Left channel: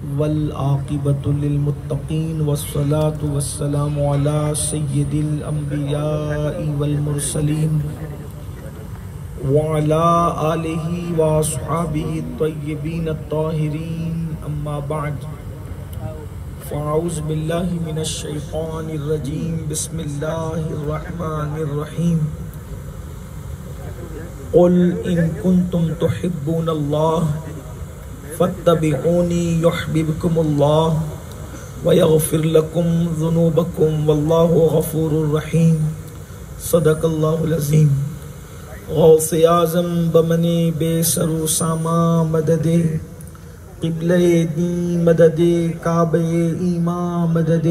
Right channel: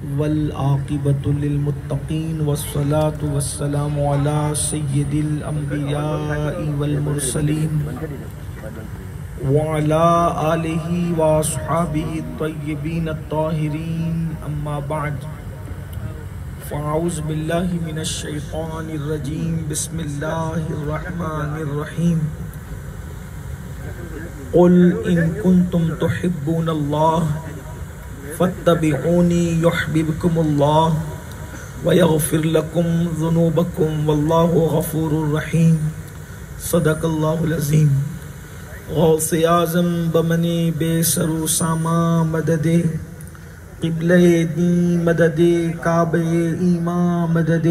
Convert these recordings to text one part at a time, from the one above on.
والعاقبة للمتقين والصلاة والسلام على سيد الأنبياء والمرسلين وعلى آله وأصحابه الطيبين الطاهرين أما بعد فأعوذ بالله من الشيطان الرجيم بسم الله الرحمن الرحيم قل إن كنتم تحبون الله فاتبعوني يحببكم الله ويغفر لكم ذنوبكم والله غفور رحيم صدق الله العظيم غوث اعظم بمنی بے سر و ساما مدد قبلہ دین مدد کعبہ ایمان مدد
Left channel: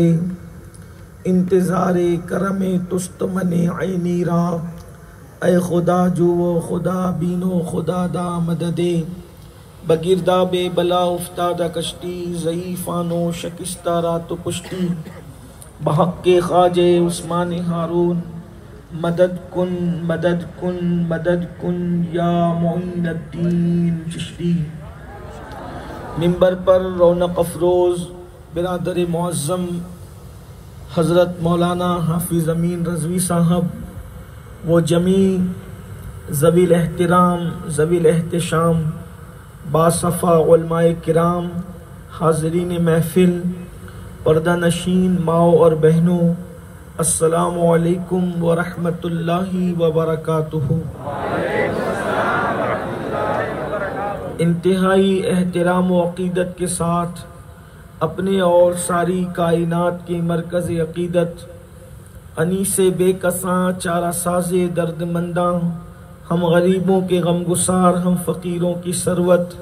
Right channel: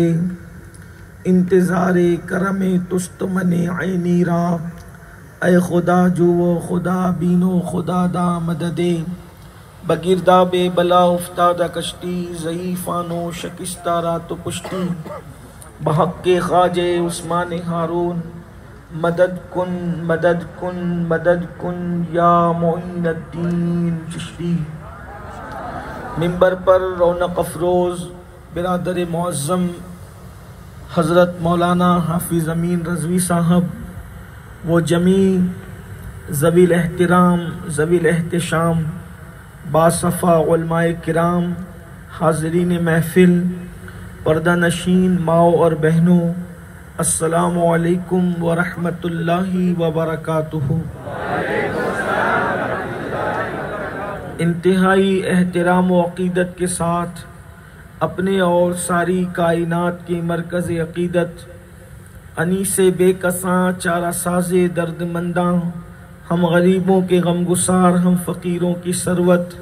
انتظار کرم تست من عینی را اے خدا جو خدا بینو خدا دا مدد بگرداب بلا افتادہ کشتی ضعیفانو شکستہ رات و پشتی بحق خواجہ عثمان ہارون مدد کن مدد کن مدد کن یا معین الدین چشتی۔ منبر پر رونق افروز برادر معظم حضرت مولانا حافظ امین رضوی صاحب و جمیع ذوی الاحترام ذوی الاحتشام باصفا علماء کرام، حاضرین محفل، پردہ نشین ماؤں اور بہنوں، السلام علیکم ورحمۃ اللہ وبرکاتہ۔ انتہائی احترام و عقیدت کے ساتھ اپنے اور ساری کائنات کے مرکز عقیدت انیس بے کساں چارہ ساز درد منداں، ہم غریبوں کے غم گسار، ہم فقیروں کی ثروت،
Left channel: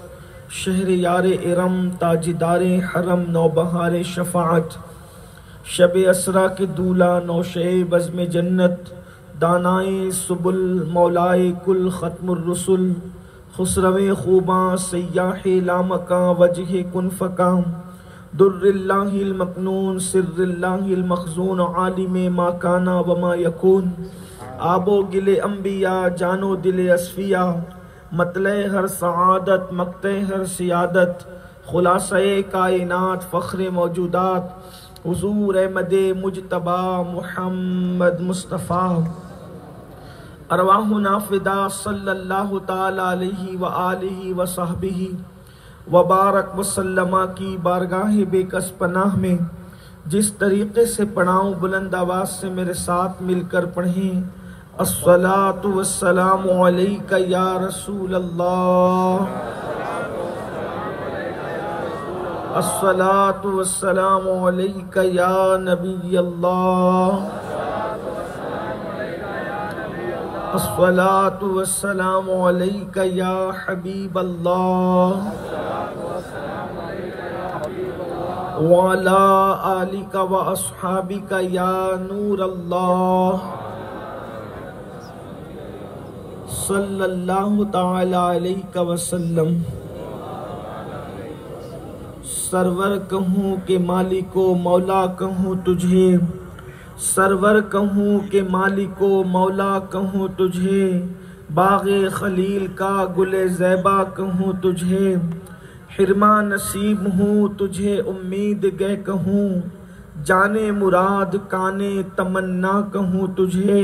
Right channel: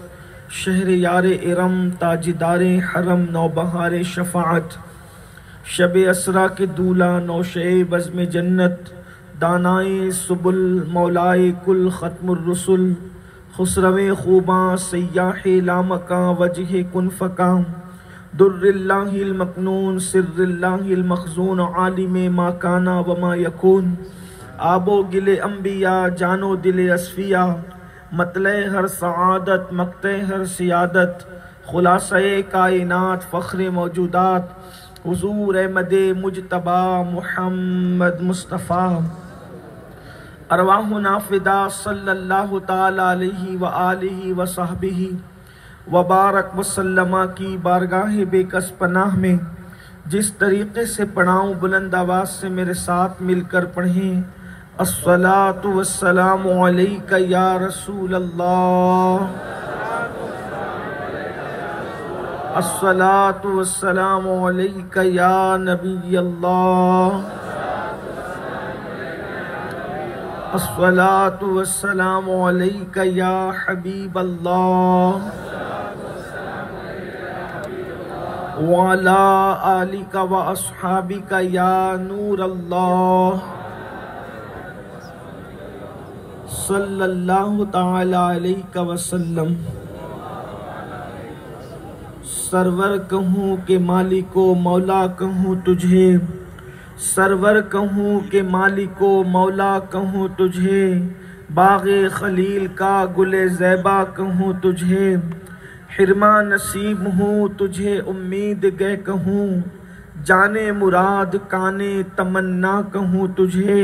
شہر یار ارم تاجدار حرم نوبہار شفاعت، شب اسرا کے دولہ نوشے بزم جنت، دانائے سبل مولائے کل ختم الرسل، خسرو خوباں سیاح لامکاں وجہ کن فکاں، در اللہ المکنون سر اللہ المخزون عالم ما کانا وما یکون، آب و گل انبیاء جان و دل اصفیاء، مطلع ہر سعادت مقطع ہر سیادت، خلاصہ کائنات فخر موجودات، حضور احمد مجتبی محمد مصطفیٰ، ارواحنا فدا صلی اللہ تعالی علیہ وآلہ وصحبہ وبارک وسلم کی بارگاہ بے کس پناہ میں جس طریقے سے پڑھاؤں بلند آواز سے میرے ساتھ مل کر پڑھیں۔ الصلاۃ والسلام علیک یا رسول اللہ، الصلاۃ والسلام علیک یا نبی اللہ، الصلاۃ والسلام علیک یا حبیب اللہ، وعلی آلک و اصحابک یا نور اللہ، صلی اللہ تعالی علیہ وسلم۔ سرور کہوں کہ مالک و مولا کہوں تجھے، سرور کہوں کہ مالک و مولا کہوں تجھے، باغ خلیل کا گل زیبا کہوں تجھے، حرمہ نصیب ہوں تجھے امید گہ کہوں، جانے مراد کانے تمنا کہوں تجھے،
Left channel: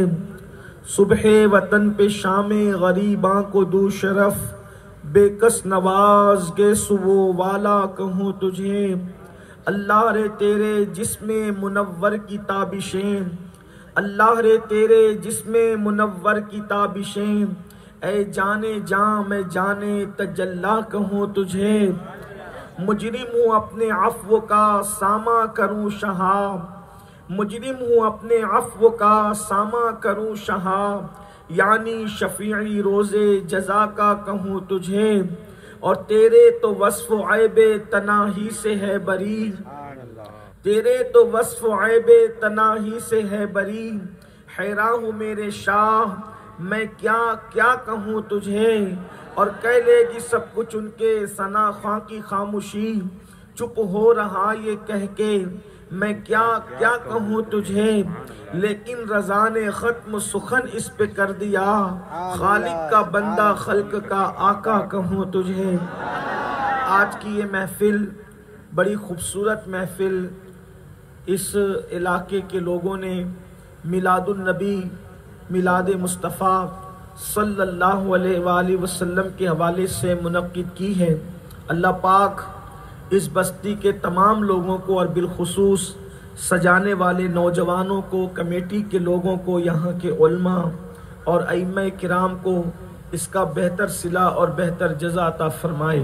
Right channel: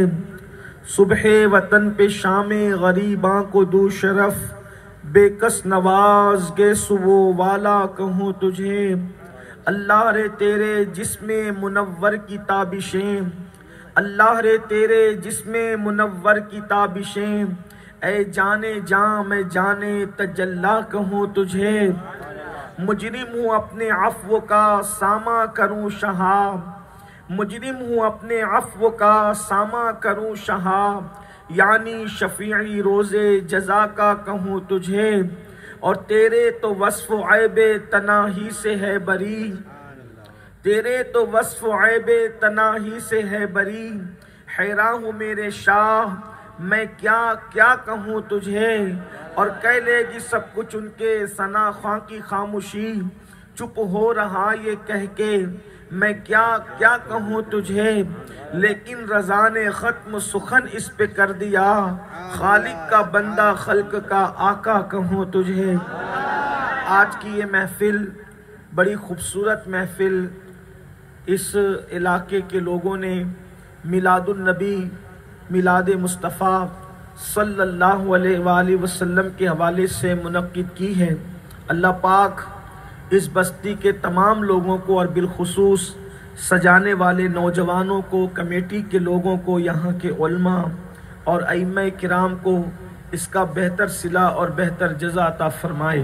صبح وطن پہ شام غریباں کو دو شرف، بے کس نواز گے سو والا کہوں تجھے، اللہ رے تیرے جسم منور کی تابشیں، اللہ رے تیرے جسم منور کی تابشیں، اے جانے جاں میں جانے تجلی کہوں تجھے، مجرم ہوں اپنے عفو کا ساماں کروں شہا، مجرم ہوں اپنے عفو کا ساماں کروں شہا، یعنی شفیعی روز جزا کا کہوں تجھے، اور تیرے تو وصف عیب تناہی سے ہے بری، تیرے تو وصف عیب تناہی سے ہے بری، حیران ہوں میرے شاہ میں کیا کیا کہوں تجھے، اور کہہ لے گی سب کچھ ان کے ثنا خواں کی خاموشی، چپ ہو رہا یہ کہہ کے میں کیا کیا کہوں تجھے، لیکن رضا نے ختم سخن اس پہ کر دیا، خالق کا بندہ خلق کا آقا کہوں تجھے۔ آج کی یہ محفل بڑی خوبصورت محفل اس علاقے کے لوگوں نے میلاد النبی، میلاد مصطفیٰ صلی اللہ علیہ وآلہ وسلم کے حوالے سے منعقد کی ہے۔ اللہ پاک اس بستی کے تمام لوگوں کو اور بالخصوص سجانے والے نوجوانوں کو، کمیٹی کے لوگوں کو، یہاں کے علماء اور ائمہ کرام کو اس کا بہتر صلہ اور بہتر جزا عطا فرمائے۔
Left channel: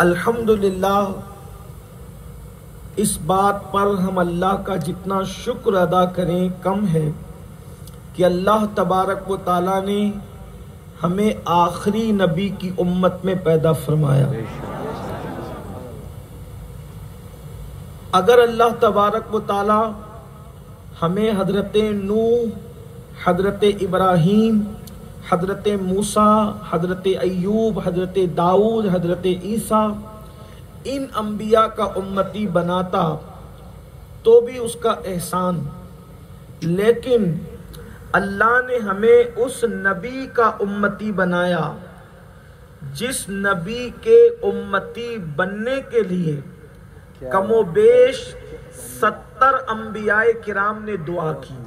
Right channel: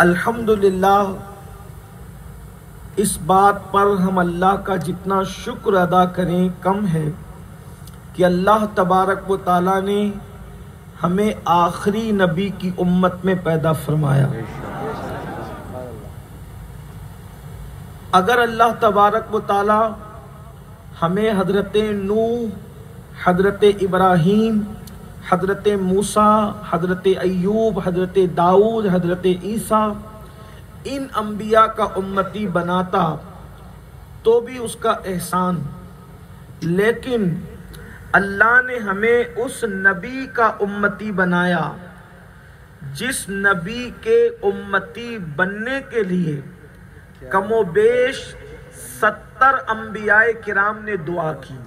الحمدللہ، اس بات پر ہم اللہ کا جتنا شکر ادا کریں کم ہے کہ اللہ تبارک و تعالیٰ نے ہمیں آخری نبی کی امت میں پیدا فرمایا۔ اگر اللہ تبارک و تعالیٰ ہمیں حضرت نوح، حضرت ابراہیم، حضرت موسیٰ، حضرت ایوب، حضرت داؤد، حضرت عیسیٰ، ان انبیاء کا امتی بناتا تو بھی اس کا احسان، لیکن اللہ نے ہمیں اس نبی کا امتی بنایا جس نبی کے امتی بننے کے لیے کم و بیش 70 انبیاء کرام نے دعا کی۔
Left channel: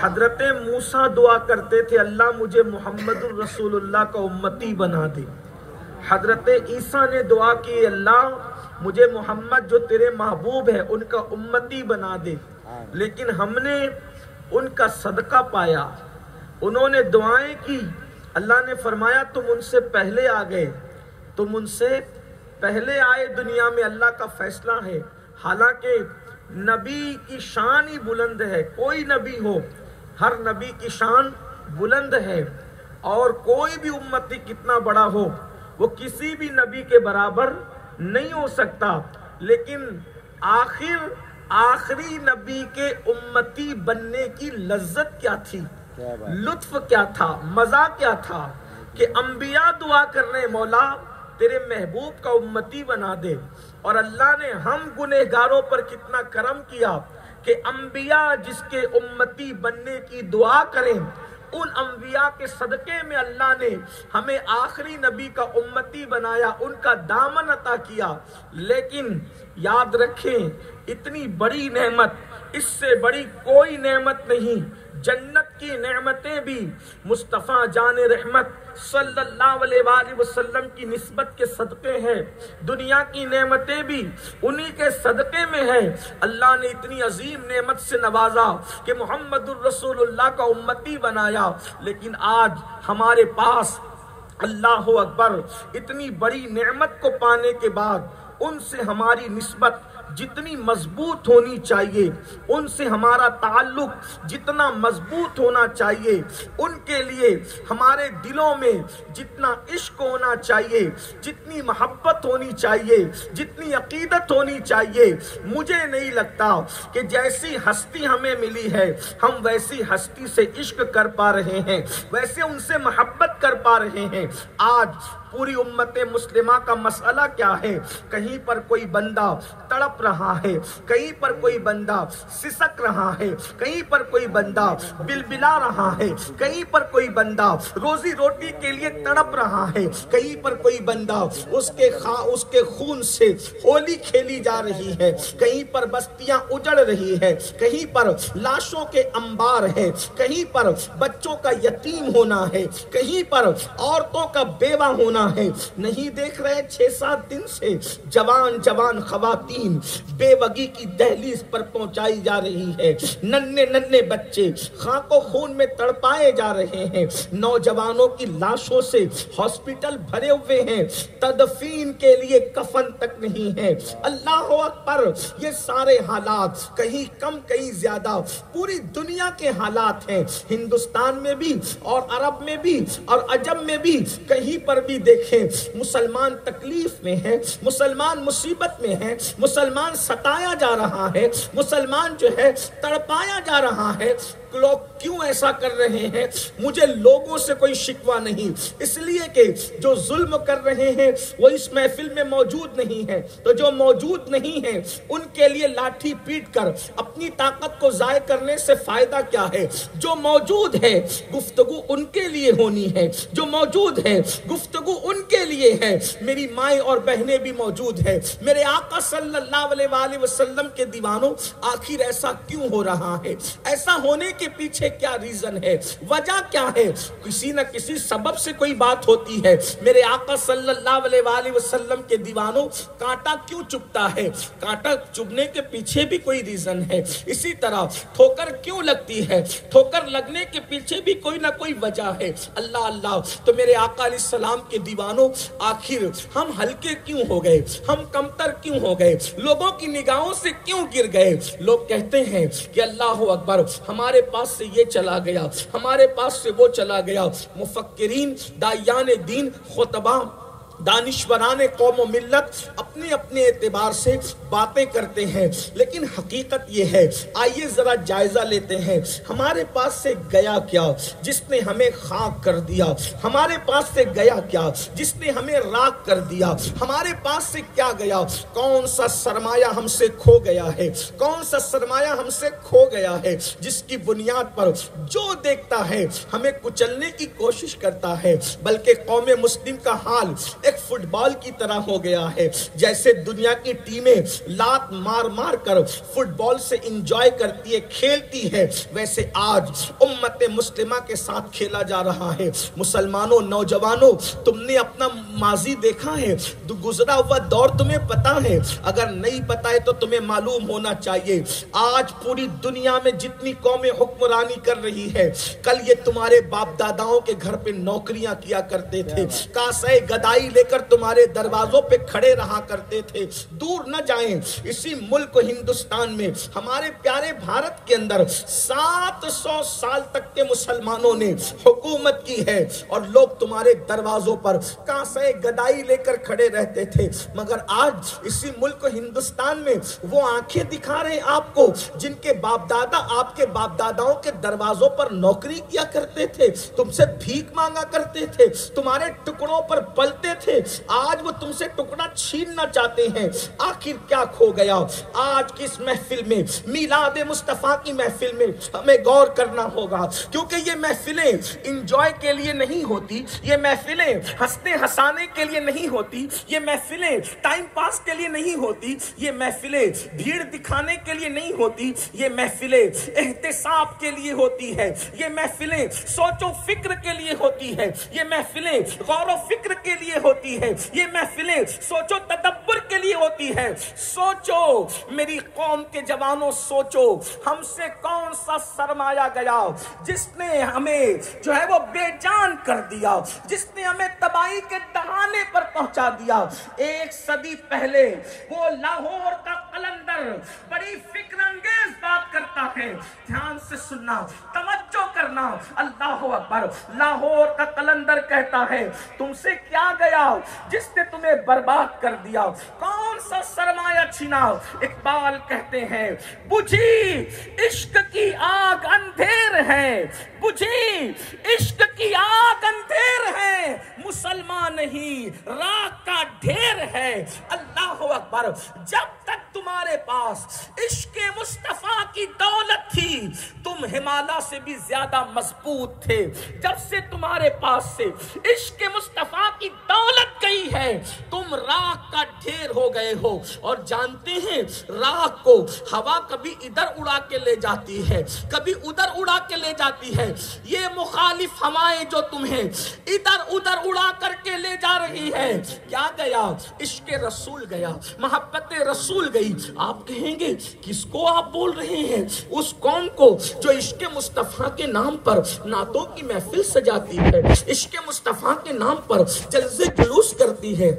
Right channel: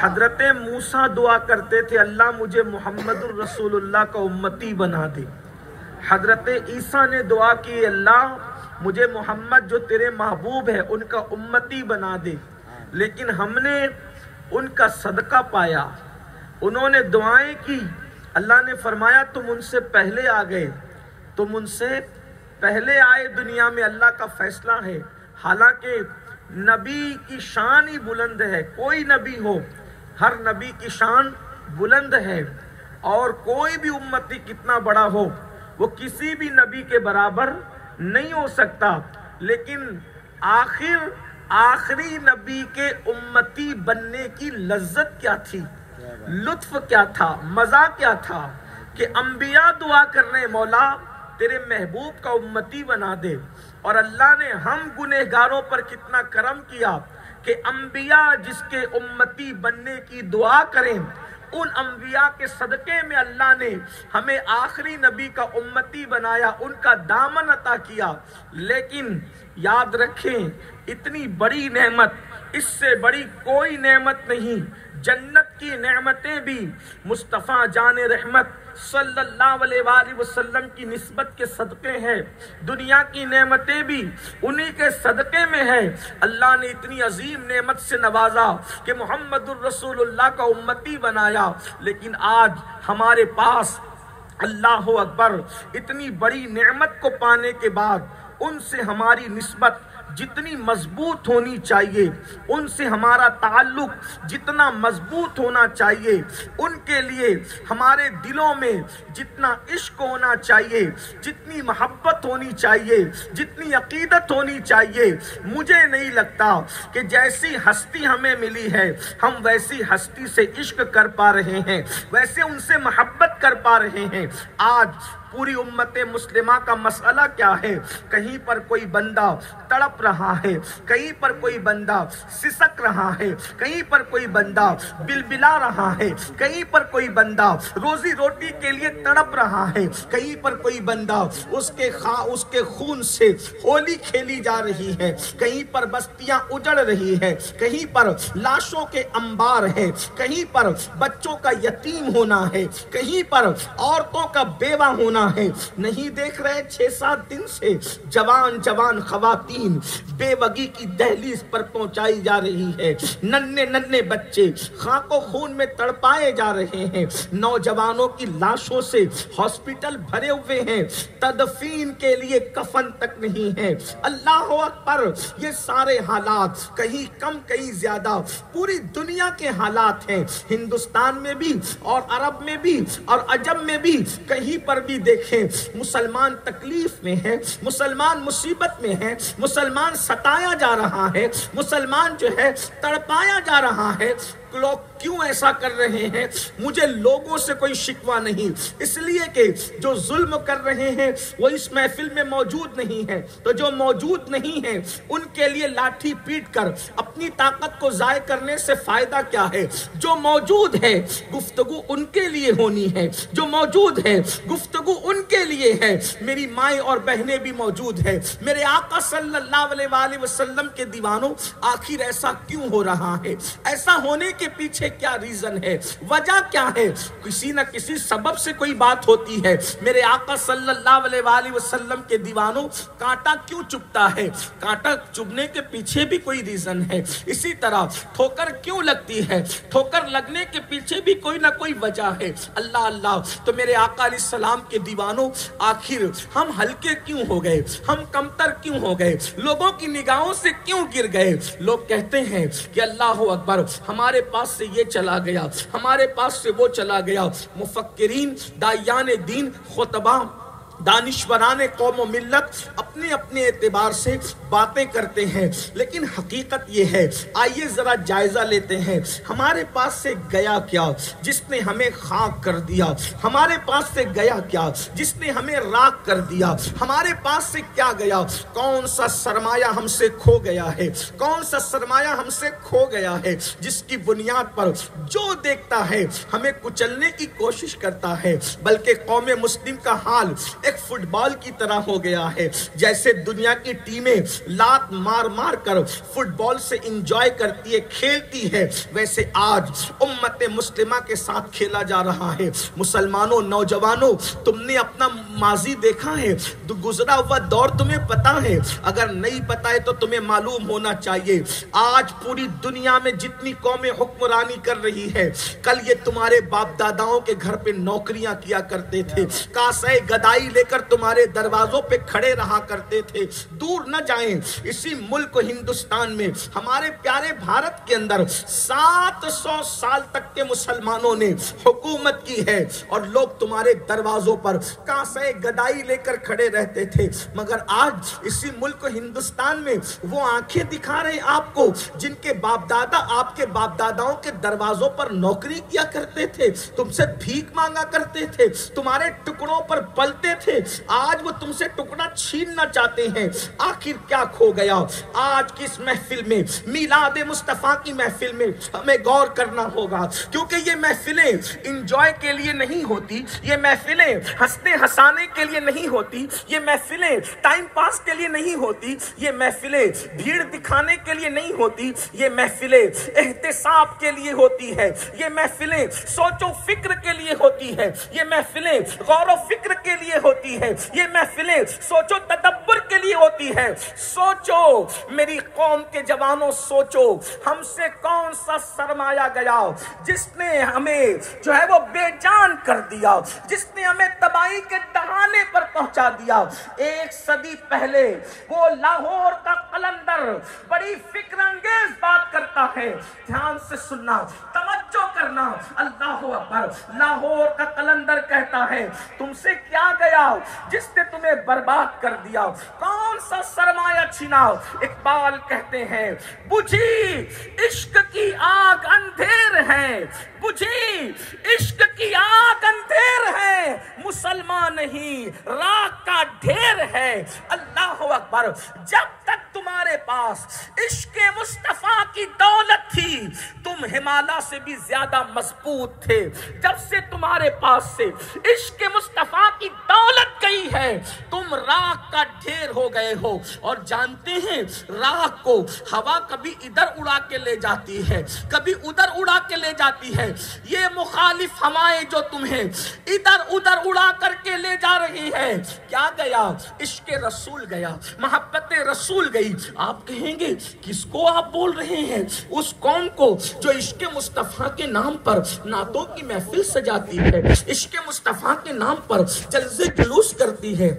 حضرت موسیٰ دعا کرتے تھے اللہ مجھے محمد الرسول اللہ کا امتی بنا دے۔ حضرت عیسیٰ نے دعا کی اللہ مجھے محمد جو تیرے محبوب ہے ان کا امتی بنا دے، لیکن ہم نے ان کا صدقہ پایا، انہوں نے دعائیں کی، اللہ نے فرمایا تم ان سے پہلے آ گئے، تم ان سے پہلے آئے، دنیا میں اللہ کا فیصلہ ہے۔ حالانکہ نبی کی شان ہی بلند ہے، کوئی نبی ہو ہر نبی کی شان بلند ہے، اور کوئی بھی امتی کتنا بڑا ہو وہ کسی بھی نبی کے برابر نہیں ہو سکتا، لیکن آخری نبی کے امتی بننے کی لذت کیا تھی، لطف کیا تھا، مزہ کیا تھا کہ انبیاء دعا کر رہے مولا تیرے محبوب کا امتی بنا دے، اور اللہ نے ہم گنہگاروں پر کتنا کرم کیا کہ انبیاء جس کے امتی بننے کی دعا کریں، ان انبیاء کے صدقے میں اللہ نے ہمیں آخری نبی کا امتی بنایا، ان کا دامن عطا کیا۔ لیکن یاد رکھیں اتنی بڑی نعمت، اس سے بڑی کوئی نعمت نہیں۔ جنت کی نعمتیں بھی مصطفیٰ جان رحمت صلی اللہ علیہ وآلہ وسلم کی نسبت کے صدقے ہیں، دنیا کی نعمتیں بھی انہی کے صدقے میں ہیں۔ اللہ نے اتنی عظیم نعمت سے نوازا کہ محمد الرسول اللہ کا امتی بنایا، لیکن آج ہمارے پاس اللہ اکبر اتنی بڑی نعمت کو پانے کے بعد ان سے ہماری نسبت جتنی مضبوط ہونی چاہیے، ان سے ہمارا تعلق جتنا مضبوط ہونا چاہیے، ان کے لیے ہمارے دلوں میں جتنا عشق ہونا چاہیے، جتنی محبت ہونی چاہیے، جتنی عقیدت ہونی چاہیے، مجھے نہیں لگتا کہ جیسی ہستی ہمیں ملی ہے ہم ویسی ہستی سے عشق کر پا رہے ہیں، ویسے ان سے محبت کر پا رہے ہیں۔ آج پوری امت مسلمہ کا مسئلہ کیا ہے؟ کہیں پر کوئی بندہ تڑپ رہا ہے، کہیں پر کوئی بندہ سسک رہا ہے، کہیں پر کوئی بندہ بلبلا رہا ہے، کہیں پر کوئی بندہ روزی روٹی کے لیے تڑپ رہا ہے، کہیں پر کوئی بندہ اس کے خون سے ہولی کھیلی جا رہی ہے، کہیں پر بستیاں اجڑ رہی ہے، کہیں پر لاشوں کے انبار ہے، کہیں پر بچوں کا یتیم ہونا ہے، کہیں پر عورتوں کا بیوہ ہونا ہے۔ نہیں دیکھ رہے 6-7 دن سے جوان خواتین بے وگی کی دہلیز پر پہنچائی جا رہی ہے، ننھے بچے خاک و خون میں تڑپائے جا رہے ہیں، نوجوانوں کی لاشوں سے ہاسپٹل بھرے ہوئے ہیں، تدفین کے لیے کفن تک نہیں ہے۔ اللہ اکبر، یہ سارے حالات کہیں کم کہیں زیادہ پوری دنیا کے حالات ہیں، ہندوستان میں بھی اور عرب میں بھی اور عجم میں بھی، کہیں پر بھی دیکھیں مسلمان تکلیف میں ہے، مسلمان مصیبت میں ہے، مسلمان ستایا جا رہا ہے، مسلمان جو ہے تڑپایا جا رہا ہے۔ لوگ کیوں ایسا کر رہے ہیں؟ مجھے لوگوں سے کوئی شکوہ نہیں، اس لیے کہ جو ظلم کر رہے ہیں وہ اس محفل میں موجود نہیں ہے، تو جو موجود نہیں ہے ان کے لیے لاٹھی پیٹ کر اپنی طاقت کو ضائع کرنے سے فائدہ کیا ہے؟ جو موجود ہے گفتگو ان کے لیے ہونی ہے، جو موجود ہے گفتگو ان کے لیے ہے۔ میری مائیں اور بہنیں بھی موجود ہے۔ میرے آقا صلی اللہ علیہ وآلہ وسلم کے دیوانوں، آخر ایسا کیوں ہو رہا ہے؟ ایسا ہونے کے پیچھے کیا ریزن ہے؟ وجہ کیا ہے؟ کسی نہ کسی سبب سے کوئی بات ہوتی ہے۔ میرے آقا صلی اللہ علیہ وآلہ وسلم کے دیوانوں، کانٹا کیوں چبھتا ہے؟ کانٹا چبھنے کے پیچھے بھی کوئی ریزن ہے۔ اسی طرح ٹھوکر کیوں لگتی ہے؟ ٹھوکر لگنے کے پیچھے بھی کوئی نہ کوئی وجہ ہے۔ اللہ اللہ، تو میرے آقا علیہ السلام کے دیوانوں، آخر ہم ہلکے کیوں ہو گئے؟ ہم کمتر کیوں ہو گئے؟ لوگوں کی نگاہوں سے کیوں گر گئے؟ لوگ کہتے ہیں کہ اللہ اکبر، ہمارے پاس سے یہ چلا گیا، ہمارے پاس سے وہ چلا گیا۔ مفکرین، داعیان دین، خطباء، دانشوران قوم و ملت اپنے اپنے اعتبار سے باتیں کرتے ہیں، لیکن حقیقت یہ ہے، آئیے ذرا جائزہ لیتے ہیں، ہمارے پاس سے گیا کیا جس نے ہمیں خاک کر دیا؟ ہمارے پاس سے گیا کیا جس نے ہمیں راکھ کر دیا؟ ہمارے پاس سے کیا گیا؟ کون سا سرمایہ ہم سے کھو گیا ہے؟ کون سا سرمایہ ہم سے کھو گیا ہے جس کی بنیاد پر جو دیکھتا ہے ہمیں کچلنے کی کوشش کرتا ہے؟ بلکہ قوم مسلم کا حال ایک فٹ بال کی طرح ہو گیا ہے، جیسے دنیا کی ٹیمیں لات مار مار کر فٹ بال سے انجوائے کرتی ہے، کھیلتی ہے، ویسے آج امت مسلمہ کے ساتھ کھیلا جا رہا ہے۔ مسلمانوں، نوجوانوں، تم نے اپنا ماضی دیکھا ہے؟ گزرا ہوا دور تمہیں پتا ہے؟ اگر نہیں پتا ہے تو تمہیں معلوم ہونا چاہیے۔ آج پوری دنیا میں جتنی قومیں حکمرانی کر رہی ہے، کل یہ تمہارے باپ داداؤں کے گھر پہ نوکریاں کیا کرتے تھے، کاسے گدائی لے کر تمہارے دروازوں پہ کھڑے رہا کرتے تھے۔ دور نہ جائیں، اسی ملک ہندوستان میں، ہمارے پیارے بھارت کے اندر 700 سال تک کے مسلمانوں نے حکومت کی ہے، اور لوگ تمہارے دروازوں پر کاسے گدائی لے کر کھڑے رہتے تھے۔ مگر آج اسی ملک ہندوستان میں وہ آنکھیں دکھا رہے ہیں آپ کو جن کے باپ دادا آپ کے باپ داداؤں کے دروازوں پر نوکری کیا کرتے تھے، تم سے بھیک مانگا کرتے تھے، تمہارے ٹکڑوں پر پلتے تھے، آج وہ تم سے ٹکڑا چھیننا چاہتے ہیں۔ آخر کیا کھو گیا؟ آج کی اس محفل میں، میلاد مصطفیٰ کی محفل میں ہمیں غور کرنا ہوگا، کیونکہ یہ محفلیں انجوائے کے لیے نہیں ہوتی، یہ محفلیں ہنسنے ہنسانے کے لیے نہیں ہوتی، یہ محفلیں ٹائم پاس کے لیے نہیں ہوتی، یہ محفلیں بھیڑ دکھانے کے لیے نہیں ہوتی، یہ محفلیں احتساب کے لیے ہوتی ہے، یہ محفلیں سوچ و فکر کے لیے ہوتی ہے، یہ محفلیں غور و فکر کے لیے ہوتی ہے، یہ محفلیں سوچو تدبر کے لیے ہوتی ہے۔ سوچو میری قوم کے جوانوں، سوچو ہم سے کون سا سرمایہ گیا جس نے ہمیں جو ہے وہ بے جان کر دیا، جس نے ہمیں تباہی کے دہانے پر پہنچا دیا۔ 1 صدی پہلے وہ لاہور کا قلندر بڑی فکر انگیز بات کرتا ہے، دھیان سے سننا، توجہ کرنا، اللہ اکبر۔ لاہور کا قلندر کہتا ہے تم سے کیا گیا جس نے تمہیں برباد کر دیا؟ کون سا سرمایہ چھینا؟ اقبال کہتے ہیں بجھی عشق کی آگ اندھیر ہے، بجھی عشق کی آگ اندھیر ہے، مسلمان نہیں راکھ کا ڈھیر ہے۔ اللہ اکبر۔ جب تک تمہارے پاس عشق مصطفیٰ کی دولت تھی تم ہمالیہ سے بھی زیادہ مضبوط تھے، جب سے تمہارے پاس سے عشق مصطفیٰ کی دولت گئی ہے تم راکھ کا ڈھیر ہو گئے ہو۔ اور جانتے ہیں راکھ کو ہوا کبھی ادھر اڑا کے لے جاتی ہے، کبھی ادھر اڑا کے لے جاتی ہے۔ یہ مخالف ہوائیں جو تمہیں ادھر ادھر اڑا کر کے لے جا رہی ہے، کیا گیا؟ عشق رسول گیا، محبت رسول گئی۔ آپ کہیں گے کس کو آپ بول رہے ہیں؟ اس قوم کو جو عشق مصطفیٰ کے نام پر نعتوں کی محفل سجاتی ہے، عشق مصطفیٰ کے نام پر جلسے جلوس کرتی ہے،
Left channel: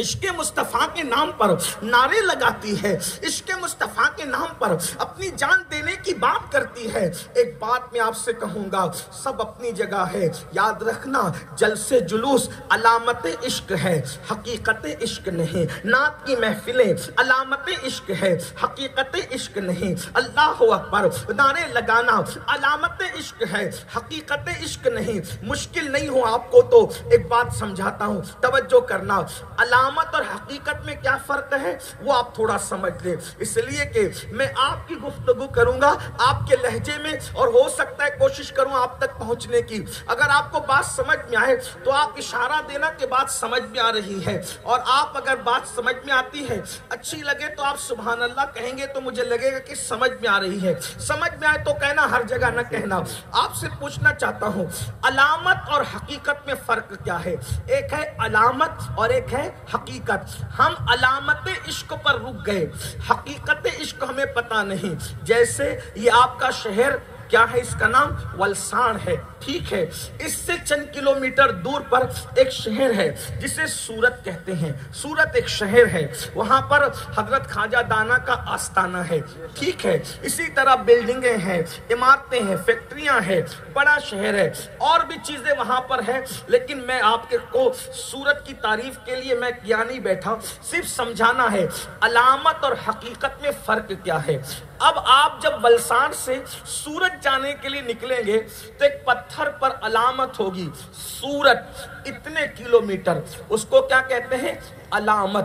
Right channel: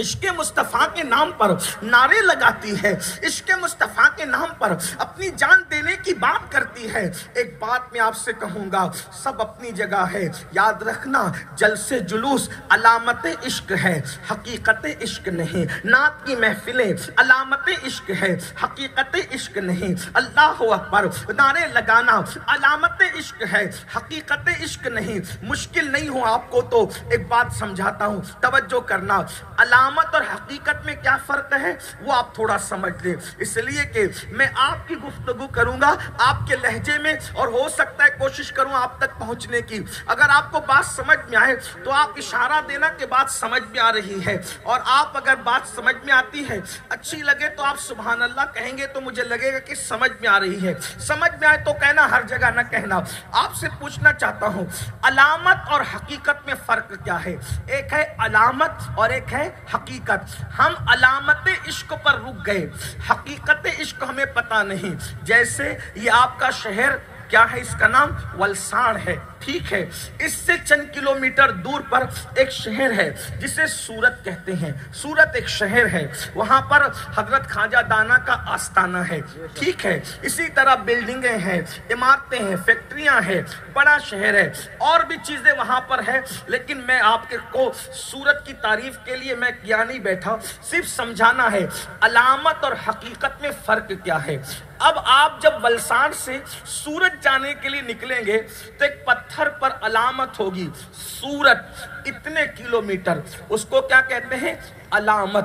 عشق مصطفیٰ کے نام پر نعرے لگاتی ہے، عشق مصطفیٰ کے نام پر اپنی جان دینے کی بات کرتی ہے۔ ایک بات میں آپ سے کہوں گا، سب اپنی جگہ ہے، یاد رکھنا جلسے جلوس علامت عشق ہے، حقیقت عشق نہیں۔ نعت کی محفلیں علامت عشق ہے، حقیقت عشق نہیں۔ اللہ اکبر نعرے لگانا علامت عشق ہے، حقیقت عشق نہیں۔ مشکل نہیں ہو آپ کو تو ایک بات سمجھاتا ہوں، توجہ کرنا۔ علامت اور حقیقت میں کیا فرق ہے وہ آپ تھوڑا سمجھ لیں، اس لیے کہ میں آپ کی گفتگو کروں گا آپ کے لہجے میں، اور ہو سکتا ہے کوشش کروں آپ تک پہنچنے کی۔ اگر آپ کو بات سمجھ میں آئے تو آپ اشارہ دینا کہ بات سمجھ میں آ رہی ہے، اور آپ اگر بات سمجھ میں آتی ہے اچھی لگے تو آپ سبحان اللہ کہیں گے تو مجھے لگے گا کہ سمجھ میں آ رہی ہے۔ سمجھ میں آئے تو کہنا، ہر جگہ نہ کہنا۔ آپ سے پوچھنا چاہتا ہوں علامت اور حقیقت میں فرق کیا ہے؟ ایک ہے علامت اور ایک ہے حقیقت۔ ہم علامت عشق پر رک گئے، حقیقت عشق ہمیں پتہ نہیں۔ جیسے یہ آپ کا شہر کیا ہے، اس کا نام ولسان ہے، ٹھیک ہے، اس سے چند کلومیٹر دور پر ایک شہر ہے جسے سورت کہتے ہیں۔ سورت ایک شہر ہے، وہاں پر حضرت خواجہ دانا کا آستانہ ہے، ٹھیک ہے۔ اسی طرح بلڈنگیں ہیں، عمارتیں ہیں، فیکٹریاں ہیں، بڑا شہر ہے، اور بھی چیزیں وہاں پر ہیں، لیکن میں آپ کو سورت کی تعریف کے لیے میں کیا نہیں بیٹھا، صرف سمجھانا ہے علامت اور حقیقت میں فرق کیا ہے۔ اب آپ جب ولسان سے سورت جانے کے لیے نکلیں گے تو ایک پتھر پر علامت ہوگی سورت اتنے کلومیٹر، اس کو کیا کہتے ہیں؟ علامت۔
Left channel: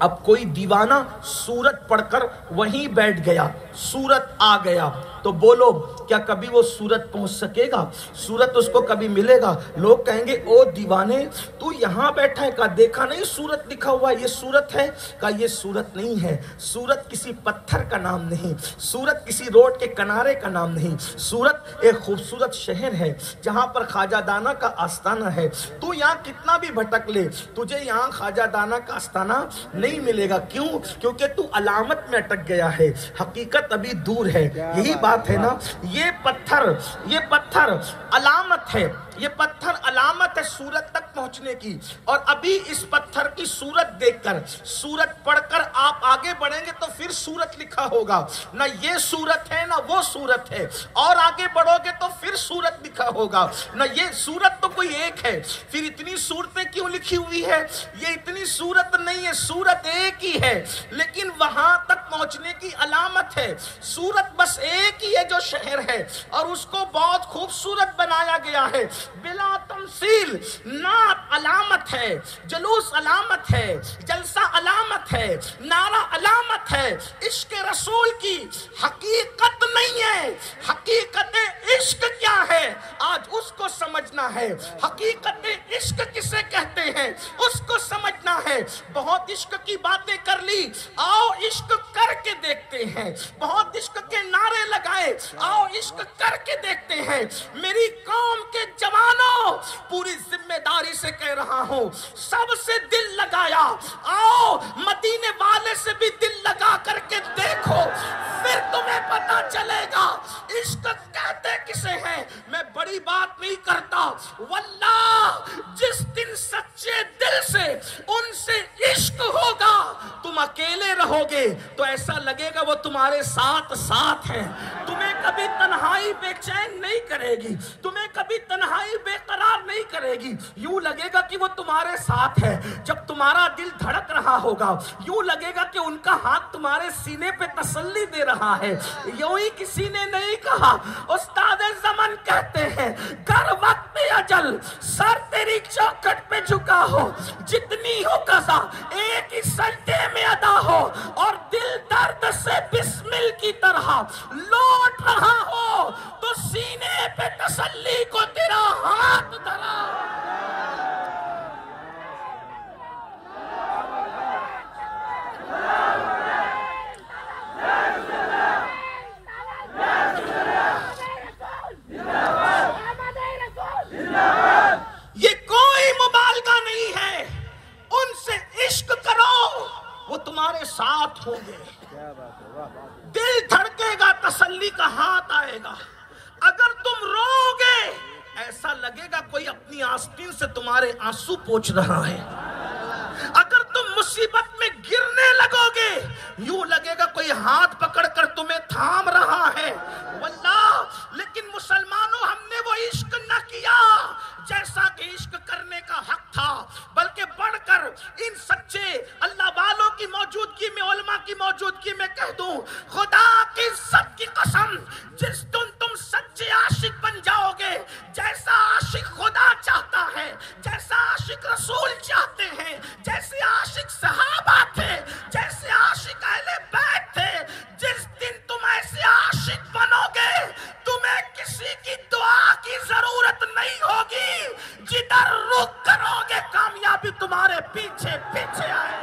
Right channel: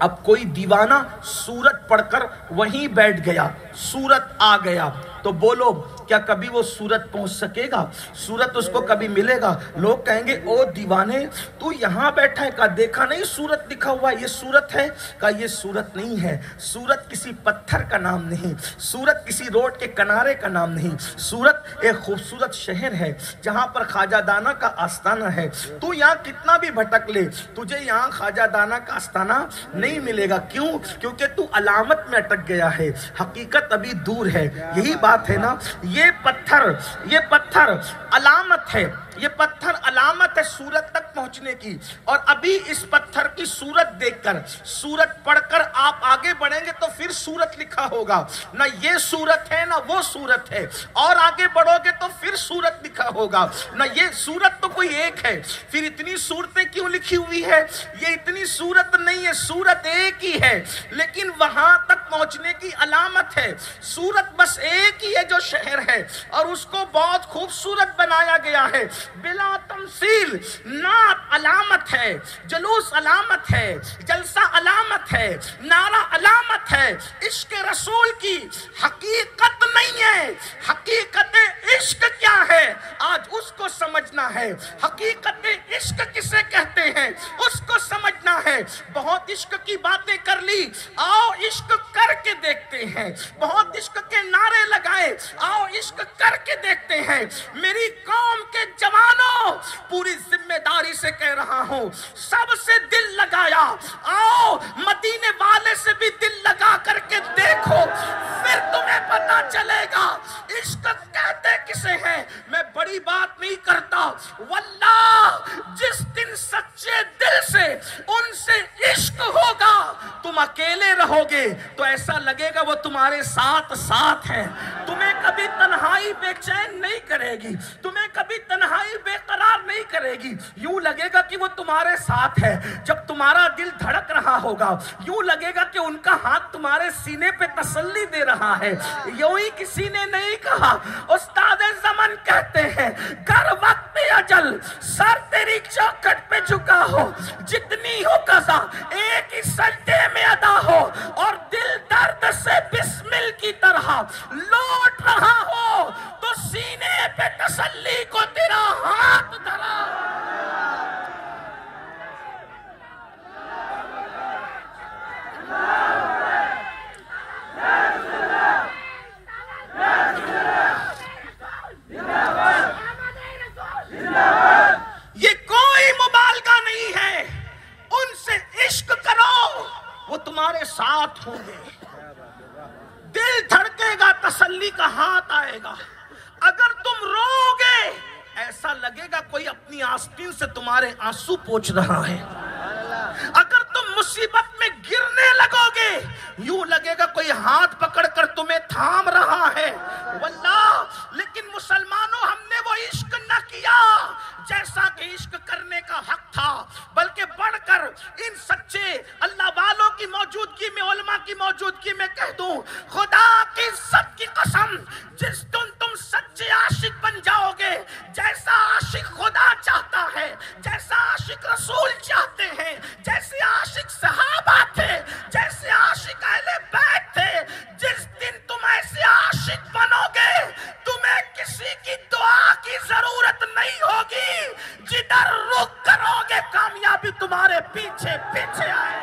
اب کوئی دیوانہ سورت پڑھ کر وہیں بیٹھ گیا، سورت آ گیا، تو بولو کیا کبھی وہ سورت پہنچ سکے گا؟ سورت اس کو کبھی ملے گا؟ لوگ کہیں گے او دیوانے تو یہاں بیٹھا ہے، کہا دیکھا نہیں سورت لکھا ہوا ہے، یہ سورت ہے؟ کہا یہ سورت نہیں ہے، سورت کسی پتھر کا نام نہیں، سورت کسی روڈ کے کنارے کا نام نہیں، سورت ایک خوبصورت شہر ہے جہاں پر خواجہ دانا کا آستانہ ہے۔ تو یہاں کتنا بھی بھٹک لے تجھے یہاں خواجہ دانا کا آستانہ نہیں ملے گا۔ کیوں؟ کیونکہ تو علامت میں اٹک گیا ہے، حقیقت ابھی دور ہے۔ یہی بات ہے نا، یہ پتھر علامت ہے، یہ پتھر علامت ہے سورت تک پہنچنے کی، اور ابھی اس پتھر کی سورت دیکھ کر، سورت پڑھ کر آپ آگے بڑھیں گے تو پھر سورت لکھا ہوگا، نہ یہ سورت ہے نہ وہ سورت ہے، اور آگے بڑھو گے تو پھر سورت لکھا ہوگا، نہ یہ سورت تو کوئی ایک ہے، پھر اتنی صورتیں کیوں لکھی ہوئی ہے؟ یہ اتنی صورت نہیں ہے، سورت ایک ہی ہے، لیکن وہاں تک پہنچنے کی علامت ہے۔ سورت بس ایک ہی ہے جو شہر ہے، اور اس کو بہت خوبصورت بنایا گیا ہے، بلا تمثیل۔ نعت علامت ہے، جلوس علامت ہے، جلسہ علامت ہے، نعرہ علامت ہے، عشق رسول کی حقیقت نہیں ہے۔ حقیقت عشق کیا ہے آج اس کو سمجھنا ہے، حقیقت عشق کسے کہتے ہیں اس کو سمجھنا ہے۔ بہت عشق کی باتیں کر لی، آؤ عشق کر کے دیکھتے ہیں، بہت عشق کے نعرے لگائے، آؤ عشق کر کے دیکھتے ہیں۔ میری قوم کے جوانوں، پوری ذمہ داری سے کہہ رہا ہوں، سب سے دل لگایا، آؤ مدینے والے سے بھی دل لگا کر کے دیکھو، پھر تمہیں پتا چلے گا عشق کہتے کسے ہیں۔ میں بڑی بات نہیں کرتا، واللہ جس دن سچے دل سے ان سے عشق ہوگا، تم اکیلے رہو گے تو ایسا لگے گا وہ تمہارے ساتھ ہیں، تمہیں کبھی تنہائی بے چین نہیں کرے گی، تمہیں کبھی تنہائی بے قرار نہیں کرے گی، یوں لگے گا کہ وہ تمہارے ساتھ ہے۔ جب تمہارا دل دھڑک رہا ہوگا یوں لگے گا کہ ان کا ہاتھ تمہارے سینے پہ تسلی دے رہا ہے۔ یوں ہی کسی نے نہیں کہا، استاد زمن کہتے ہیں، گر وقت اجل سر تیری چوکھٹ پہ جھکا ہو، جتنی ہو قضا ایک ہی سجدے میں ادا ہو، اور دل درد سے بسمل کی طرح لوٹ رہا ہو تو سینے پہ تسلی کو تیرا ہاتھ دھرا۔ یہ کوئی مبالغہ نہیں ہے، ان سے عشق کرو وہ تمہارے ساتھ ہوں گے، دل دھڑکے گا، تسلی کا ہاتھ آئے گا۔ اگر تم رو گے ایسا لگے گا کوئی اپنی آستین سے تمہارے آنسو پوچھ رہا ہے، اگر تم مصیبت میں گرنے لگو گے یوں لگے گا کوئی ہاتھ پکڑ کر تمہیں تھام رہا ہے واللہ. لیکن مسلمانوں ہم نے وہ عشق نہ کیا جیسا کہ عشق کرنے کا حق تھا، بلکہ بڑھ کر ان سچے اللہ والوں کی موجودگی میں، علماء کی موجودگی میں کہہ دوں، خدا کی عزت کی قسم، جس دن تم سچے عاشق بن جاؤ گے، جیسا عاشق خدا چاہتا ہے، جیسا عاشق رسول چاہتے ہیں، جیسے عاشق صحابہ تھے، جیسے عاشق اہل بیت تھے، جس دن تم ایسے عاشق بنو گے تمہیں کسی کی دعا کی ضرورت نہیں ہوگی، جدھر رخ کرو گے کامیابی تمہارے پیچھے پیچھے آئے.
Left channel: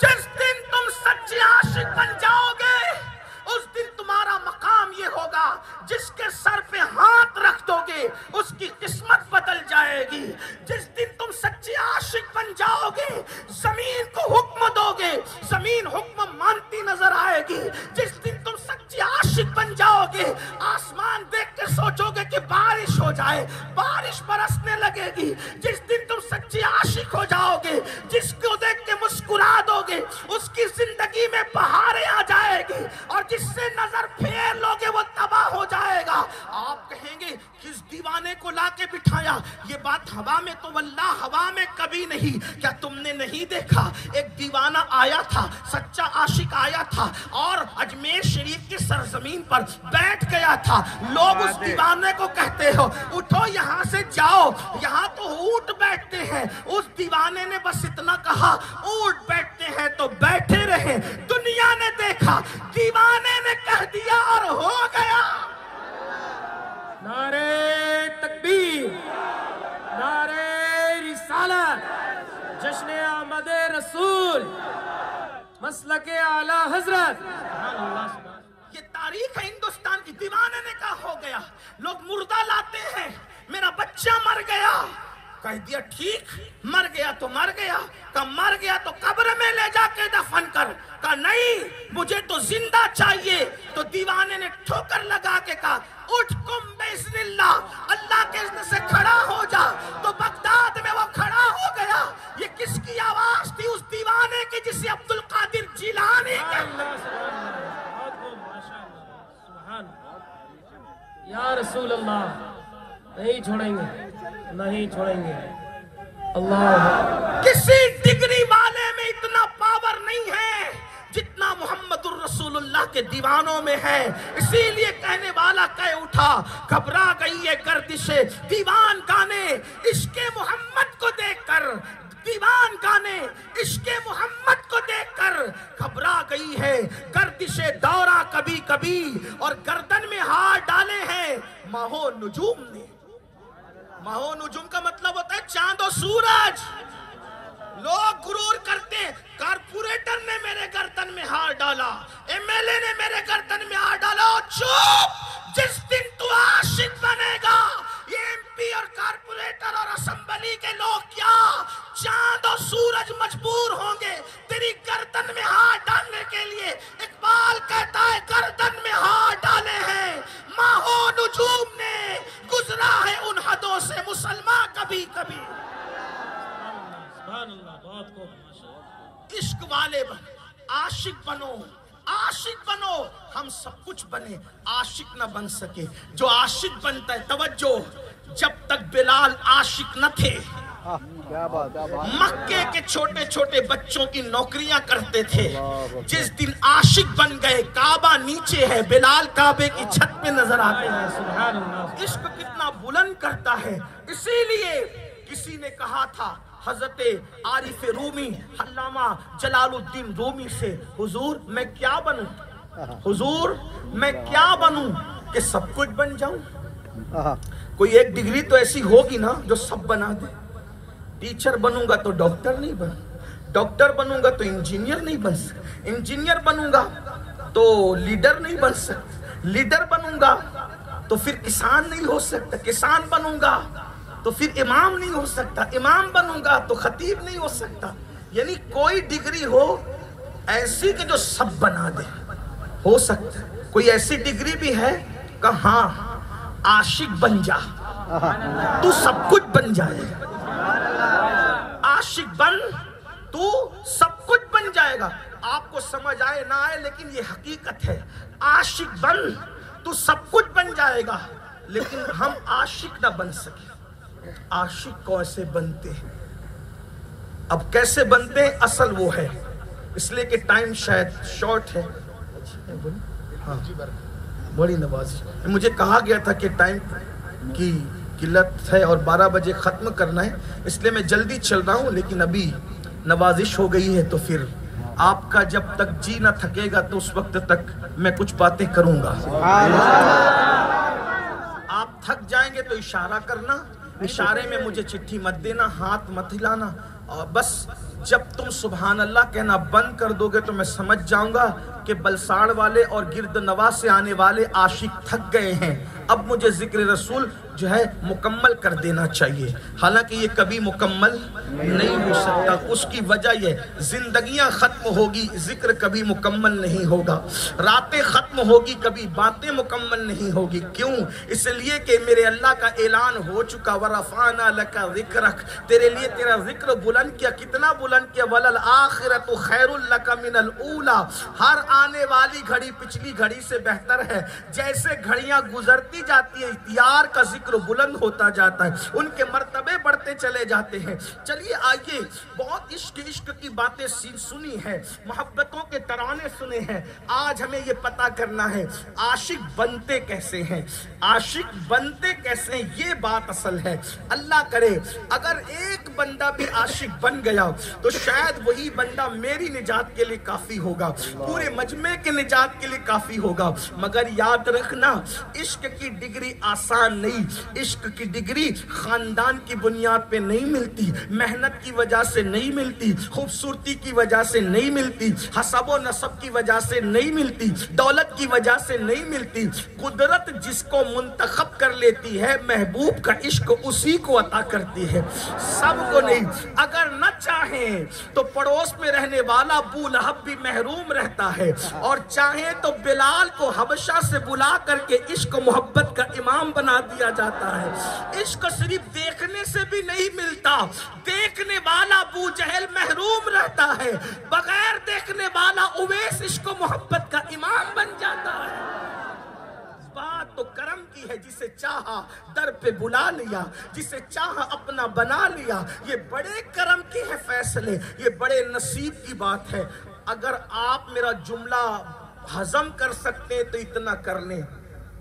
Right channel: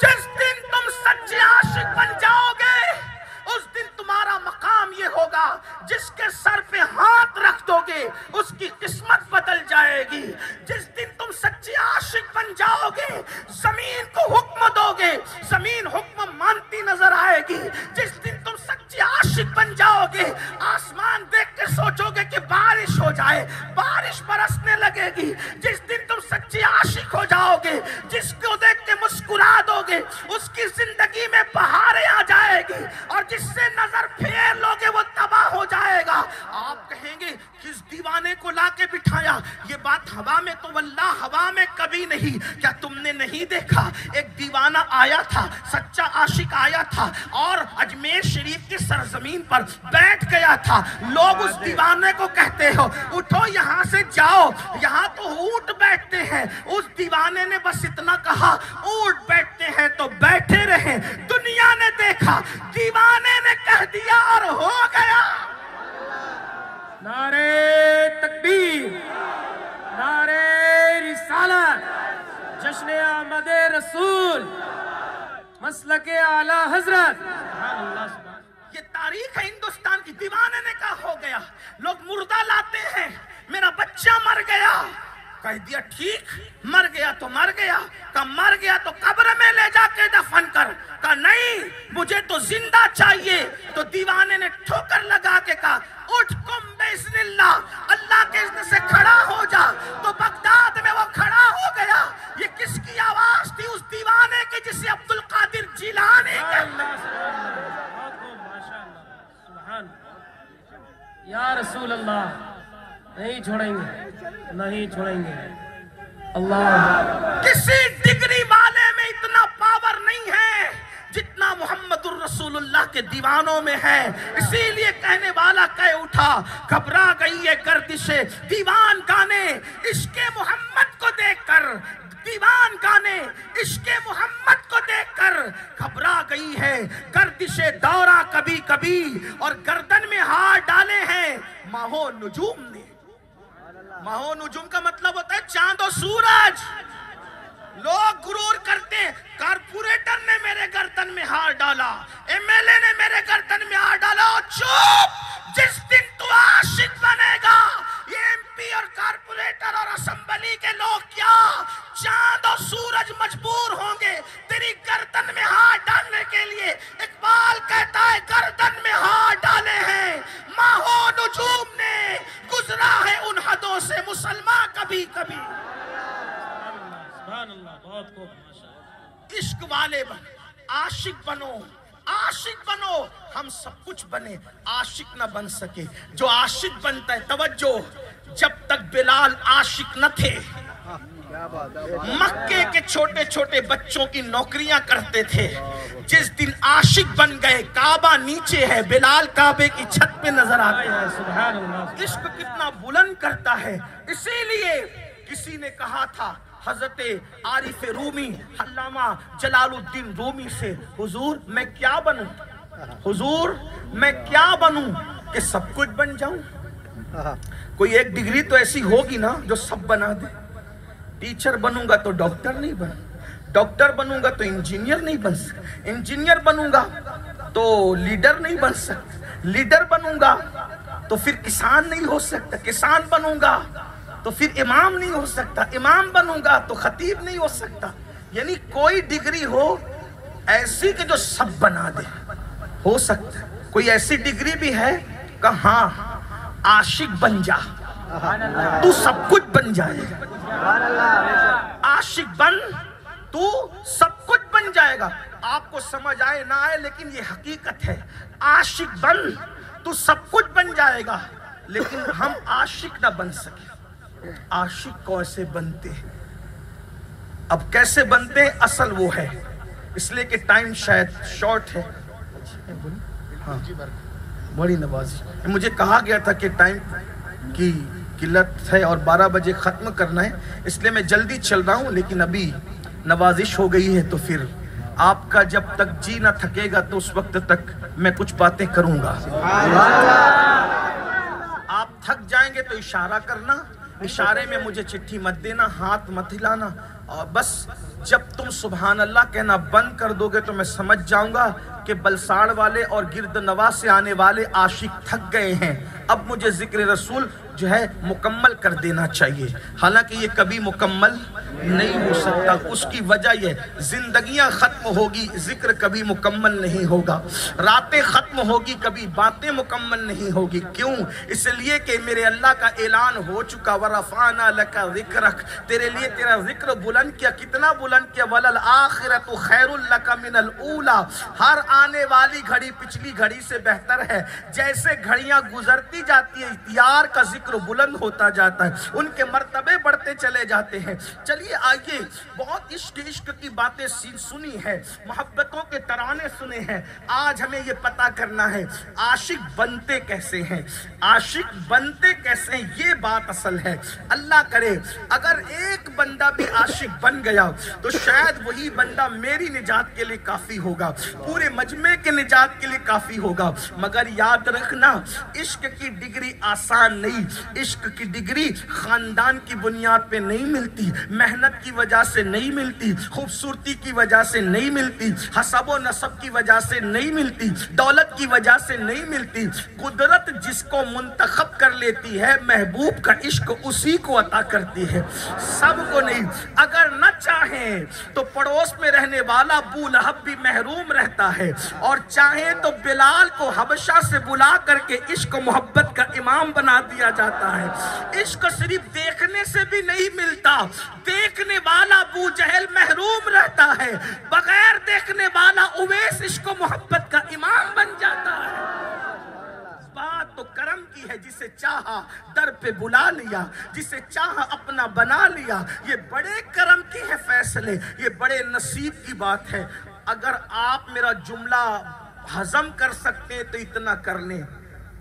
جس دن تم سچے عاشق بن جاؤ گے اس دن تمہارا مقام یہ ہوگا، جس کے سر پہ ہاتھ رکھ دو گے اس کی قسمت بدل جائے گی. جس دن تم سچے عاشق بن جاؤ گے زمین کو حکم دو گے، زمین حکم مانتی نظر آئے گی. جس دن تم سچے عاشق بن جاؤ گے آسمان دیکھ کے سوچو گے کہ بارش ہو جائے، بارش برسنے لگے گی. جس دن تم سچے عاشق ہو جاؤ گے جس کو دیکھ کے مسکرا دو گے اس کی زندگی میں بہاریں آ جائے گی، اور جس سے نظر پھیر لوگے وہ تباہ ہو جائے گا. آپ کہیں گے کس دیوانے کو لا کے بٹھایا؟ یہ بات ہوا میں تو واللہ ہوا میں کبھی نہیں. کیا تم نے نہیں دیکھا ایک دیوانہ آیا تھا، سچا عاشق آیا تھا اور اجمیر شریف کی سرزمین پر بیٹھ گیا تھا. لوگ اس دیوانے کو کہتے ہو اٹھو یہاں سے جاؤ، یہاں تو اونٹ بیٹھتے ہیں. اس دیوانے نے بس اتنا کہا اونٹ بیٹھتے ہیں تو بیٹھے رہے. دنیا نے دیکھا، دیوانے نے کہہ دیا اور ہو گیا. نعرے تکبیر، نعرے رسالت، جشن آمد رسول، مسلک اعلی حضرت. یہ تاریخ ہے ہندوستان کی. دیوانے نے کہا ہو گیا. لوگ مردہ لاتے ہیں، میرا بچہ مر گیا، کہہ دیا ٹھیک، مر گیا تو مر گیا. کہا مر گیا تو قبر میں لے جا کے دفن کر. کہا نہیں مجھے تو زندہ چاہیے. تو دیوانے نے ٹھوکر لگا کے کہا اٹھ قم باذن اللہ، اللہ کے اذن سے کھڑا ہو جا. تو بغداد میں وہ کھڑا ہو گیا. یہ کس کی آواز تھی؟ اس دیوانے کی جسے عبد القادر جیلانی کہتے ہیں. یا رسول اللہ، نہیں چھوڑیں گے، نہیں چھوڑیں گے. اللہ، کسی ڈگری والے میں اتنا پاور نہیں ہے جتنا محمد الرسول اللہ کے دیوانوں میں ہے. اسی لیے کہنے والا کہہ اٹھا گھبرا گئی ہے گردش دیوان گانے عشق محمد کو دیکھ کر. دیوان گانے عشق محمد کو دیکھ کر گھبرا گئی ہے گردش دورہ کبھی کبھی، اور گردن میں ہاتھ ڈالے ہیں ماہو نجوم نے. ماہو نجوم کا مطلب ہوتا ہے چاند و سورج. لوگ غرور کرتے ہیں کارپوریٹر نے میرے گردن میں ہاتھ ڈالا، ایم ایل اے نے میرے گردن میں ہاتھ ڈالا. چپ! جس دن تو عاشق بنے گا یہ ایم پی اور کارپوریٹر اور اسمبلی کے لوگ کیا چاند و سورج مجبور ہوں گے تیری گردن میں ہاتھ ڈالنے کے لیے. اقبال کہتا ہے گردن میں ہاتھ ڈالے ہیں ماہو نجوم نے، گزرا ہے ان حدوں سے مسلمان کبھی کبھی. سبحان اللہ، بہت خوب، ماشاءاللہ. عشق والے بن، عاشق بنو، عاشق بنو. ہم سب کچھ بنے، عاشق نہ بن سکے. جو عاشق بنتا ہے، توجہ، جب تک بلال عاشق نہ تھے مکے کے چھوٹے چھوٹے بچوں کی نوکریاں کرتے تھے. جس دن عاشق بن گئے کعبہ نیچے ہے، بلال کعبے کی چھت پہ نظر آتے ہیں. سبحان اللہ. عشق کتنا بلند کرتا ہے. اسی لیے کسی نے کہا تھا حضرت عارف رومی علامہ جلال الدین رومی سے، حضور میں کیا بنوں، حضور میں کیا بنوں کہ سب کچھ بن جاؤں. کوئی ایک ڈگری تو ایسی ہوگی نا جو سب بنا دے. ٹیچر بنوں گا تو ڈاکٹر نہیں بن، ڈاکٹر بنوں گا تو انجینئر نہیں بن سکتا، انجینئر بنوں گا تو لیڈر نہیں بن سکتا، لیڈر بنوں گا تو پھر کسان نہیں ہو سکتا، کسان بنوں گا تو پھر امام نہیں ہو سکتا، امام بنوں گا تو خطیب نہیں ہو سکتا. یعنی کوئی ڈگری ہو ایسی کہ جو سب بنا دے، ہو سکتا ہے. کوئی ایسی ڈگری بھی ہے کہا ہاں عاشق بن جا تو سب کچھ بن جائے گا، عاشق بن تو سب کچھ بن جائے گا. آپ کو سمجھ آئے نہ آئے لیکن یہ حقیقت ہے. عاشق بن تو سب کچھ بن جائے گا، لیکن ہم عاشق نہ بن سکے. عاشق کیسے بنتے ہیں؟ اب کیسے بنتے ہیں اصل وہ ہے، اس لیے کہ ٹائم شاید شارٹ ہے. ہاں بڑی نوازش. مجھے کہا گیا تھا کہ ٹائم کی قلت ہے اور 12 بجے ختم کرنا ہے، اس لیے میں جلدی چل رہا ہوں. لیکن ابھی نوازش ہو گئی ہے تو پھر آپ کا جب تک جی نہ تھکے گا تو اس وقت تک میں کچھ باتیں کروں گا. آپ تھک جائیں گے تو اشارہ کرنا، اشارے میں مجھے چٹھی مت دینا، ہاتھ مت ہلانا، اور بس جب تم سبحان اللہ کہنا بند کر دو گے تو میں سمجھ جاؤں گا کہ بلساڑ والے اور گرد نواز سے آنے والے عاشق تھک گئے ہیں. اب مجھے ذکر رسول جو ہے مکمل کر دینا چاہیے، حالانکہ یہ کبھی مکمل نہیں ہو سکتا. اس کی وجہ یہ زندگیاں ختم ہوگی، ذکر کبھی مکمل نہیں ہوگا. راتیں ختم ہوگی، کبھی باتیں مکمل نہیں ہوگی. کیوں؟ اس لیے کہ میرے اللہ کا اعلان ہو چکا وَرَفَعْنَا لَكَ ذِكْرَكَ، تیرے لیے تیرا ذکر بلند کیا. کتنا بلند کیا؟ وَلَلْآخِرَةُ خَيْرٌ لَكَ مِنَ الْأُولَى، ہر آنے والی گھڑی پچھلی گھڑی سے بہتر ہے. جیسے گھڑیاں گزرتی جاتی ہیں یار کا ذکر بلند ہوتا جاتا ہے، ان کے مرتبے بڑھتے چلے جاتے ہیں. چلیے آئیے، بہت عشق کی باتیں سنی ہے، محبتوں کے ترانے سنے ہیں. آج ہمیں یہ پتا کرنا ہے عاشق بنتے کیسے ہیں، عاشق بنتے کیسے ہیں، یہ بات اصل ہے. اللہ کرے اگر ایک بندہ بھی عاشق بن گیا تو شاید وہی بندہ میری نجات کے لیے کافی ہوگا، پورے مجمع کے نجات کے لیے کافی ہوگا. مگر یاد رکھنا عشق کی ڈگری آسان نہیں، عشق کی ڈگری خاندان کی بنیاد پہ نہیں ملتی، محنت کی وجہ سے نہیں ملتی، خوبصورتی کی وجہ سے نہیں ملتی، حسب و نسب کی وجہ سے نہیں ملتی، دولت کی وجہ سے نہیں ملتی. قدرت جس کو منتخب کر لیتی ہے محبوب کا عشق اسی کو عطا کرتی ہے، سب کو نہیں. اگر نہ چاہیں تو پڑوس میں رہنے والا ابو لہب بھی محروم رہتا ہے، اور چاہیں تو بلال کو حبشہ سے بلا کر کے عشق محبت کا امام بنا دیا جاتا ہے. عشق صرف دیکھنے سے بھی نہیں ملتا، دیکھنے والا ابو جہل محروم رہتا ہے، بغیر دیکھنے والا اویس عشق و محبت کا امام بن جاتا ہے. بات تو کرم کی ہے، جسے چاہا در پہ بلا لیا، جسے چاہا اپنا بنا لیا. یہ بڑے کرم کی ہے فیصلے، یہ بڑے نصیب کی بات ہے. اگر آپ میرا جملہ ہضم کر سکتے تو اتنا کر لیں.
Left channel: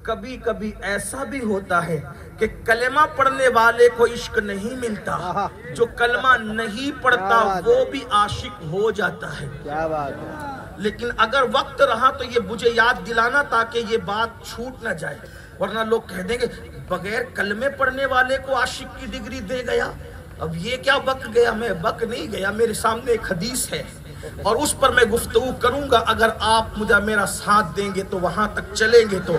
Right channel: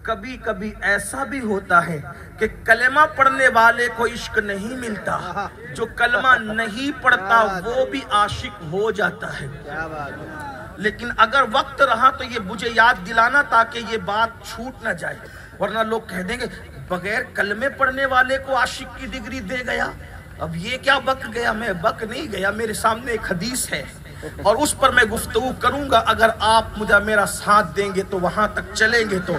کبھی کبھی ایسا بھی ہوتا ہے کہ کلمہ پڑھنے والے کو عشق نہیں ملتا، جو کلمہ نہیں پڑھتا وہ بھی عاشق ہو جاتا ہے. لیکن اگر وقت رہا تو یہ مجھے یاد دلانا تاکہ یہ بات چھوٹ نہ جائے، ورنہ لوگ کہہ دیں گے بغیر کلمے پڑھنے والے کو عاشق کی ڈگری دے گیا. اب یہ کیا بک گیا؟ میں بک نہیں گیا، میرے سامنے ایک حدیث ہے اور اس پر میں گفتگو کروں گا. اگر آپ مجھے میرا ساتھ دیں گے تو وہاں تک چلیں گے تو،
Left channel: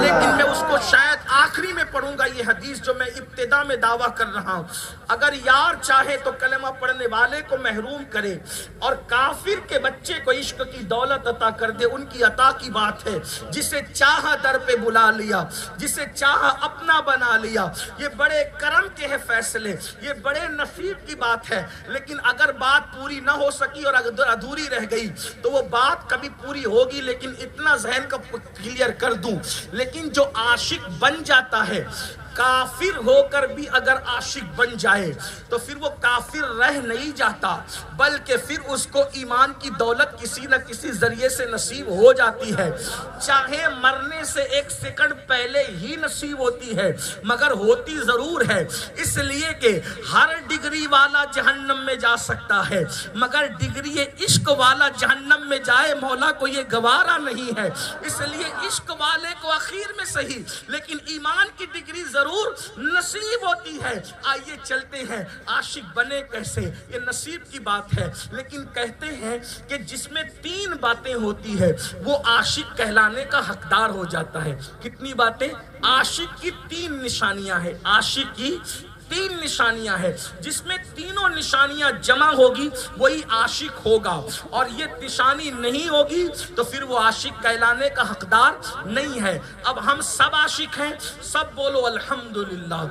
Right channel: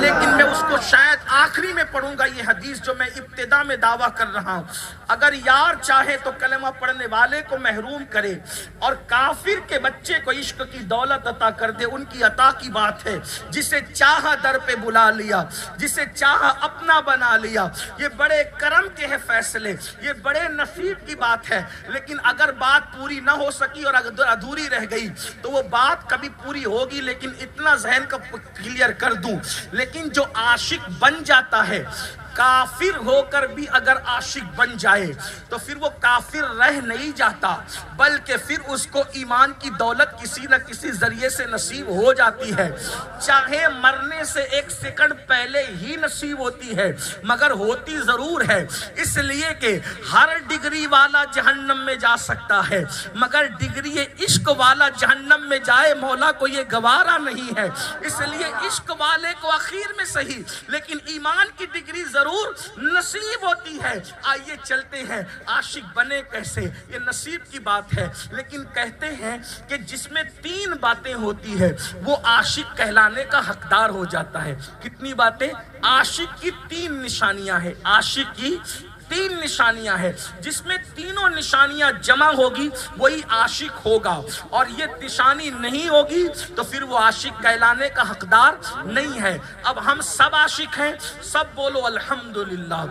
لیکن میں اس کو شاید آخری میں پڑھوں گا. یہ حدیث جو میں ابتدا میں دعویٰ کر رہا ہوں، اگر یار چاہے تو کلمہ پڑھنے والے کو محروم کرے اور کافر کے بچے کو عشق کی دولت عطا کر دے، ان کی عطا کی بات ہے. جسے چاہا در پہ بلا لیا، جسے چاہا اپنا بنا لیا. یہ بڑے کرم کے ہیں فیصلے، یہ بڑے نصیب کی بات ہے. لیکن اگر بات پوری نہ ہو سکی اور ادھوری رہ گئی تو وہ بات کبھی پوری ہوگی. لیکن اتنا ذہن کا کلیئر کر دوں، لیکن جو عاشق بن جاتا ہے، کافر ہو کر بھی اگر عاشق بن جائے تو پھر وہ کافر رہ نہیں جاتا، بلکہ پھر اس کو ایمان کی دولت کسی نہ کسی ذریعے سے نصیب ہو جاتی ہے. چاہے مرنے سے 1 سیکنڈ پہلے ہی نصیب ہوتی ہے، مگر ہوتی ضرور ہے. اس لیے کہ ہر ڈگری والا جہنم میں جا سکتا ہے، مگر ڈگری عشق والا جہنم میں جائے مولا کو یہ گوارا نہیں ہے. اس لیے عشق والے کو اخیر میں صحیح لیکن ایمان کی ڈگری ضرور نصیب ہوتی ہے. آئیے چلتے ہیں عاشق بنے کیسے، یہ نصیب کی بات ہے. لیکن کہتے ہیں کہ جس میں 3 باتیں ہوتی ہے وہ عاشق کہلانے کا حقدار ہو جاتا ہے. کتنی باتیں؟ عاشق کی 3 نشانیاں ہیں. عاشق کی تین نشانیاں ہیں، جس میں تینوں نشانیاں جمع ہوگی وہی عاشق ہوگا، اور یہ نشانی نہیں ہوگی تو پھر وہ عاشق کہلانے کا حقدار نہیں ہے۔ اب ہم سب عاشق ہیں، سب بولو الحمدللہ،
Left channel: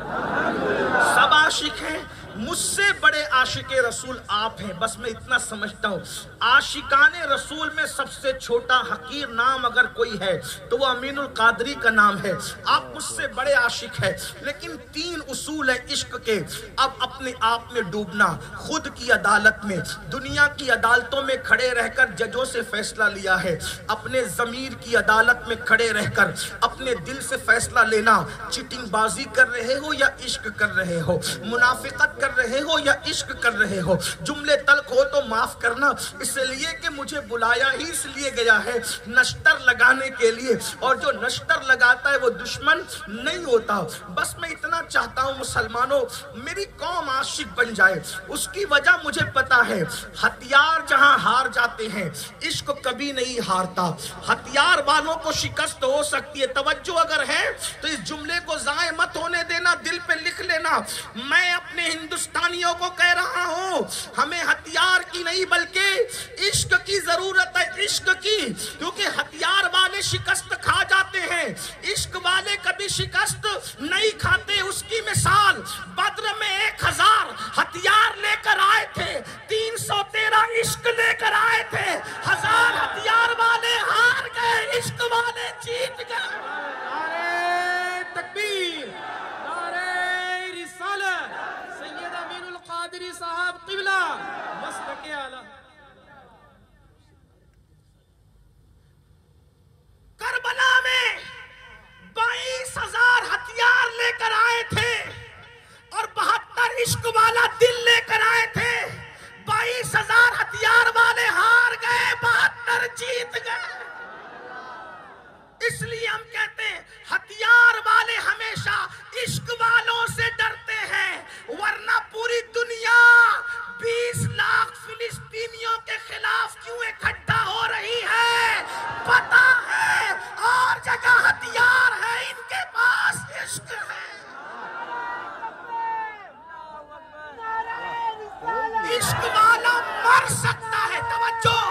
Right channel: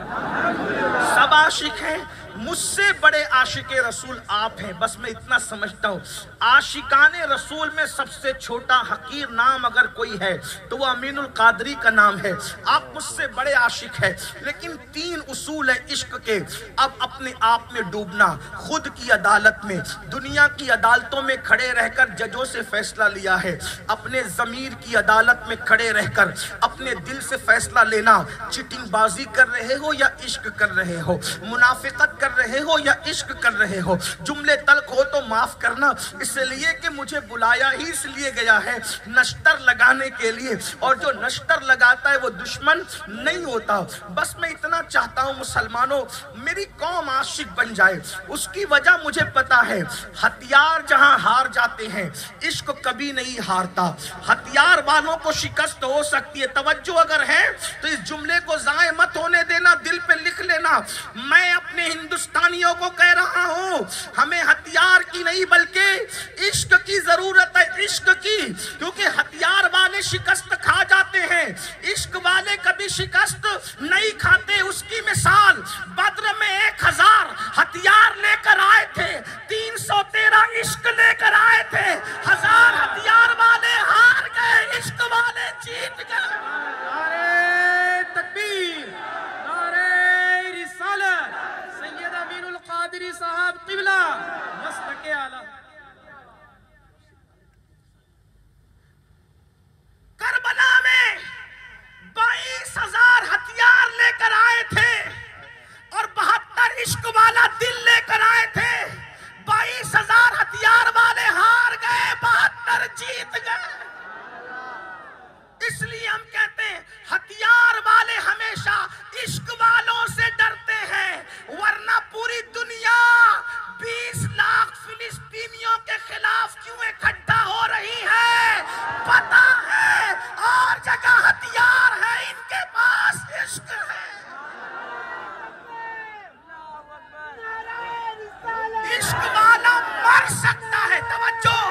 سب عاشق ہیں۔ مجھ سے بڑے عاشق رسول آپ ہیں، بس میں اتنا سمجھتا ہوں عاشقان رسول میں سب سے چھوٹا حقیر نام اگر کوئی ہے تو وہ امین القادری کا نام ہے۔ آپ مجھ سے بڑے عاشق ہیں، لیکن تین اصول ہیں عشق کے۔ اب اپنے آپ میں ڈوبنا، خود کی عدالت میں، دنیا کی عدالتوں میں کھڑے رہ کر ججوں سے فیصلہ لیا ہے، اپنے ضمیر کی عدالت میں کھڑے رہ کر اپنے دل سے فیصلہ لینا، چیٹنگ بازی کر رہے ہو یا عشق کر رہے ہو، منافقت کر رہے ہو یا عشق کر رہے ہو، جملے تلخ ہو تو معاف کرنا، اس لیے کہ مجھے بلایا ہی اس لیے گیا ہے نشتر لگانے کے لیے، اور جو نشتر لگاتا ہے وہ دشمن نہیں ہوتا۔ بس میں اتنا چاہتا ہوں مسلمانوں، میری قوم عاشق بن جائے۔ اس کی وجہ مجھے پتا ہے، ہتھیار جہاں ہار جاتے ہیں عشق کبھی نہیں ہارتا۔ ہتھیار والوں کو شکست ہو سکتی ہے، توجہ اگر ہے تو اس جملے کو ضائع مت ہونے دینا، دل پہ لکھ لینا۔ میں اپنے ہندوستانیوں کو کہہ رہا ہوں، ہمیں ہتھیار کی نہیں بلکہ عشق کی ضرورت ہے، عشق کی، کیونکہ ہتھیار والے شکست کھا جاتے ہیں، عشق والے کبھی شکست نہیں کھاتے۔ اس کی مثال بدر میں 1000 ہتھیار لے کر آئے تھے، 313 عشق لے کر آئے تھے، 1000 ہتھیار والے ہار گئے، عشق والے جیت گئے۔ نعرہ تکبیر، نعرہ رسالت، سید امین القادری صاحب قبلہ، مسلک اعلیٰ۔ کربلا میں 22,000 ہتھیار لے کر آئے تھے اور 72 عشق والا دل لے کر آئے تھے۔ 22,000 ہتھیار والے ہار گئے، 72 جیت گئے۔ اس لیے ہم کہتے ہیں ہتھیار والے ہمیشہ عشق والوں سے ڈرتے ہیں، ورنہ پوری دنیا 20 لاکھ فلسطینیوں کے خلاف کیوں اکٹھا ہو رہی ہے؟ پتا ہے اور جگہ ہتھیار ہے، ان کے پاس عشق ہے۔ عشق والا مر سکتا ہے، توجہ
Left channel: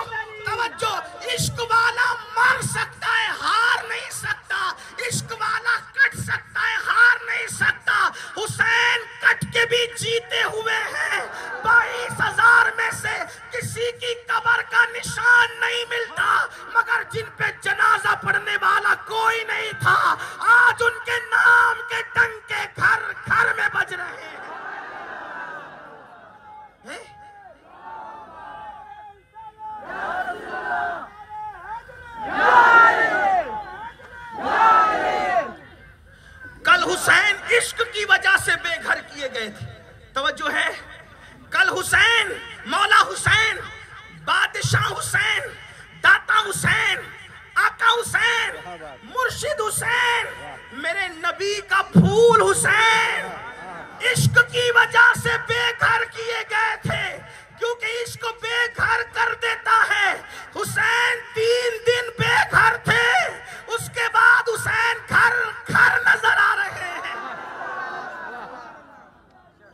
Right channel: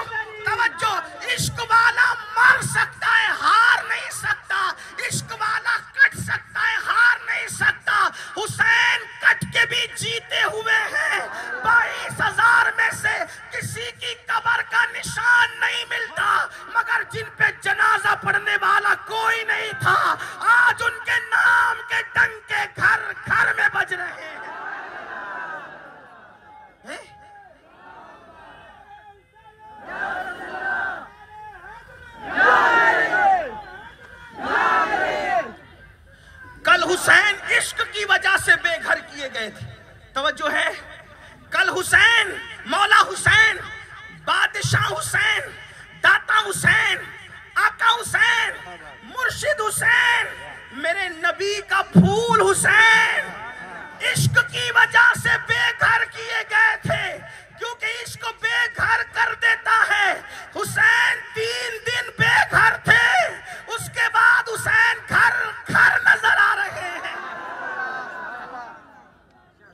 توجہ، عشق والا مر سکتا ہے، ہار نہیں سکتا۔ عشق والا کٹ سکتا ہے، ہار نہیں سکتا۔ حسین کٹ کے بھی جیتے ہوئے ہیں۔ 22,000 میں سے کسی کی قبر کا نشان نہیں ملتا، مگر جن پہ جنازہ پڑھنے والا کوئی نہیں تھا، آج ان کے نام کے ڈنکے گھر گھر میں بج رہے ہیں۔ کل حسین عشق کی وجہ سے بے گھر کیے گئے تھے، توجہ ہے؟ کل حسین، مولا حسین، بادشاہ حسین، داتا حسین، آقا حسین، مرشد حسین، میرے نبی کا پھول حسین عشق کی وجہ سے بے گھر کیے گئے تھے، کیونکہ عشق بے گھر کر دیتا ہے۔ حسین 3 دن بے گھر تھے، اس کے بعد حسین گھر گھر نظر آ رہے ہیں۔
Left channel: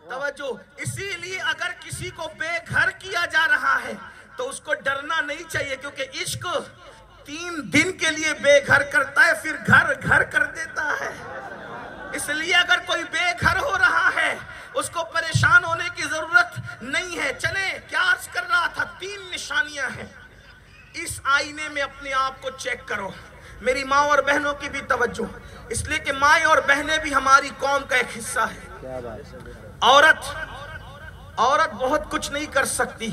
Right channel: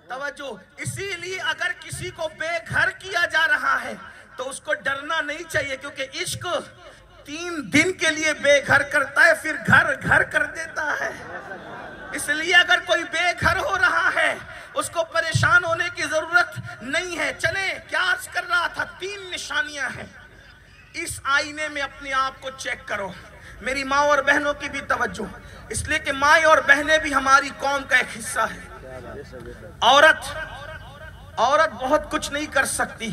توجہ، اسی لیے اگر کسی کو بے گھر کیا جا رہا ہے تو اس کو ڈرنا نہیں چاہیے، کیونکہ عشق 3 دن کے لیے بے گھر کرتا ہے، پھر گھر گھر کر دیتا ہے۔ اس لیے اگر کوئی بے گھر ہو رہا ہے اس کو پریشان ہونے کی ضرورت نہیں ہے۔ چلیں، کیا عرض کر رہا تھا؟ 3 نشانیاں ہیں۔ اس آئینے میں اپنے آپ کو چیک کرو۔ میری ماں اور بہنوں کی بھی توجہ، اس لیے کہ مائیں اور بہنیں بھی ہماری قوم کا ایک حصہ ہے۔ عورت بہت کچھ نہیں کر سکتی،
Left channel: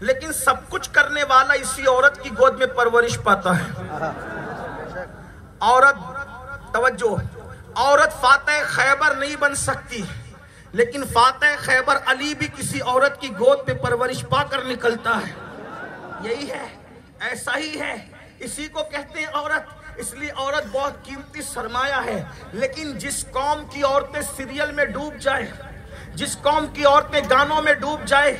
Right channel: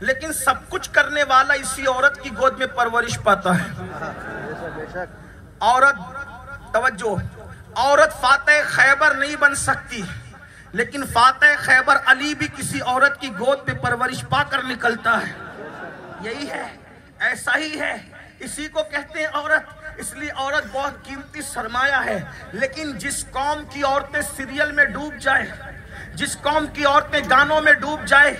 لیکن سب کچھ کرنے والا اسی عورت کی گود میں پرورش پاتا ہے۔ عورت، توجہ، عورت فاتح خیبر نہیں بن سکتی، لیکن فاتح خیبر علی بھی کسی عورت کی گود پہ پرورش پا کر نکلتا ہے۔ یہی ہے، ایسا ہی ہے، اسی کو کہتے ہیں عورت۔ اس لیے عورت بہت قیمتی سرمایہ ہے، لیکن جس قوم کی عورتیں سیریل میں ڈوب جائیں، جس قوم کی عورتیں گانوں میں ڈوب جائیں،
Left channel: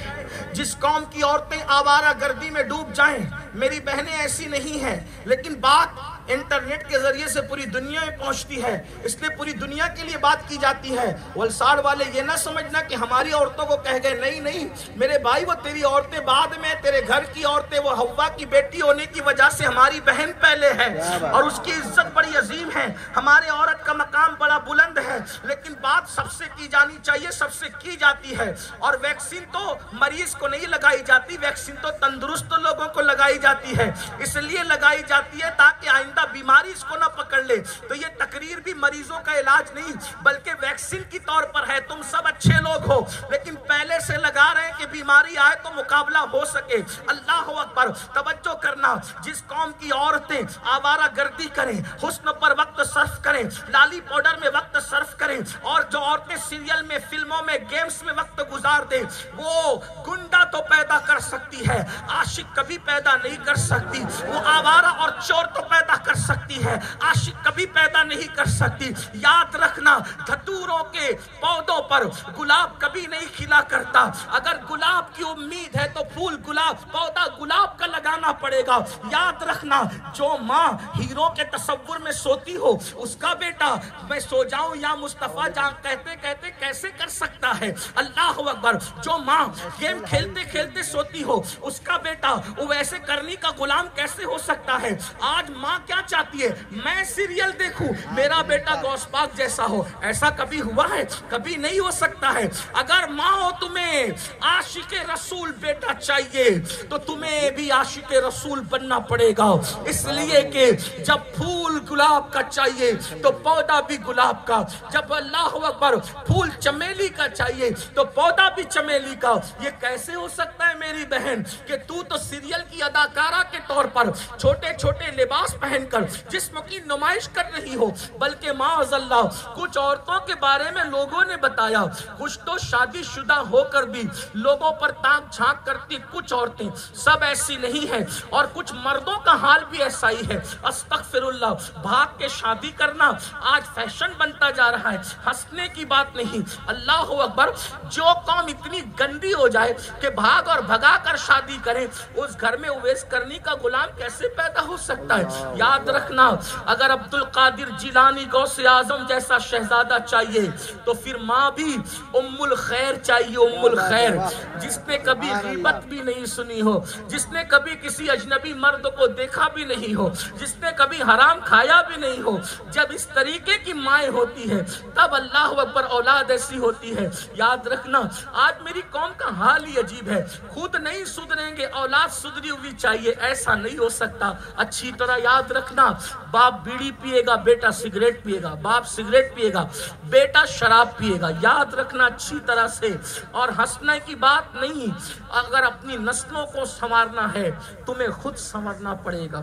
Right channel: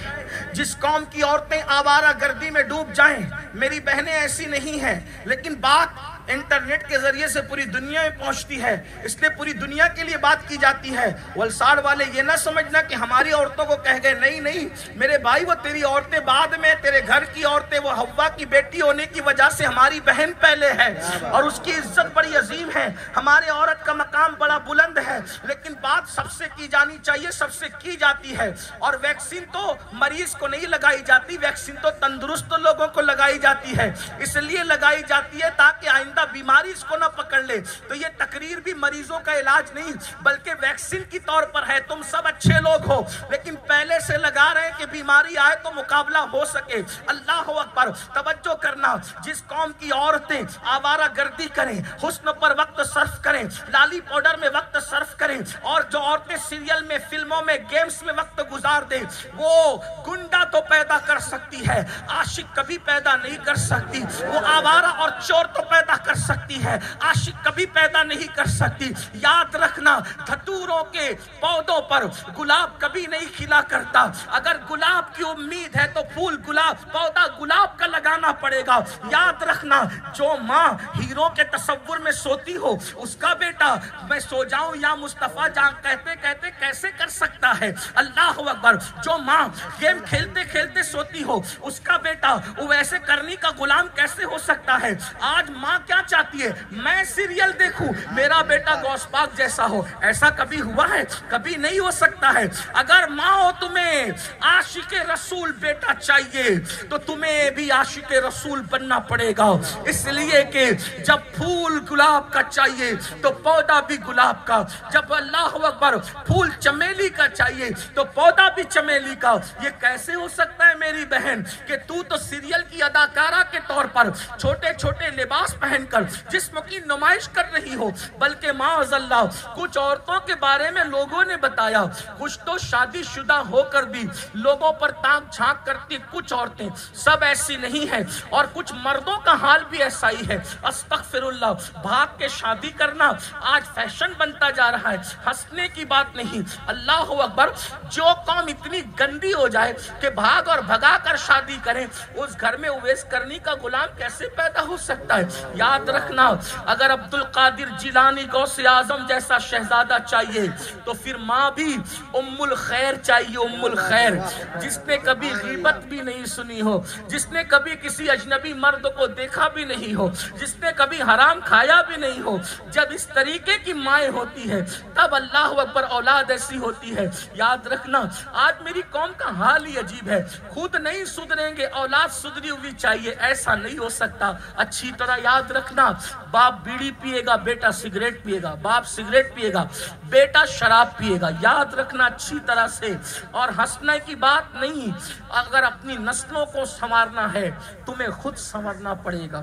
جس قوم کی عورتیں آوارہ گردی میں ڈوب جائیں، میری بہنیں ایسی نہیں ہیں، لیکن بات انٹرنیٹ کے ذریعے سے پوری دنیا میں پہنچتی ہے، اس لیے پوری دنیا کے لیے بات کی جاتی ہے۔ والساڑ والے یہ نہ سمجھنا کہ ہماری عورتوں کو کہہ گئے، نہیں نہیں میرے بھائی، وہ تیری عورتیں بعد میں، تیرے گھر کی عورتیں، وہ حوا کی بیٹی ہونے کی وجہ سے ہماری بہن پہلے ہے اور اس کی عزت بڑی عظیم ہے، ہمارے عورت کا مقام بڑا بلند ہے، لیکن بات سب سے کی جانی چاہیے، سب سے کی جاتی ہے۔ اور ویکسین تو مریض کو نہیں لگائی جاتی، ویکسین تو تندرست لوگوں کو لگائی جاتی ہے، اس لیے لگائی جاتی ہے تاکہ آئندہ بیماری اس کو نہ پکڑ لے۔ تو یہ تقریر بھی مریضوں کا علاج نہیں بلکہ ویکسین کی طور پر ہے۔ تم سب اچھے لوگ ہو لیکن پہلے سے لگا رہے ہیں کہ بیماری آئے تو مقابلہ ہو سکے۔ اللہ اکبر، توجہ کرنا، جس قوم کی عورتیں آوارہ گردی کریں، حسن پر وقت صرف کریں، لالی پاؤڈر میں وقت صرف کریں، اور جو عورتیں سیریل میں، فلموں میں، گیمز میں وقت گزار دیں، وہ گنڈا تو پیدا کر سکتی ہے، عاشق کبھی پیدا نہیں کر سکتی۔ وہ آوارہ اور چور تو پیدا کر سکتی ہے، عاشق کبھی پیدا نہیں کر سکتی۔ یاد رکھنا، دھتوروں کے پودوں پر گلاب کبھی نہیں کھلا کرتا۔ اگر گلاب کی امید ہے تو پھول گلاب، پودا گلاب کا لگانا پڑے گا۔ یاد رکھنا، جو ماں ہیرو کے تصور میں سوتی ہو، اس کا بیٹا میں سو جاؤں یا مصطفیٰ جان کہتے کہتے کیسے کر سکتا ہے؟ اللہ اکبر، جو ماں گیم کھیلتے کھیلتے سوتی ہو، اس کا بیٹا ویسے کرنی کا غلام کیسے ہو سکتا ہے؟ آج ماں کیا چاہتی ہے؟ میں سیریل دیکھوں، میرا بیٹا غوث پاک جیسا ہو۔ ایسا کبھی ہوا ہے؟ کبھی نہیں ہو سکتا ہے۔ اگر ماں ہو تمہیں عاشق رسول بیٹا چاہیے تو تمہیں بھی عاشق رسول بننا پڑے گا، اس لیے کہ جب پھول گلاب کا چاہیے تو پودا بھی گلاب کا، جب اللہ اکبر پھول چمیلی کا چاہیے تو پودا بھی چمیلی کا۔ یہ کیسے ہو سکتا ہے میری بہن کہ تو سیریل کی اداکارہ کے طور پر چھوٹے چھوٹے لباس پہن کر جسم کی نمائش کر رہی ہو، بلکہ معاذ اللہ کچھ عورتوں کے بارے میں لوگوں نے بتایا، کچھ تو شادی شدہ ہو کر بھی لوگوں پر تاک جھانک کرتی کچھ عورتیں، سب ایسی نہیں ہیں، اور کچھ مردوں کا حال بھی ایسا ہی ہے۔ استغفر اللہ، بھاگ کے شادی کرنا آج فیشن بنتا جا رہا ہے، ہنسنے کی بات نہیں۔ اللہ اکبر، جو قوم اتنی گندی ہو جائے کہ بھاگ اور بھگا کر شادی کریں، اس گھر میں اویس کرنی کا غلام کیسے پیدا ہو سکتا ہے؟ یاد رکھنا، اگر عبد القادر جیلانی غوث اعظم جیسا شہزادہ چاہیے تو پھر ماں بھی ام الخیر چاہیے، ام الخیر، جس نے کبھی غیبت بھی نہیں سنی ہو، جس نے کبھی کسی اجنبی مرد کو دیکھا بھی نہیں ہو، جس نے کبھی حرام کھایا بھی نہیں ہو۔ جب اس طریقے کی مائیں ہوتی ہے تب اللہ اکبر اولاد ایسی ہوتی ہے۔ یاد رکھنا، آج میری قوم کا حال ہی عجیب ہے، خود نہیں سدھریں گے، اولاد سدھری ہوئی چاہیے، ایسا نہیں ہو سکتا۔ اچھی طرح یاد رکھنا، باپ بیڑی پیے گا، بیٹا سگریٹ پیے گا، باپ سگریٹ پیے گا، بیٹا شراب پیے گا، یاد رکھنا اچھی طرح سے۔ اور ہنسنے کی بات نہیں، اگر اپنی نسلوں کو سنوارنا ہے تمہیں خود سنورنا پڑے گا،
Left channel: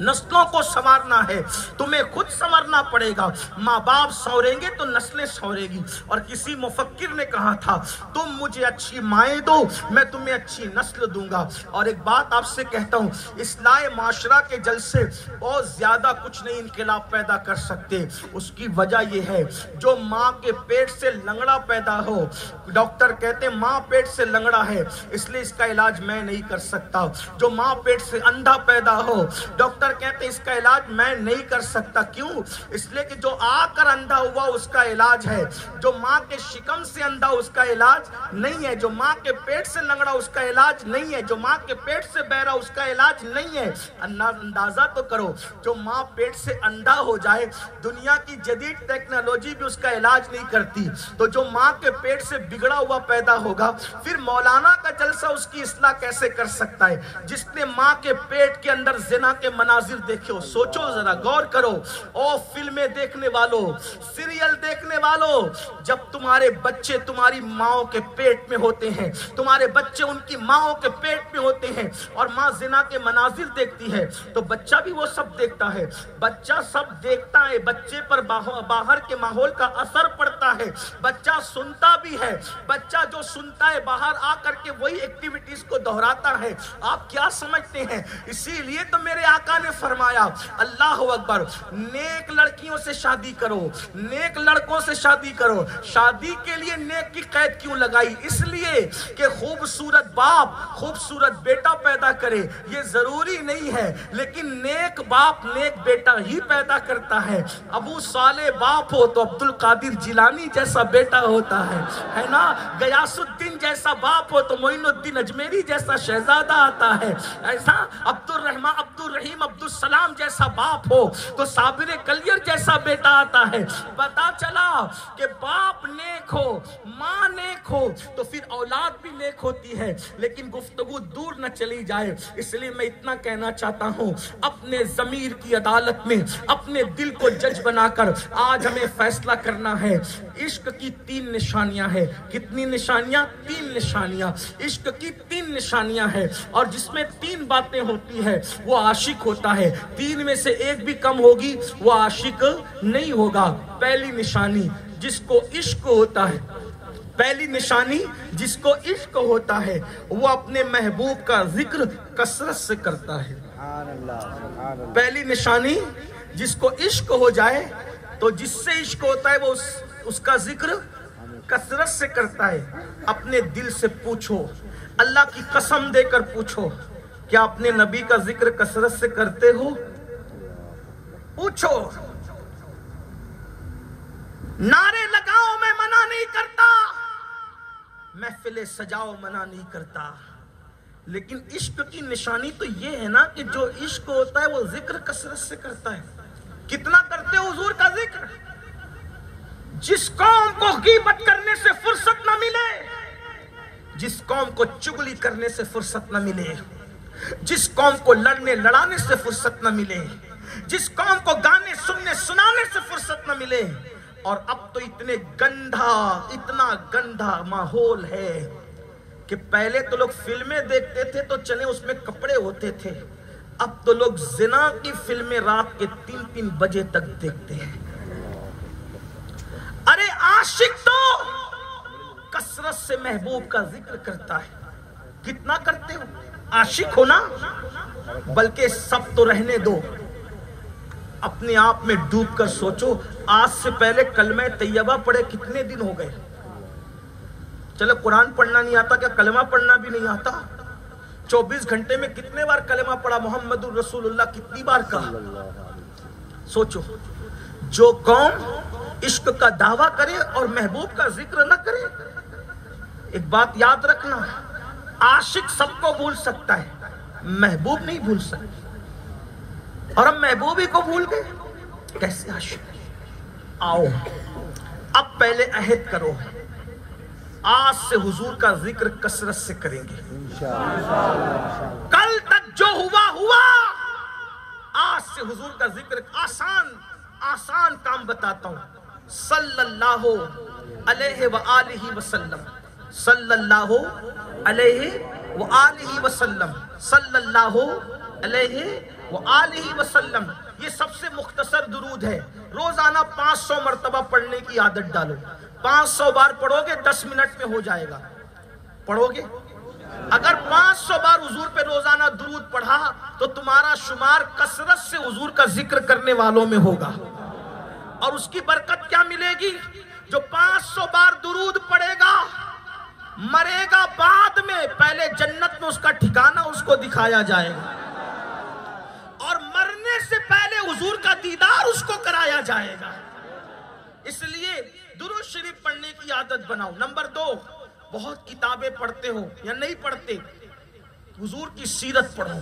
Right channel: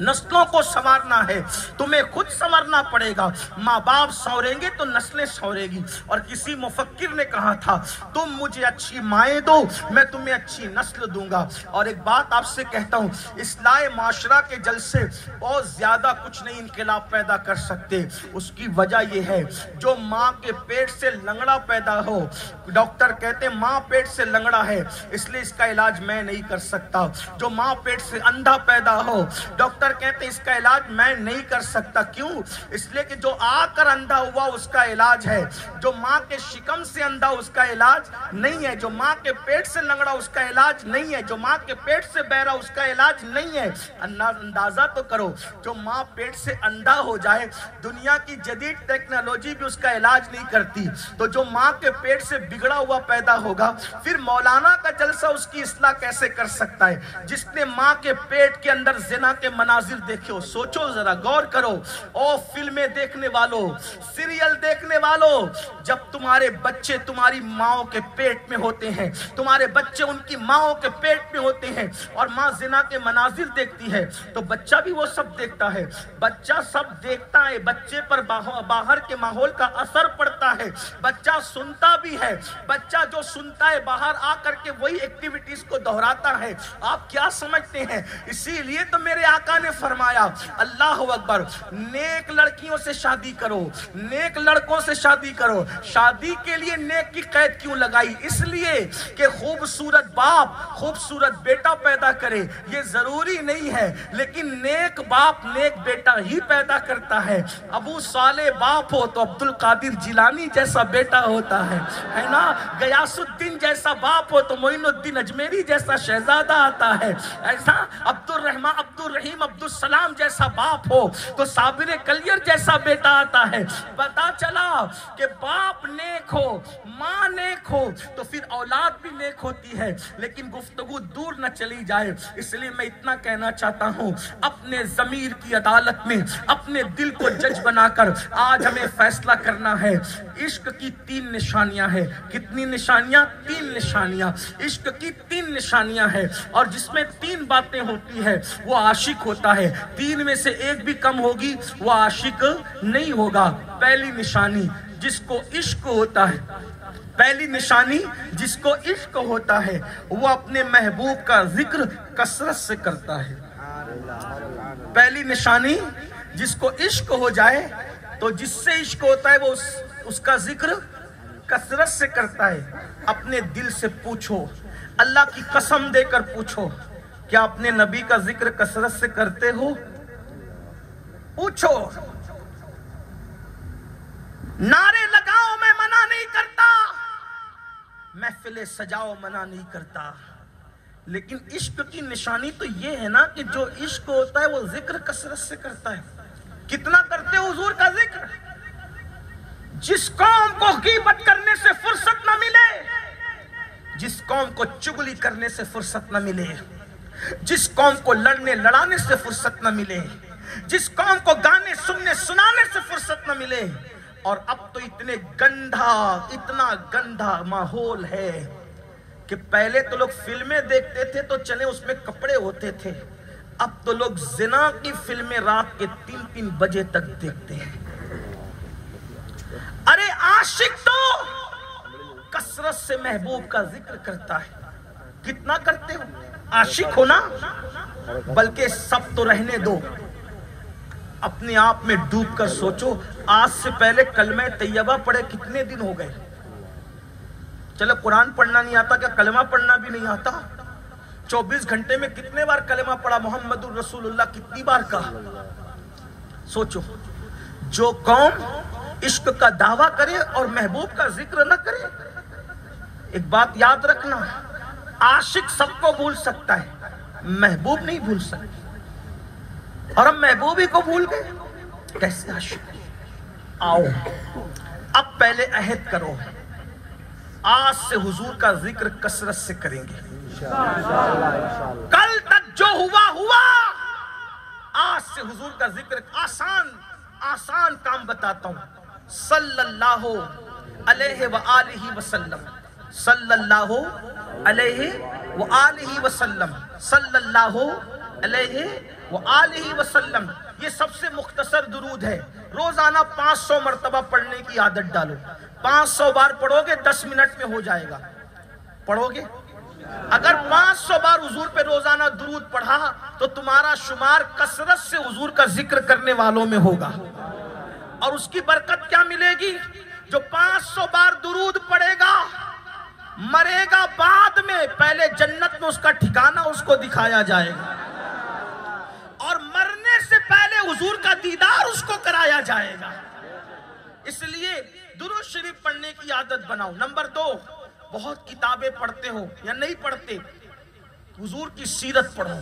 نسلوں کو سنوارنا ہے تمہیں خود سنورنا پڑے گا۔ ماں باپ سنوریں گے تو نسلیں سنورے گی۔ اور کسی مفکر نے کہا تھا، تم مجھے اچھی مائیں دو، میں تمہیں اچھی نسل دوں گا۔ اور ایک بات آپ سے کہتا ہوں، اصلاح معاشرہ کے جلسے بہت زیادہ کچھ نہیں انقلاب پیدا کر سکتے۔ اس کی وجہ یہ ہے، جو ماں کے پیٹ سے لنگڑا پیدا ہو، ڈاکٹر کہتے ہیں ماں پیٹ سے لنگڑا ہے اس لیے اس کا علاج میں نہیں کر سکتا۔ جو ماں پیٹ سے اندھا پیدا ہو، ڈاکٹر کہتے ہیں اس کا علاج میں نہیں کر سکتا۔ کیوں؟ اس لیے کہ جو آ کر اندھا ہوا اس کا علاج ہے، جو ماں کے شکم سے اندھا اس کا علاج نہیں ہے، جو ماں کے پیٹ سے لنگڑا اس کا علاج نہیں ہے، جو ماں کے پیٹ سے بہرا اس کا علاج نہیں ہے۔ اندازہ تو کرو، جو ماں پیٹ سے اندھا ہو جائے دنیا کی جدید ٹیکنالوجی بھی اس کا علاج نہیں کرتی، تو جو ماں کے پیٹ سے بگڑا ہوا پیدا ہوگا پھر مولانا کا جلسہ اس کی اصلاح کیسے کر سکتا ہے؟ جس نے ماں کے پیٹ کے اندر زنا کے مناظر دیکھے ہو، سوچو ذرا، غور کرو۔ او فلمیں دیکھنے والوں، سیریل دیکھنے والوں، جب تمہارے بچے تمہاری ماں کے پیٹ میں ہوتے ہیں، تمہارے بچے ان کی ماں کے پیٹ میں ہوتے ہیں اور ماں زنا کے مناظر دیکھتی ہے تو بچہ بھی وہ سب دیکھتا ہے، بچہ سب دیکھتا ہے، بچے پر باہر کے ماحول کا اثر پڑتا ہے، بچہ سنتا بھی ہے، بچہ جو سنتا ہے باہر آ کر کے وہی ایکٹیویٹیز کو دہراتا ہے۔ آپ کیا سمجھتے ہیں؟ اسی لیے تو میرے آقا نے نے فرمایا اللہ اکبر، نیک لڑکیوں سے شادی کرو، نیک لڑکوں سے شادی کرو۔ شادی کے لیے نیک کی قید کیوں لگائی؟ اس لیے کہ خوبصورت باپ خوبصورت بیٹا پیدا کرے یہ ضروری نہیں ہے، لیکن نیک باپ نیک بیٹا ہی پیدا کرتا ہے۔ ابو صالح باپ ہو تو عبد القادر جیلانی جیسا بیٹا ہوتا ہے نا، غیاث الدین جیسا باپ ہو تو معین الدین اجمیری جیسا شہزادہ آتا ہے، ایسا عبد الرحیم عبد السلام جیسا باپ ہو تو صابر کلیر جیسا بیٹا آتا ہے۔ پتا چلا کہ باپ نیک ہو ماں نیک ہو تو پھر اولاد بھی نیک ہوتی ہے، لیکن گفتگو دور نہ چلی جائے، اس لیے میں اتنا کہنا چاہتا ہوں، اپنے ضمیر کی عدالت میں اپنے دل کو جج بنا کر آج ہمیں فیصلہ کرنا ہے۔ عشق کی 3 نشانیاں ہیں۔ کتنی نشانیاں؟ 3 نشانیاں۔ عشق کی 3 نشانیاں ہیں، اور جس میں 3 باتیں ہوتی ہے وہ عاشق ہوتا ہے، 3 میں سے ایک بھی کم ہوگی وہ عاشق نہیں ہوگا۔ پہلی نشانی جس کو عشق ہوتا ہے، پہلی نشانی جس کو عشق ہوتا ہے وہ اپنے محبوب کا ذکر کثرت سے کرتا ہے۔ پہلی نشانی جس کو عشق ہو جائے تو جس سے عشق ہوتا ہے وہ اس کا ذکر کثرت سے کرتا ہے۔ اپنے دل سے پوچھو، اللہ کی قسم دے کر پوچھو، کیا اپنے نبی کا ذکر کثرت سے کرتے ہو؟ پوچھو۔ نعرے لگاؤ میں منع نہیں کرتا، محفلیں سجاؤ منع نہیں کرتا، لیکن عشق کی نشانی تو یہ ہے نا کہ جو عشق ہوتا ہے وہ ذکر کثرت سے کرتا ہے۔ کتنا کرتے ہو حضور کا ذکر؟ جس قوم کو غیبت کرنے سے فرصت نہ ملے، جس قوم کو چغلی کرنے سے فرصت نہ ملے، جس قوم کو لڑنے لڑانے سے فرصت نہ ملے، جس قوم کو گانے سننے سنانے سے فرصت نہ ملے، اور اب تو اتنا گندھا ماحول ہے کہ پہلے تو لوگ فلمیں دیکھتے تھے تو چلے اس میں کپڑے ہوتے تھے، اب تو لوگ زنا کی فلمیں رات کے 3 بجے تک دیکھتے ہیں۔ ارے عاشق تو کثرت سے محبوب کا ذکر کرتا ہے۔ کتنا کرتے ہو؟ عاشق ہو نا، بلکہ سب تو رہنے دو، اپنے آپ میں ڈوب کر سوچو، آج سے پہلے کلمہ طیبہ پڑھے کتنے دن ہو گئے؟ چلو قرآن پڑھنا نہیں آتا، کیا کلمہ پڑھنا بھی نہیں آتا؟ 24 گھنٹے میں کتنے بار کلمہ پڑھا؟ محمد الرسول اللہ کتنی بار کہا؟ سوچو۔ جو قوم عشق کا دعویٰ کرے اور محبوب کا ذکر نہ کرے، ایک بات یاد رکھنا، عاشق سب کو بھول سکتا ہے، محبوب نہیں بھول سکتا، اور ہم محبوب ہی کو بھول گئے، کیسے عاشق؟ آؤ اب پہلے عہد کرو، آج سے حضور کا ذکر کثرت سے کریں گے۔ کل تک جو ہوا، آج سے حضور کا ذکر، آسان کام بتاتا ہوں، صلی اللہ علیہ وآلہ وسلم، صلی اللہ علیہ وآلہ وسلم، صلی اللہ علیہ وآلہ وسلم، یہ سب سے مختصر درود ہے۔ روزانہ 500 مرتبہ پڑھنے کی عادت ڈالو، 500 بار پڑھو گے 10 منٹ میں ہو جائے گا۔ پڑھو گے؟ اگر 500 بار حضور پہ روزانہ درود پڑھا تو تمہارا شمار کثرت سے حضور کا ذکر کرنے والوں میں ہوگا، اور اس کی برکت کیا ملے گی؟ جو 500 بار درود پڑھے گا مرے گا بعد میں، پہلے جنت میں اس کا ٹھکانہ اس کو دکھایا جائے گا، اور مرنے سے پہلے حضور کا دیدار اس کو کرایا جائے گا۔ اس لیے درود شریف پڑھنے کی عادت بناؤ۔ نمبر 2، بہت کتابیں پڑھتے ہو یا نہیں پڑھتے، حضور کی سیرت پڑھو،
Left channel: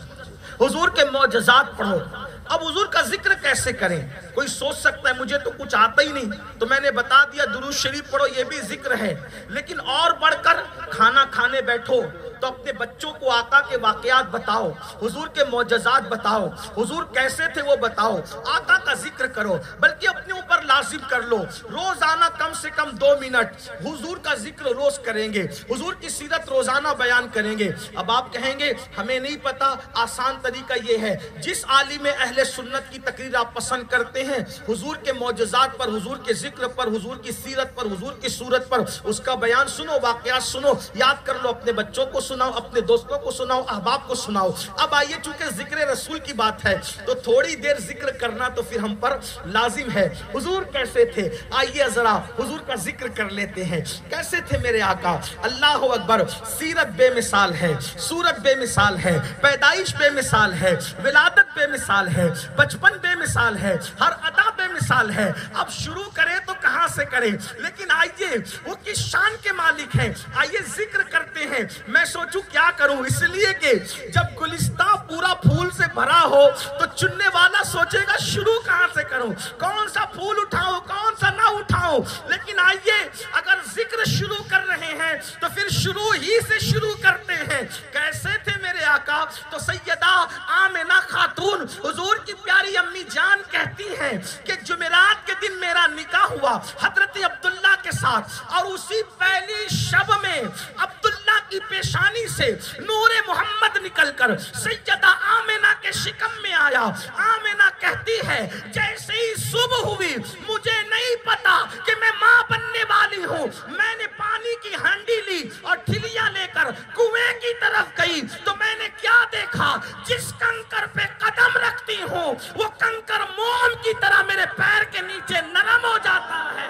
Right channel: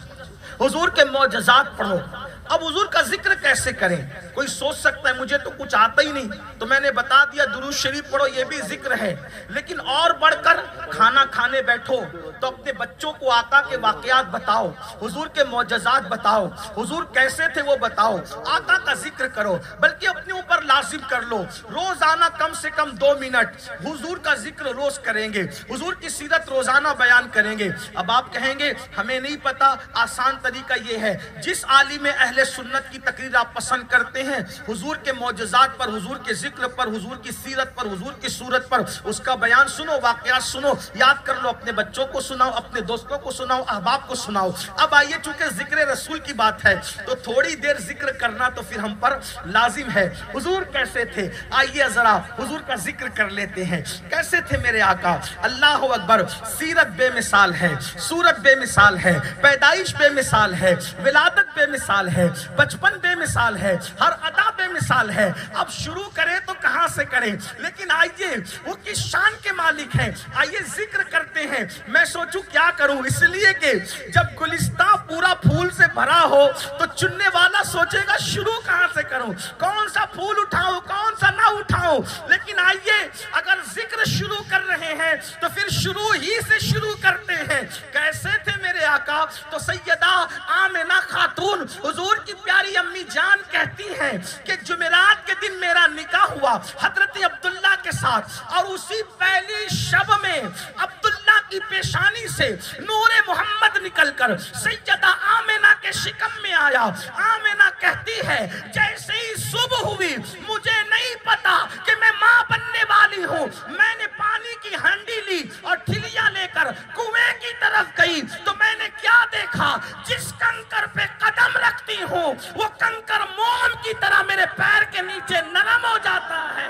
حضور کے معجزات پڑھو۔ اب حضور کا ذکر کیسے کریں؟ کوئی سوچ سکتا ہے مجھے تو کچھ آتا ہی نہیں، تو میں نے بتا دیا درود شریف پڑھو، یہ بھی ذکر ہے، لیکن اور بڑھ کر کھانا کھانے بیٹھو تو اپنے بچوں کو آقا کے واقعات بتاؤ، حضور کے معجزات بتاؤ، حضور کیسے تھے وہ بتاؤ، آقا کا ذکر کرو، بلکہ اپنے اوپر لازم کر لو، روزانہ کم سے کم 2 منٹ حضور کا ذکر روز کریں گے، حضور کی سیرت روزانہ بیان کریں گے۔ اب آپ کہیں گے ہمیں نہیں پتا، آسان طریقہ یہ ہے، جس عالم اہل اہل سنت کی تقریر آپ پسند کرتے ہیں، حضور کے معجزات پر، حضور کے ذکر پر، حضور کی سیرت پر، حضور کی صورت پر، اس کا بیان سنو، واقعات سنو، یاد کر لو، اپنے بچوں کو سناؤ، اپنے دوستوں کو سناؤ، احباب کو سناؤ۔ اب آئیے، چونکہ ذکر رسول کی بات ہے تو تھوڑی دیر ذکر کرنا تو پھر ہم پر لازم ہے۔ حضور کیسے تھے؟ آئیے ذرا حضور کا ذکر کر لیتے ہیں، کیسے تھے میرے آقا؟ اللہ اکبر! سیرت بے مثال ہے، صورت بے مثال ہے، پیدائش بے مثال ہے، ولادت بے مثال ہے، بچپن بے مثال ہے، ہر ادا بے مثال ہے۔ اب شروع کریں تو کہاں سے کریں؟ لیکن آئیے، وہ کس شان کے مالک ہیں، آئیے ذکر کرتے ہیں۔ میں سوچوں کیا کروں، اس لیے کہ جب گلستہ پورا پھول سے بھرا ہو تو چننے والا سوچے گا شروع کہاں سے کروں، کون سا پھول اٹھاؤں، کون سا نہ اٹھاؤں۔ لیکن آئیے، اگر ذکر شروع کر رہے ہیں تو پھر شروع ہی سے شروع کرتے ہیں۔ کیسے تھے میرے آقا؟ تو سیدہ آمنہ خاتون حضور کی پیاری امی جان کہتی ہیں کہ جمعرات کے دن میرا نکاح ہوا حضرت عبداللہ کے ساتھ، اور اسی پہلی شب میں عبداللہ کی پیشانی سے نور محمد نکل کر سیدہ آمنہ کے شکم میں آیا۔ آمنہ کہتی ہے جیسے ہی صبح ہوئی، مجھے نہیں پتا کہ میں ماں بننے والی ہوں، میں نے پانی کی ہنڈی لی اور ٹھلیا لے کر کنویں کی طرف گئی تو میں نے کیا دیکھا، جس کنکر پہ قدم رکھتی ہوں وہ کنکر موم کی طرح میرے پیر کے نیچے نرم ہو جاتا ہے۔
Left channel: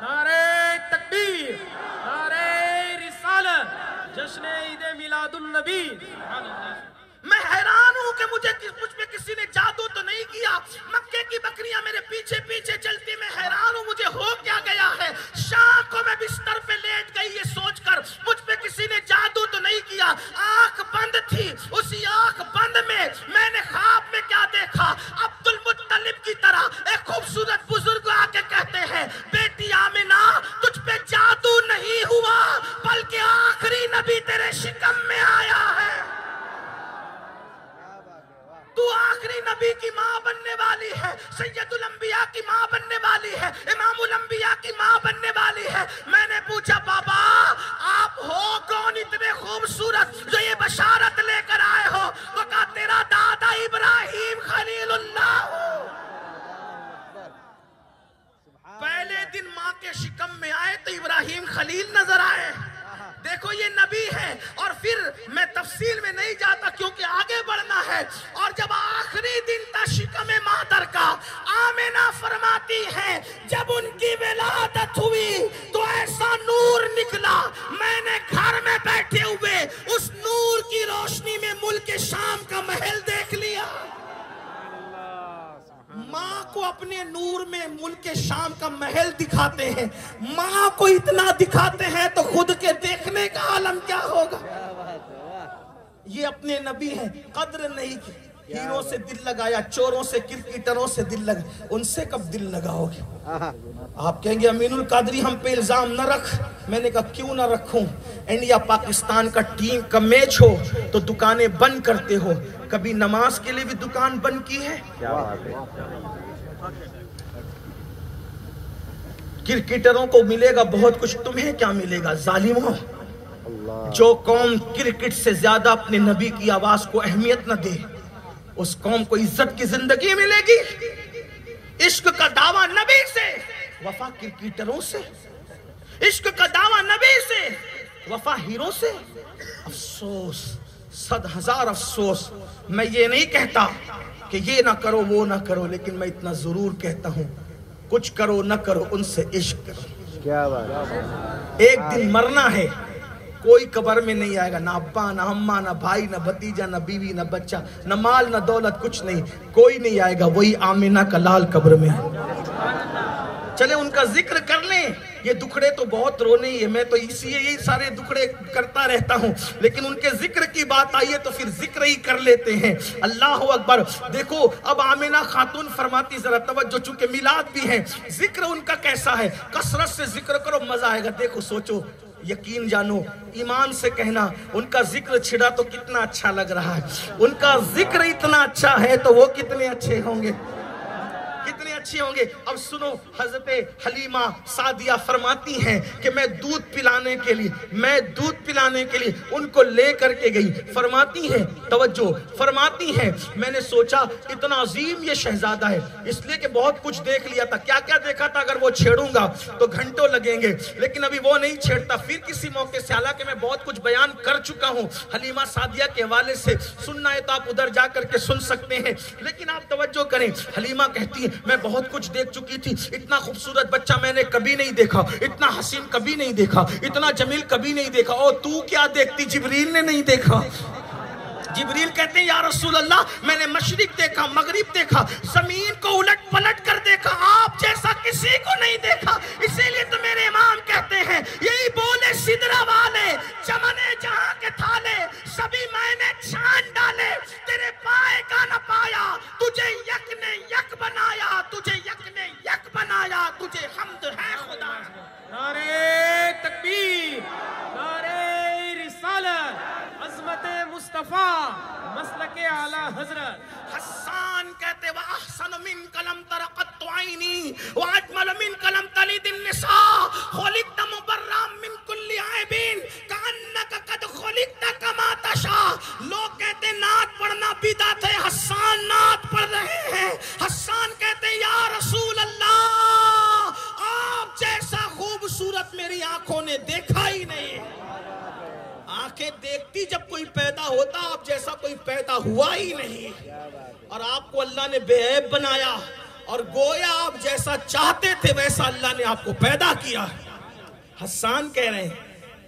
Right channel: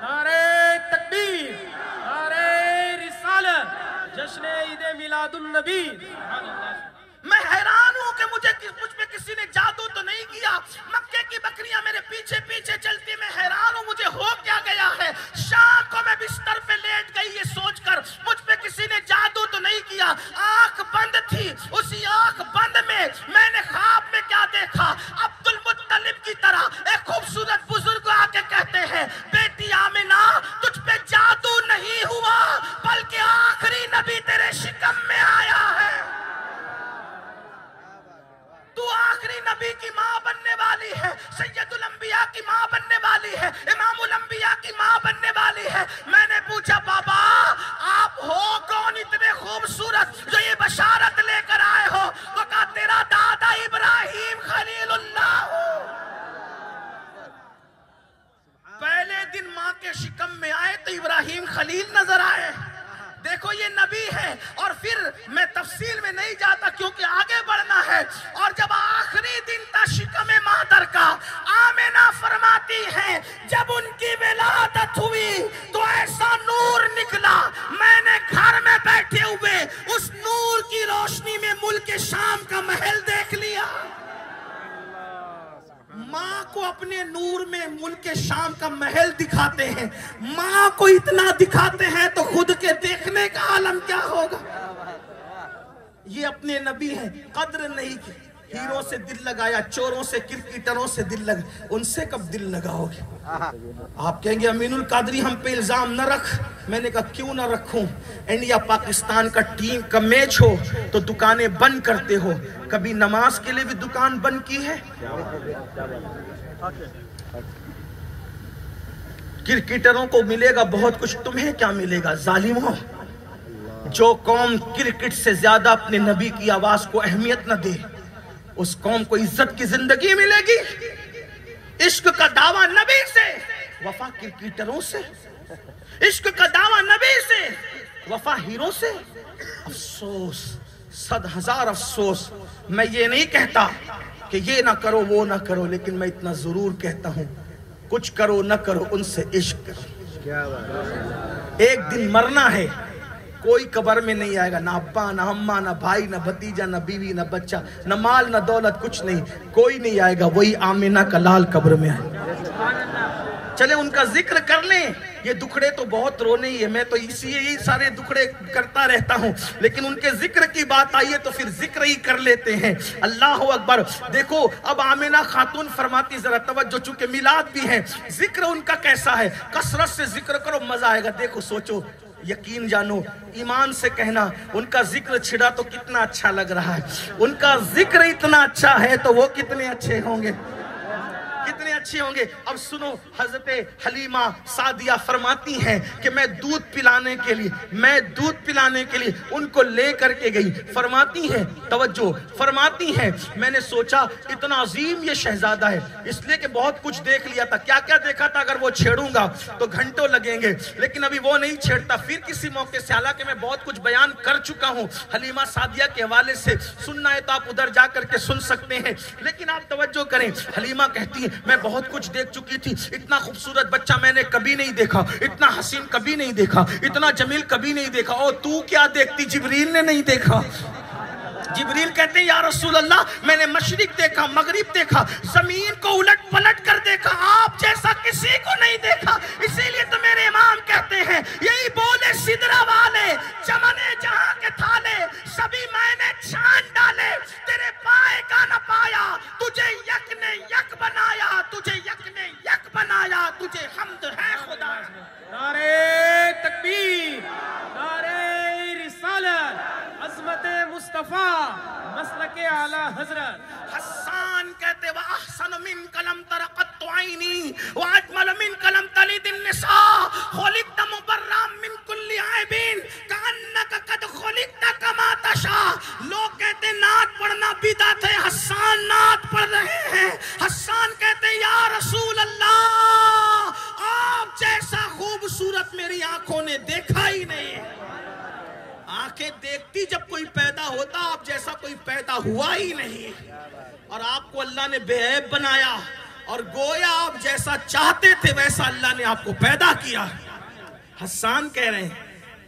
نعرہ تکبیر، نعرہ رسالت، جشن عید میلاد النبی۔ میں حیران ہوں کہ مجھ پہ کسی نے جادو تو نہیں کیا، مکے کی بکریاں میرے پیچھے پیچھے چلتی، میں حیران ہوں مجھے ہو کیا گیا ہے۔ شام کو میں بستر پہ لیٹ گئی یہ سوچ کر مجھ پہ کسی نے جادو تو نہیں کیا۔ آنکھ بند تھی، اسی آنکھ بند میں میں نے خواب میں کیا دیکھا، عبد المطلب کی طرح ایک خوبصورت بزرگ آ کے کہتے ہیں بیٹی آمنہ تجھ پہ جادو نہیں ہوا بلکہ آخری نبی تیرے شکم میں آیا ہے، تو آخری نبی کی ماں بننے والی ہے، سید الانبیاء کی ماں بننے والی ہے، امام الانبیاء کی ماں بننے والی ہے۔ میں نے پوچھا بابا آپ ہو کون اتنے خوبصورت جو یہ بشارت لے کر آئے ہو؟ تو کہا تیرا دادا ابراہیم خلیل اللہ ہو۔ پہلے دن ماں کے شکم میں آئے تو ابراہیم خلیل نظر آئے۔ دیکھو یہ نبی ہے، اور پھر میں تفصیل میں نہیں جاتا کیونکہ آگے بڑھنا ہے۔ اور جب آخری دن تھا شکم مادر کا، آمنہ فرماتی ہیں جب ان کی ولادت ہوئی تو ایسا نور نکلا، میں نے گھر میں بیٹھے ہوئے اس نور کی روشنی میں ملک شام کا محل دیکھ لیا۔ ماں کو اپنے نور میں ملک شام کا محل دکھاتے ہیں، ماں کو اتنا دکھاتے ہیں تو خود کے دیکھنے کا عالم کیا ہوگا۔ یہ اپنے نبی ہیں، قدر نہیں کی، ہیروں سے دل لگایا، چوروں سے کرکٹروں سے دل لگا، ان سے کب دل لگاؤ گے؟ آپ کہیں گے امین القادری ہم پہ الزام نہ رکھ، میں نے کہا کیوں نہ رکھوں؟ انڈیا پاکستان کا ٹیم کا میچ ہو تو دکانیں بند کرتے ہو، کبھی نماز کے لیے بھی دکان بند کی ہے؟ کرکٹروں کو ملے گا بہت کچھ، تمہیں کیا ملے گا ظالموں؟ جو قوم کرکٹ سے زیادہ اپنے نبی کی آواز کو اہمیت نہ دے، اس قوم کو عزت کی زندگی ملے گی؟ عشق کا دعویٰ نبی سے، وفا کرکٹروں سے، عشق کا دعویٰ نبی سے، وفا ہیروں سے۔ افسوس، 100,000 افسوس۔ میں یہ نہیں کہتا کہ یہ نہ کرو وہ نہ کرو، لیکن میں اتنا ضرور کہتا ہوں کچھ کرو نہ کرو ان سے عشق کرو۔ ایک دن مرنا ہے، کوئی قبر میں نہیں آئے گا، نہ ابا نہ اماں نہ بھائی نہ بھتیجا نہ بیوی نہ بچہ نہ مال نہ دولت، کچھ نہیں، کوئی نہیں آئے گا، وہی آمنہ کا لال قبر میں آئے گا۔ چلے ان کا ذکر کر لیں، یہ دکھڑے تو بہت رونے ہی ہے، میں تو یہی سارے دکھڑے کرتا رہتا ہوں، لیکن ان کے ذکر کی بات آئیے تو پھر ذکر ہی کر لیتے ہیں۔ اللہ اکبر۔ دیکھو اب آمنہ خاتون فرماتی، ذرا توجہ، چونکہ میلاد بھی ہے، ذکر ان کا کیسا ہے، کثرت سے ذکر کرو مزہ آئے گا۔ دیکھو سوچو، یقین جانو، ایمان سے کہنا ان کا ذکر چھڑا تو کتنا اچھا لگ رہا ہے، ان کا ذکر اتنا اچھا ہے تو وہ کتنے اچھے ہوں گے، کتنے اچھے ہوں گے. اب سنو, حضرت حلیمہ سعدیہ فرماتی ہیں کہ میں دودھ پلانے کے لیے ان کو لے کر کے گئی. فرماتی ہیں, توجہ, فرماتی ہیں میں نے سوچا اتنا عظیم یہ شہزادہ ہے, اس لیے کہ بہت کچھ دیکھ لیا تھا. کیا کیا دیکھا تھا, اگر وہ چھیڑوں گا تو گھنٹوں لگیں گے, لیکن ابھی وہ نہیں چھیڑتا. پھر کسی موقع سے, حالانکہ میں بہت کچھ بیان کر چکا ہوں حلیمہ سعدیہ کے حوالے سے, سننا ہے تو آپ ادھر جا کر کے سن سکتے ہیں, لیکن آپ توجہ کریں. حلیمہ کہتی ہے میں بہت کچھ دیکھ چکی تھی, اتنا خوبصورت بچہ میں نے کبھی نہیں دیکھا, اتنا حسین کبھی نہیں دیکھا, اتنا جمیل کبھی نہیں دیکھا. اور تو کیا دیکھتی, جبریل نے نہیں دیکھا. جبریل کہتے ہیں یا رسول اللہ میں نے مشرق دیکھا, مغرب دیکھا, زمین کو الٹ پلٹ کر دیکھا, آپ جیسا کسی کو نہیں دیکھا. اسی لیے تو میرے امام کہتے ہیں یہی بولے سدرہ والے, چمنے جہاں کے تھالے, سبھی میں نے چھان ڈالے, تیرے پائے کا نہ پایا, تجھے یک نے یک بنایا, تجھے یک نے یک بنایا, تجھے حمد ہے خدا. نعرہ تکبیر, نعرہ رسالت, عظمت مصطفیٰ, مسلک اعلی حضرت. حسان کہتے وَأَحْسَنُ مِنْكَ لَمْ تَرَ قَطُّ عَيْنِي وَأَجْمَلُ مِنْكَ لَمْ تَلِدِ النِّسَاءُ خُلِقْتَ مُبَرًّا مِنْ كُلِّ عَيْبٍ كَأَنَّكَ قَدْ خُلِقْتَ كَمَا تَشَاءُ. لوگ کہتے ہیں نعت پڑھنا بدعت ہے, حسان نعت پڑھ رہے ہیں. حسان کہتے ہیں یا رسول اللہ آپ جیسا خوبصورت میری آنکھوں نے دیکھا ہی نہیں. آنکھیں دیکھتی جب کوئی پیدا ہوتا, آپ جیسا کوئی پیدا ہوا ہی نہیں. اور آپ کو اللہ نے بے عیب بنایا, اور گویا آپ جیسا چاہتے تھے ویسا اللہ نے آپ کو پیدا کیا. حسان کہہ رہے ہیں,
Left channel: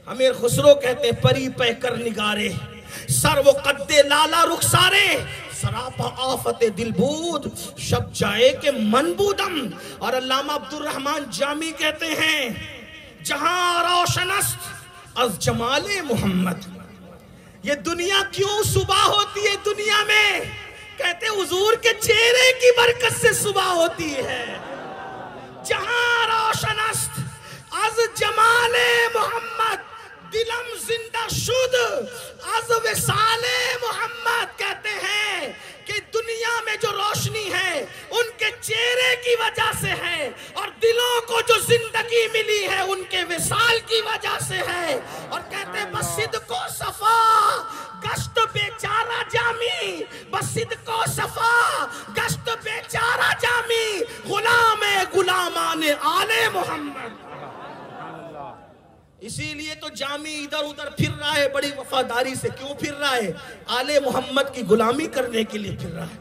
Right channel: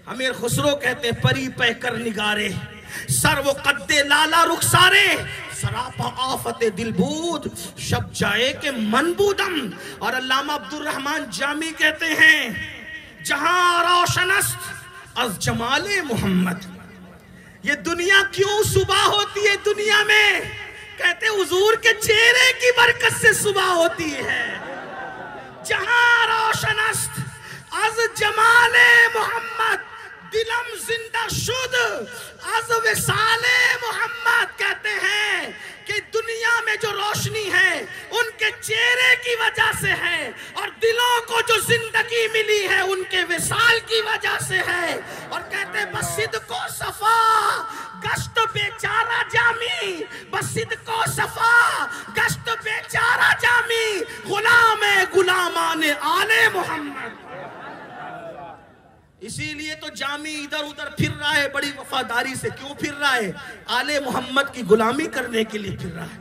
امیر خسرو کہتے ہیں پری پہ کر نگارے, سر و قد لالا رخسارے, سراپا آفت دل بود شب جائے کہ من بودم. اور علامہ عبدالرحمن جامی کہتے ہیں جہاں روشن است از جمال محمد. یہ دنیا کیوں صبح ہوتی ہے دنیا میں, کہتے حضور کے چہرے کی برکت سے صبح ہوتی ہے. جہاں روشن است از جمال محمد دلم زندہ شد از وصال محمد. کہتے ہیں کہ دنیا میں جو روشنی ہے ان کے چہرے کی وجہ سے ہے, اور دلوں کو جو زندگی ملی ہے ان کے وصال کی وجہ سے ہے. اور کہتے ہیں بس صدق و صفا گشت بیچارہ جامی, بس صدق و صفا گشت بیچارہ جامی, غلام غلامان آل محمد. اسی لیے تو جامی ادھر ادھر پھر رہا ہے بڑی وفاداری سے. کیوں پھر رہا ہے؟ آل محمد کی غلامی کرنے کے لیے پھر رہا ہے.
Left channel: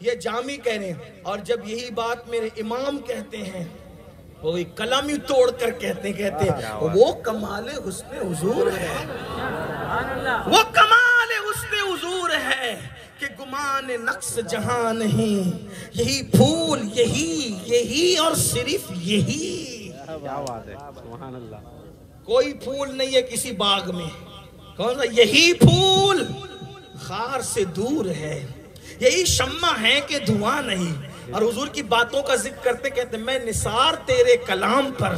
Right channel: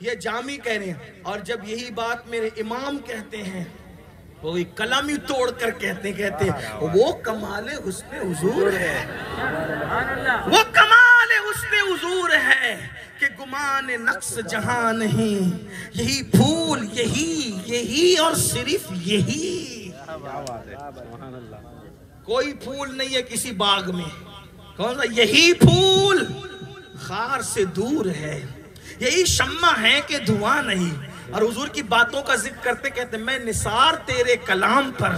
یہ جامی کہہ رہے ہیں. اور جب یہی بات میرے امام کہتے ہیں, وہی قلم ہی توڑ کر کہتے ہیں وہ کمال حسن حضور ہے, وہ کمال حسن حضور ہے کہ گمان نقص جہاں نہیں, یہی پھول یہی اور صرف یہی. کیا بات ہے, سبحان اللہ. کوئی پھول نہیں ہے کسی باغ میں, کون سا, یہی پھول خار سے دور ہے, یہی شمع ہے کہ دھواں نہیں. اور حضور کی باتوں کا ذکر کرتے کہتے میں نثار تیرے کلام پر,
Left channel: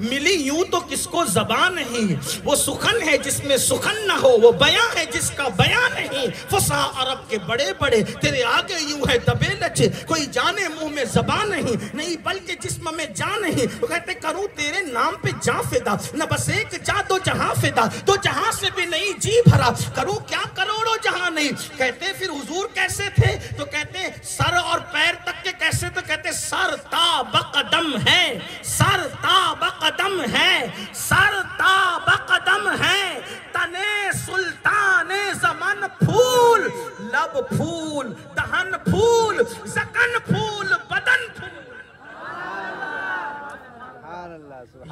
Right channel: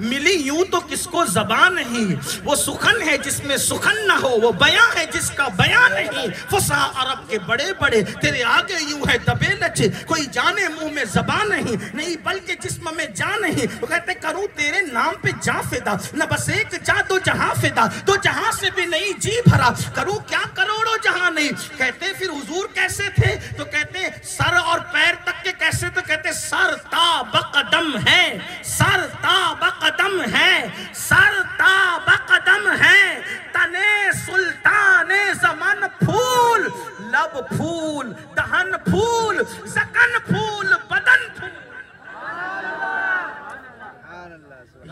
ملی یوں تو کس کو زبان نہیں. وہ سخن ہے جس میں سخن نہ ہو, وہ بیاں ہے جس کا بیاں نہیں. فصاح عرب کے بڑے بڑے تیرے آگے یوں ہے دبے لچے, کوئی جانے منہ میں زبان نہیں بلکہ جسم میں جان نہیں. وہ کہتے کروں تیرے نام پہ جاں فدا, نہ بس ایک جا دو جہاں فدا, دو جہاں سے بھی نہیں جی بھرا, کروں کیا کروڑوں جہاں نہیں. کہتے پھر حضور کیسے تھے, تو کہتے سر اور پیر تک کے کیسے, تو کہتے سر تا بقدم ہے, سر تا بقدم ہے, سر تا بقدم ہے, تنے سلطان زمن پھول, لب پھول دہن پھول, زکن پھول بدن پھول.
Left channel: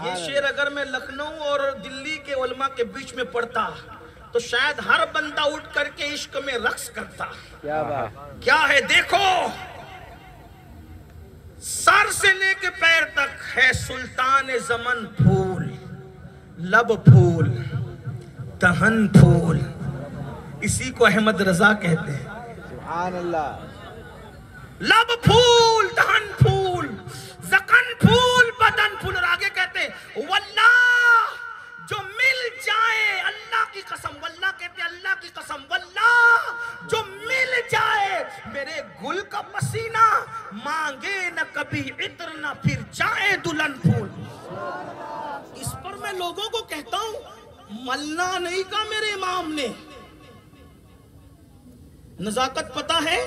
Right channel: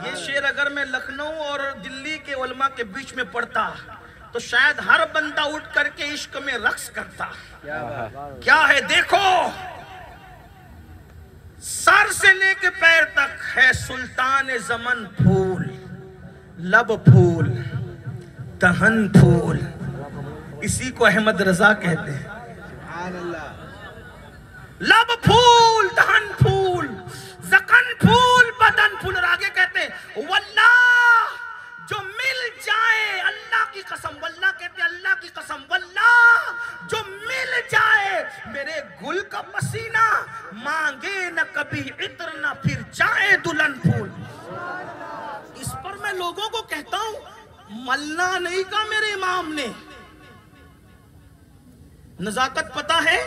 یہ شعر اگر میں لکھنؤ اور دلی کے علماء کے بیچ میں پڑھتا تو شاید ہر بندہ اٹھ کر کے عشق میں رقص کرتا. کیا ہے دیکھو, سر سے لے کے پیر تک ہے سلطان زمن پھول, لب پھول دہن پھول. اسی کو احمد رضا کہتے ہیں. سبحان اللہ. لب پھول دہن پھول, زکن پھول بدن پھول. اور آگے کہتے ہیں واللہ جو مل جائے, اللہ کی قسم, واللہ کہتے ہیں اللہ کی قسم, واللہ جو مل جائے میرے گل کا پسینہ, مانگے مانگے نہ کبھی عطر نہ پھر جائے دلہن پھول. اس پر میں لوگوں کو کہتا ہوں ملنا نہیں کہا میرے امام نے. نزاکت پتہ ہے,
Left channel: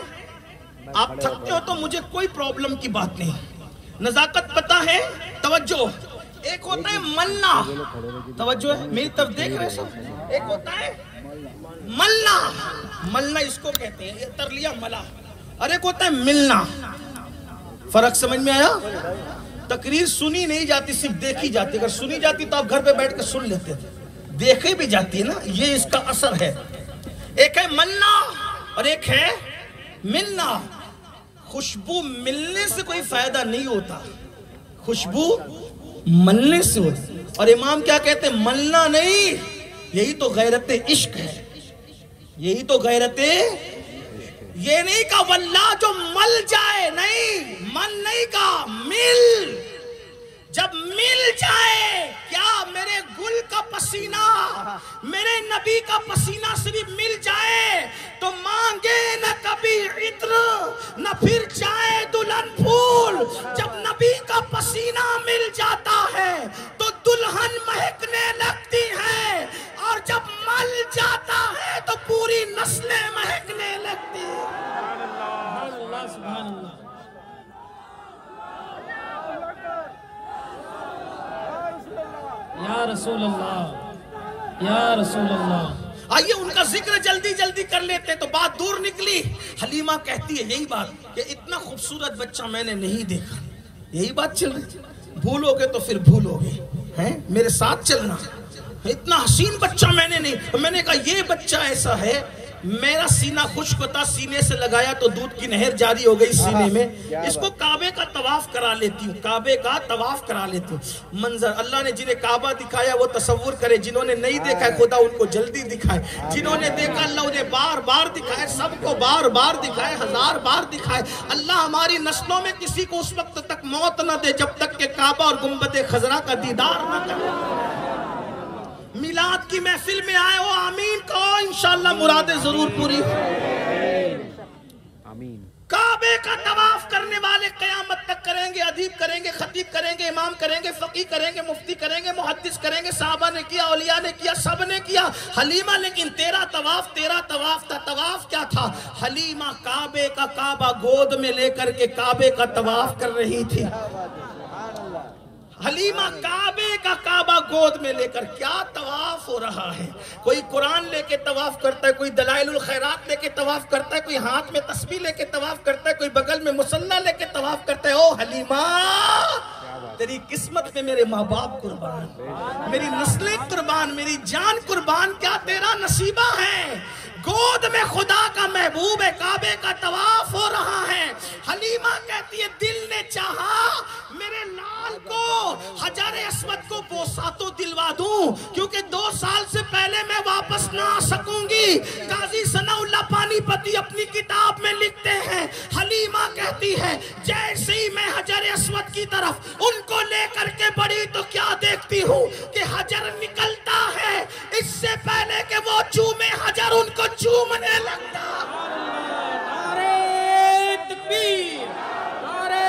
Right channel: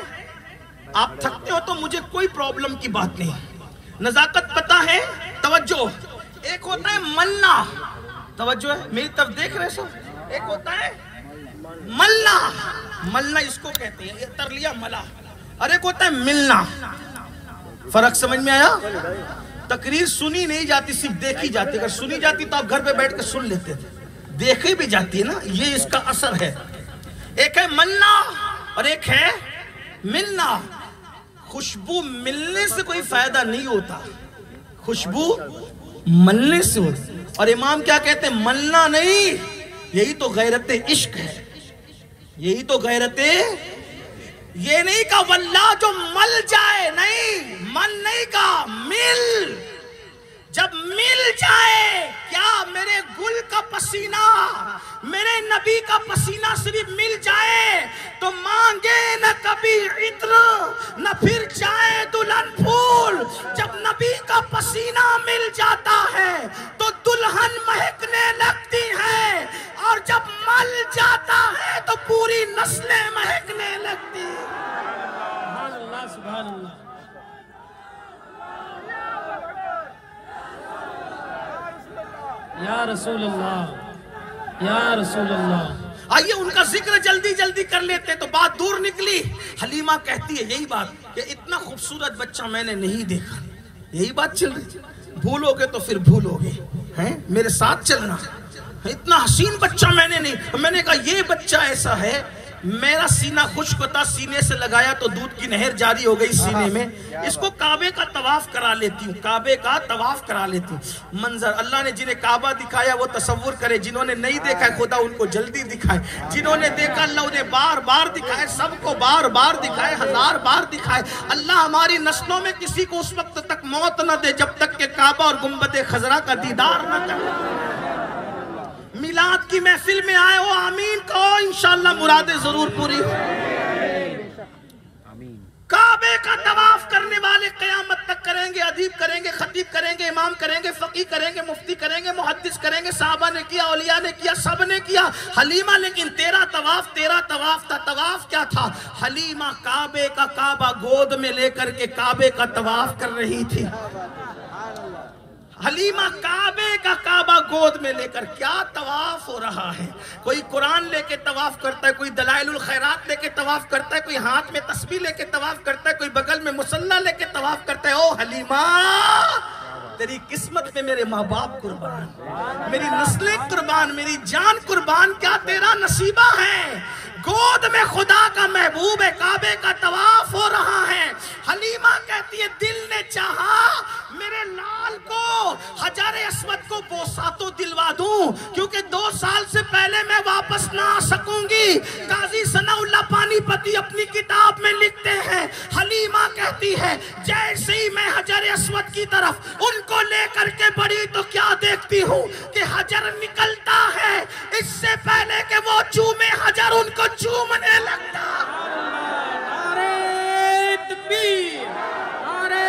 آپ تھکتے ہو تو مجھے کوئی پرابلم کی بات نہیں. نزاکت پتہ ہے, توجہ, ایک ہوتا ہے ملنا, توجہ ہے میری طرف دیکھ رہے سب, ایک ہوتا ہے ملنا, ملنا اس کو کہتے ہیں, یہ تر لیا ملا, اور ایک ہوتا ہے ملنا. فرق سمجھ میں آیا؟ تقریر سنی نہیں جاتی, صرف دیکھی جاتی. اگر سنی جاتی تو آپ گھر پہ بیٹھ کے سن لیتے تھے, دیکھی بھی جاتی ہے نا, یہ اس کا اثر ہے. ایک ہے ملنا اور ایک ہے ملنا. خوشبو ملنے سے کوئی فائدہ نہیں ہوتا, خوشبو ملنے سے ہوتا. اور امام کیا کہتے ہیں؟ ملنا نہیں, یہی تو غیرت عشق ہے, یہی تو غیرت. یہ نہیں کہا واللہ جو مل جائے, نہیں, مل نہیں کہا, مل. جب مل جائے, کیا میرے گل کا پسینہ, میرے نبی کا پسینہ صرف مل جائے تو مانگے نہ کبھی عطر نہ پھر جائے دلہن پھول. جب نبی کا پسینہ مل جاتا ہے تو دلہن مہکنے لگتی ہے, اور جب مل جاتا ہے تو پوری نسلیں مہکنے لگتی ہیں. سبحان اللہ, سبحان اللہ. یا رسول اللہ, یا رسول اللہ. آئیے ان کا ذکر جلدی جلدی کر لیتے تو بات دور نکلی. حلیمہ کہتی ہے یہی بات کہ اتنا خوبصورت بچہ میں نے نہیں دیکھا. یہی بات چل رہی. بھولو گے تو پھر بھولو گے, ہیں میرے ساتھ چلنا. اتنا حسین بچہ میں نے نہیں. میں نے کہا یہ بچہ ایسا ہے, میرا سینہ خشک ہوتا, سینے سے لگایا تو دودھ کی نہر جاری ہو گئی سینے میں. اس کو کعبے کا طواف کرا لیتی ہوں, کعبے کا طواف کرا لیتی ہوں. منظر اللہ نے جنہیں کعبہ دکھایا وہ تصور کرے, جنہوں نے نہیں دیکھا خدا ان کو جلدی دکھائے, جنہوں نے دیکھا اللہ انہیں بار بار دکھائے, سب کو بار بار دکھائے, ہزار بار دکھائے. اللہ ہماری نسلوں میں کسی کو اس وقت تک موت نہ دے جب تک کہ کعبہ اور گنبد خضرا کا دیدار نہ کرے. میلاد کی محفل میں آئے ہو, آمین کہو, انشاءاللہ مرادیں ضرور پوری ہو. کعبے کا طواف کرنے والے قیامت تک کریں گے, ادیب کریں گے, خطیب کریں گے, امام کریں گے, فقیہ کریں گے, مفتی کریں گے, محدث کریں گے. صحابہ نے کیا, اولیاء نے کیا, سب نے کیا. حلیمہ لیکن تیرا طواف تھا. طواف کیا تھا؟ حلیمہ کعبے کا کعبہ گود میں لے کر کے کعبے کا طواف کر رہی تھی. حلیمہ کعبے کا کعبہ گود میں لے کر کیا طواف ہو رہا ہے. کوئی قرآن لے کے طواف کرتا ہے, کوئی دلائل الخیرات لے کے طواف کرتا ہے, کوئی ہاتھ میں تسبیح لے کے طواف کرتا ہے, کوئی بغل میں مصلی لے کے طواف کرتا ہے. او حلیمہ, تیری قسمت میں میرے ماں باپ قربان, میری نسلیں قربان, میری جان قربان, کیا تیرا نصیبہ ہے. گود میں خدا کا محبوب ہے, کعبے کا طواف ہو رہا ہے. حلیمہ کہتی ہے دل نے چاہا میرے لال کو, حجر اسود کو بوسا تو دلوا دوں, کیونکہ 2 سال سے پہلے میں واپس نہ آ سکوں گی. قاضی ثناء اللہ پانی پتی اپنی کتاب میں لکھتے ہیں, حلیمہ کہتی ہے جیسے ہی میں حجر اسود کی طرف ان کو لے کر کے بڑی تو کیا دیکھتی ہوں کہ حجر نکلتا ہے, اس سے پہلے کہ وہ چومے حجر ان کو چومنے لگتا. نعرہ تکبیر, نعرہ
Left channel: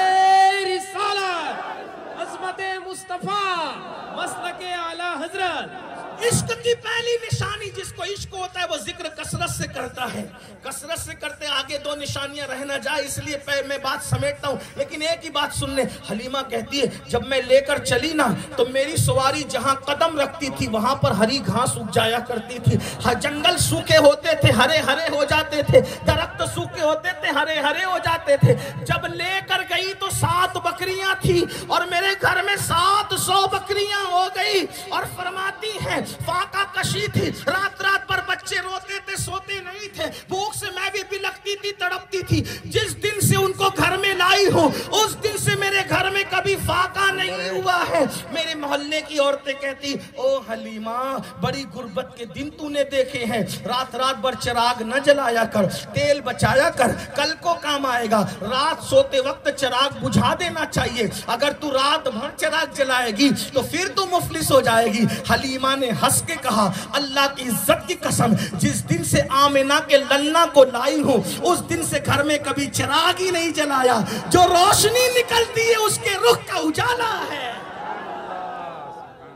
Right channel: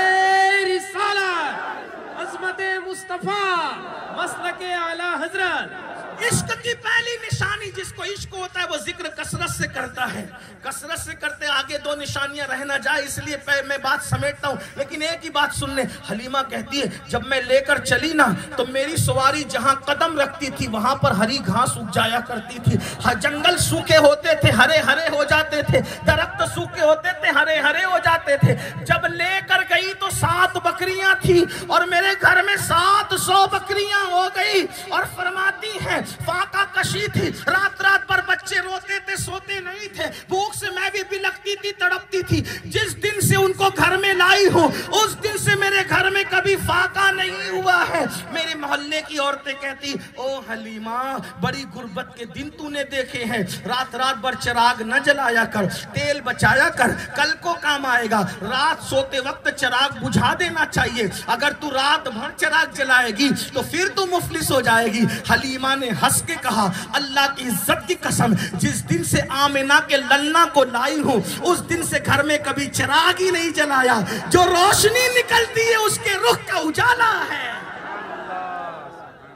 رسالت, عظمت مصطفیٰ, مسلک اعلیٰ حضرت. عشق کی پہلی نشانی, جس کو عشق ہوتا ہے وہ ذکر کثرت سے کرتا ہے. کثرت سے کرتے آگے 2 نشانیاں رہ نہ جائے, اس لیے میں بات سمیٹتا ہوں. لیکن ایک ہی بات سن لیں. حلیمہ کہتی ہے جب میں لے کر چلی نا تو میری سواری جہاں قدم رکھتی تھی وہاں پر ہری گھاس اگ جایا کرتی تھی. جنگل سوکھے ہوتے تھے, ہرے ہرے ہو جاتے تھے, درخت سوکھے ہوتے تھے, ہرے ہرے ہو جاتے تھے. جب لے کر گئی تو 7 بکریاں تھی اور میرے گھر میں 700 بکریاں ہو گئی. اور فرماتی ہیں فاقہ کشی تھی, رات رات پر بچے روتے تھے, سوتے نہیں تھے, بھوک سے میں بھی بلکتی تھی, تڑپتی تھی. جس دن سے ان کو گھر میں لائی ہوں اس دن سے میرے گھر میں کبھی فاقہ نہیں ہوا ہے. ہے. میرے محلے کی عورتیں کہتی او حلیمہ بڑی غربت کے دن تو نے دیکھے ہیں, رات رات بھر چراغ نہ جلایا کر, تیل بچایا کر, کل کو کام آئے گا. رات سوتے وقت چراغ بجھا دینا چاہیے, اگر تو رات بھر چراغ جلائے گی تو پھر تو مفلس ہو جائے گی. حلیمہ نے ہنس کے کہا اللہ کی عزت کی قسم, جس دن سے آمنہ کے للنا کو لائی ہوں اس دن سے گھر میں کبھی چراغ ہی نہیں جلایا. جو روشنی نکلتی ہے اس کے رخ کا اجالا ہے.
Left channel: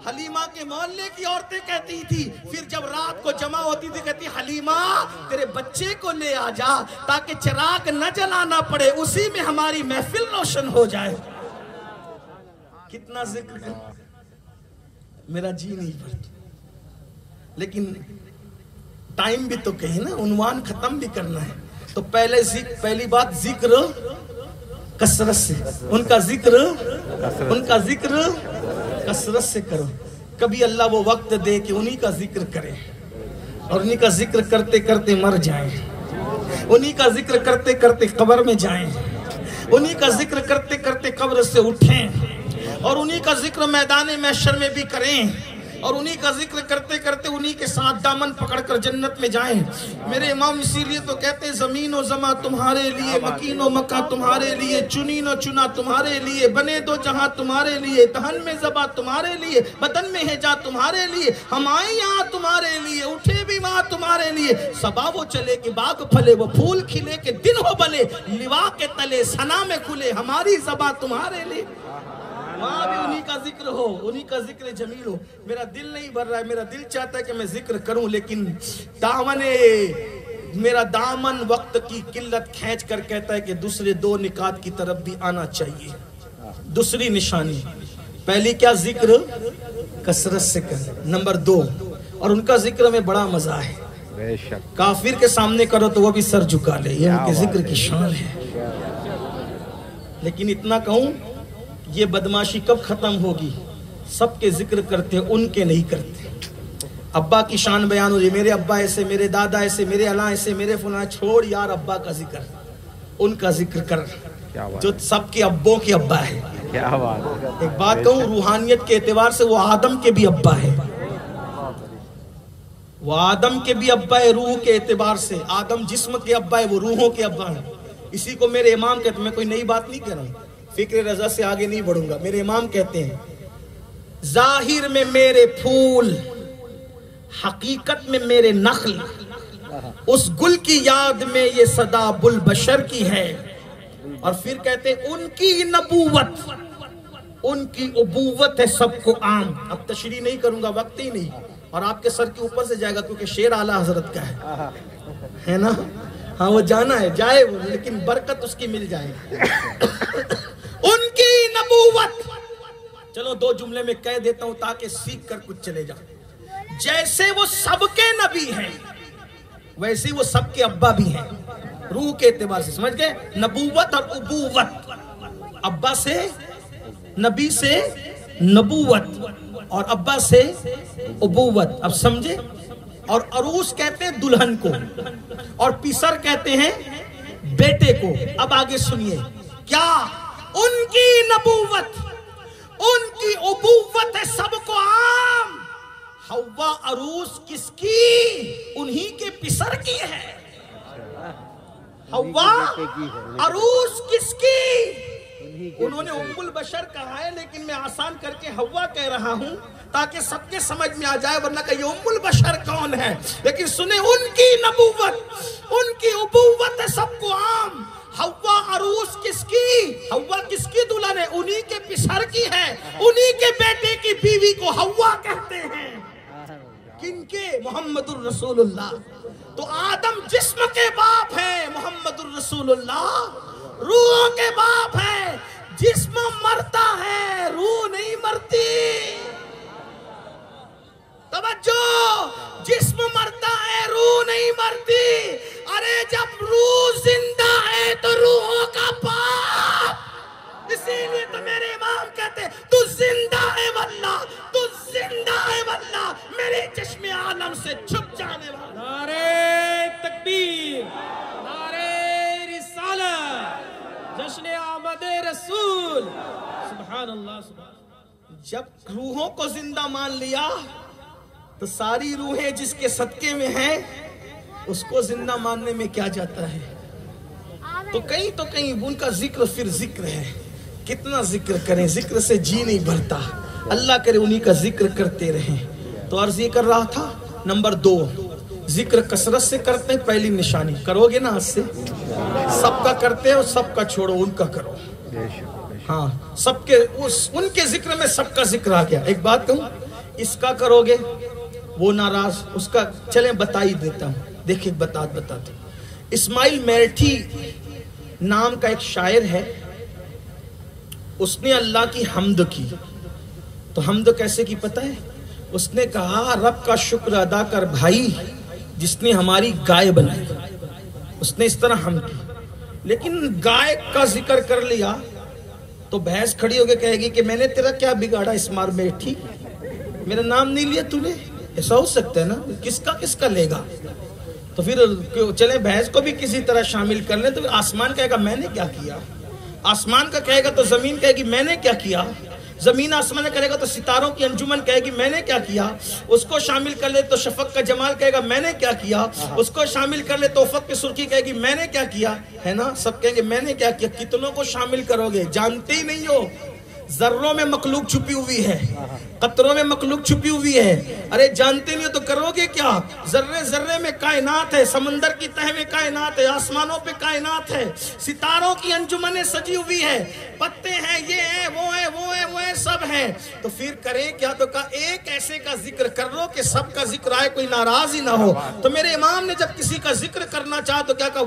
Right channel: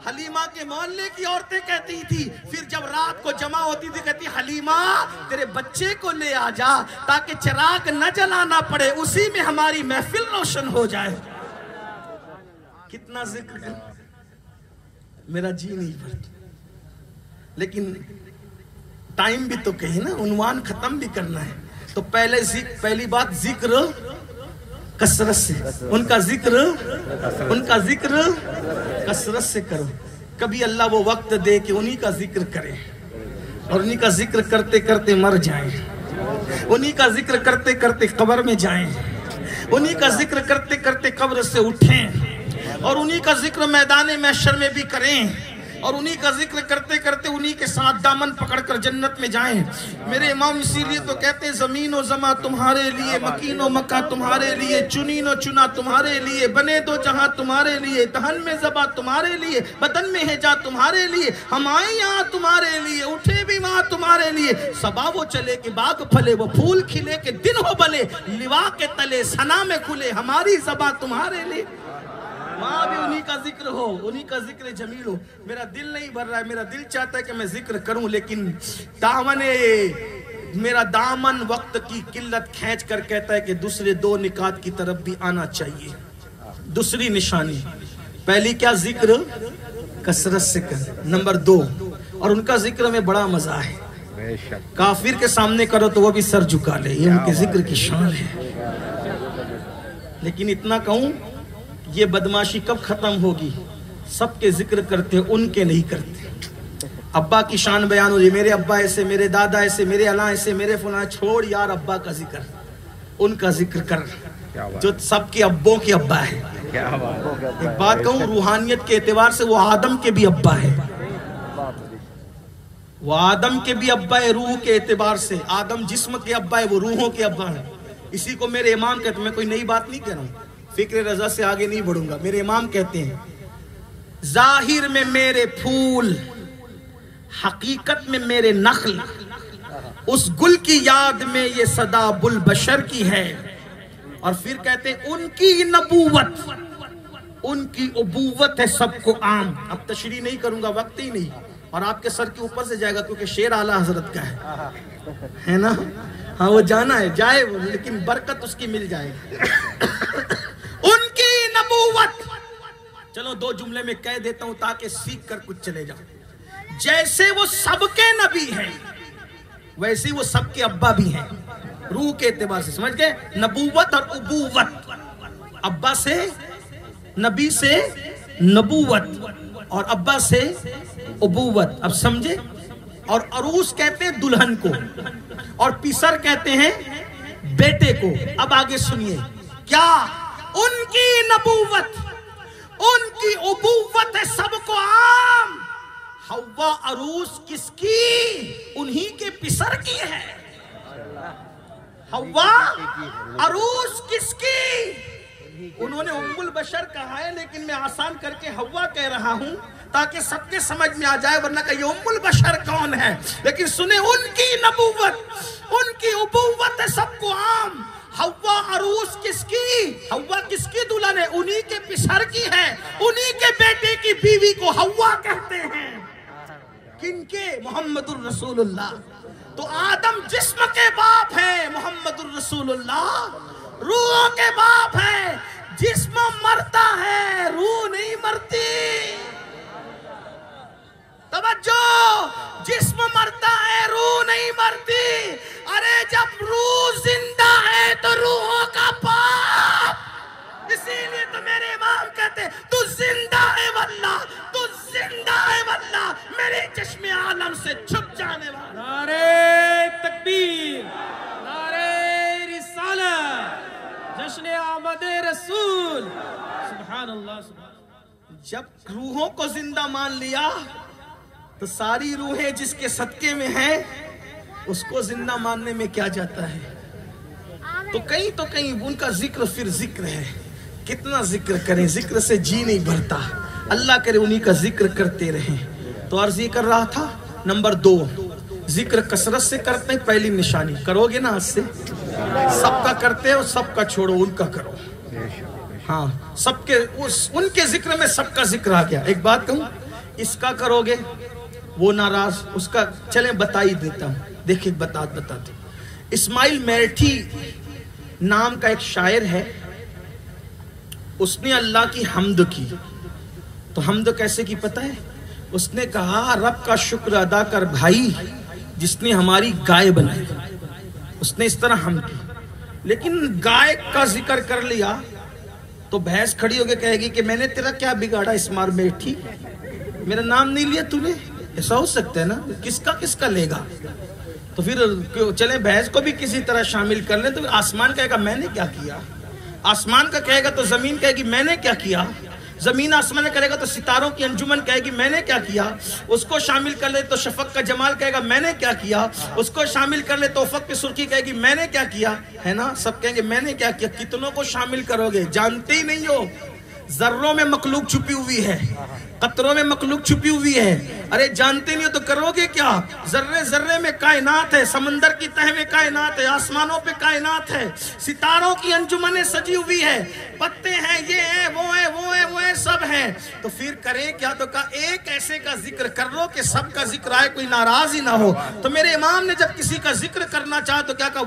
حلیمہ کے محلے کی عورتیں کہتی تھی, پھر جب رات کو جمع ہوتی تھی کہتی حلیمہ تیرے بچے کو لے آ جا تاکہ چراغ نہ جلانا پڑے, اسی میں ہماری محفل روشن ہو جائے. کتنا ذکر ہے, میرا جی نہیں بھرتا, لیکن ٹائم بھی تو کہیں نا, عنوان ختم بھی کرنا ہے. تو پہلی بات ذکر کثرت سے, ان کا ذکر کثرت سے کرو. کبھی اللہ وہ وقت دے کہ انہی کا ذکر کریں اور انہی کا ذکر کرتے کرتے مر جائیں, انہی کا ذکر کرتے کرتے قبر میں جائیں, انہی کا ذکر کرتے کرتے قبر سے اٹھیں, اور انہی کا ذکر میدان محشر میں بھی کریں, اور انہی کا ذکر کرتے کرتے انہی کے ساتھ دامن پکڑ کر جنت میں جائیں. میرے امام اسی لیے تو کہتے ہیں زمین و زماں تمہارے لیے, مکین و مکہ تمہارے لیے, چنین و چنا تمہارے لیے, بنے دو جہاں تمہارے لیے, دہن میں زبا تمہارے لیے, بدن میں ہے جا تمہارے لیے, ہم آئیں یہاں تمہارے لیے, اٹھے بھی وہاں تمہارے لیے. صبا وہ چلے کہ باغ پھلے, وہ پھول کھلے کہ دن ہو بلے, لوا کے تلے ثنا میں کھلے, ہماری زبا تمہارے لیے. وہاں بھی انہی کا ذکر ہو, انہی کا ذکر جمیل ہو. میرا دل نہیں بھر رہا ہے, میرا دل چاہتا ہے کہ میں ذکر کروں, لیکن میرا دامن وقت کی قلت کھینچ کر کہتا ہے کہ دوسرے 2 نکات کی طرف بھی آنا چاہیے. دوسری نشانی, پہلی کیا, ذکر کثرت سے کر. نمبر 2, اور ان کا ذکر میں بڑا مزہ ہے, کافر کے سامنے کرو تو وہ بھی سر جھکا لے, یہ ان کے ذکر کی شان ہے. لیکن اتنا کہوں, یہ بدماشی کب ختم ہوگی؟ سب کے ذکر کرتے, ان کے نہیں کرتے. ابا کی شان بیان ہو رہی, میرے ابا ایسے, میرے دادا ایسے, میرے اللہ ایسے, میرے فلاں. چھوڑ یار ابا کا ذکر, ان کا ذکر کر جو سب کے ابوں کے ابا ہے. ایک بات کہوں, روحانیت کے اعتبار سے وہ آدم کے بھی ابا ہے, وہ آدم کے بھی ابا ہے. روح کے اعتبار سے آدم جسم کے ابا ہے, وہ روحوں کے ابا ہے. اسی کو میرے امام کہتے ہیں, میں کوئی نئی بات نہیں کہہ رہا ہوں, فکر رضا سے آگے نہیں بڑھوں گا. میرے امام کہتے ہیں ظاہر میں میرے پھول, حقیقت میں میرے نخل, اس گل کی یاد میں یہ صدا بلبشر کی ہے. اور پھر کہتے ہیں ان کی نبوت, ان کی ابوت ہے سب کو عام. اب تشریح نہیں کروں گا, وقت ہی نہیں, اور آپ کے سر کے اوپر سے جائے گا کیونکہ شعر اعلیٰ حضرت کا ہے نا. ہاں وہ جانا ہے, جائے وہ, لیکن برکت اس کی مل جائے گی. ان کی نبوت, چلو 2 جملے میں کہہ دیتا ہوں تاکہ سیکھ کر کچھ چلے جاؤ. جیسے وہ سب کے نبی ہیں ویسے وہ سب کے ابا بھی ہیں. روح کے اعتبار سے سمجھ گئے, نبوت اور ابوت, ابا سے نبی سے نبوت اور ابا سے ابوت. اب سمجھے. اور عروس کہتے ہیں دلہن کو, اور پسر کہتے ہیں بیٹے کو. اب آگے سنیے, کیا ان کی نبوت, ان کی ابوت ہے سب کو عام. حوا عروس کس کی, انہی کے پسر کی ہے. حوا عروس کس کی, انہوں نے ام البشر کہا ہے, لیکن میں آسان کر کے حوا کہہ رہا ہوں تاکہ سب کے سمجھ میں آ جائے, ورنہ کہ یہ ام البشر کون ہے. لیکن سنیں, ان کی نبوت, ان کی ابوت ہے سب کو عام. حوا عروس کس کی, حوا کس کی دلہن ہے, انہی کے پسر کی ہے, انہی کے بیٹے کی بیوی کو حوا کہتے ہیں. کن کے, محمد الرسول اللہ. تو آدم جسم کے باپ ہے, محمد الرسول اللہ روح کے باپ ہے. جسم مرتا ہے, روح نہیں مرتی. توجہ, جسم مرتا ہے, روح نہیں مرتی. ارے جب روح زندہ ہے تو روحوں کا باپ. اسی لیے تو میرے امام کہتے تو زندہ ہے واللہ, تو زندہ ہے واللہ, میرے چشم عالم سے چھپ جانے والا. نعرہ تکبیر, نعرہ رسالت, جشن آمد رسول. سبحان اللہ, سبحان اللہ. جب روحوں کو زندہ مان لیا تو ساری روحیں جس کے صدقے میں ہیں اس کو زندہ ماننے میں کیا جاتا ہے. تو کہیں ان کا ذکر پھر ذکر ہے. کتنا ذکر کریں, ذکر سے جی نہیں بھرتا. اللہ کرے انہی کا ذکر کرتے رہیں. تو عرض یہ کر رہا تھا, نمبر 2, ذکر کثرت سے کرتے ہیں. پہلی نشانی کرو گے نا آج سے, سب کا کرتے ہو, سب کا چھوڑو, ان کا کرو. ہاں, سب کے ان کے ذکر میں سب کا ذکر آ گیا. ایک بات کہوں, اس کا کرو گے وہ ناراض, اس کا چلیں بتا ہی دیتا ہوں. دیکھیں بتاتے. اسماعیل میرٹھی نام کا ایک شاعر ہے, اس نے اللہ کی حمد کی. تو حمد کیسے کی پتہ ہے؟ اس نے کہا رب کا شکر ادا کر بھائی جس نے ہماری گائے بنائی. اس نے اس طرح حمد کی. لیکن گائے کا ذکر کر لیا تو بھینس کھڑی ہو کے کہے گی کہ میں نے تیرا کیا بگاڑا اسماعیل میرٹھی, میرا نام نہیں لیا تو نے. ایسا ہو سکتا ہے نا, کس کا لے گا. تو پھر چلیں بھینس کو بھی کسی طرح شامل کر لیں. تو آسمان کہے گا میں نے کیا کیا, آسمان کا کہے گا تو زمین کہے گی میں نے کیا کیا, زمین آسمان کرے گا تو ستاروں کی انجمن کہے گی میں نے کیا کیا. اس کو شامل کر لے تو شفق کا جمال کہے گا میں نے کیا کیا. اس کو شامل کر لے تو افق کی سرخی کہے گی میں نے کیا کیا. ہے نا, سب کہیں گے میں نے کیا کیا. کتنوں کو شامل کرو گے, جانتے ہی نہیں ہو. ذروں میں مخلوق چھپی ہوئی ہے, قطروں میں مخلوق چھپی ہوئی ہے. ارے جانتے نہیں ہو تو کرو گے کیا. ذرے ذرے میں کائنات ہے, سمندر کی تہ میں کائنات ہے, آسمانوں پہ کائنات ہے, ستاروں کی انجمنیں سجی ہوئی ہے, پتے ہیں, یہ ہیں, وہ ہیں, سب ہیں. تو پھر کریں کیا. تو کہا ایک ایسے کا ذکر کر لو کہ سب کا ذکر آئے, کوئی ناراض ہی نہ ہو. تو میرے امام نے جب کسی کا ذکر کرنا چاہا تو کیا کہا,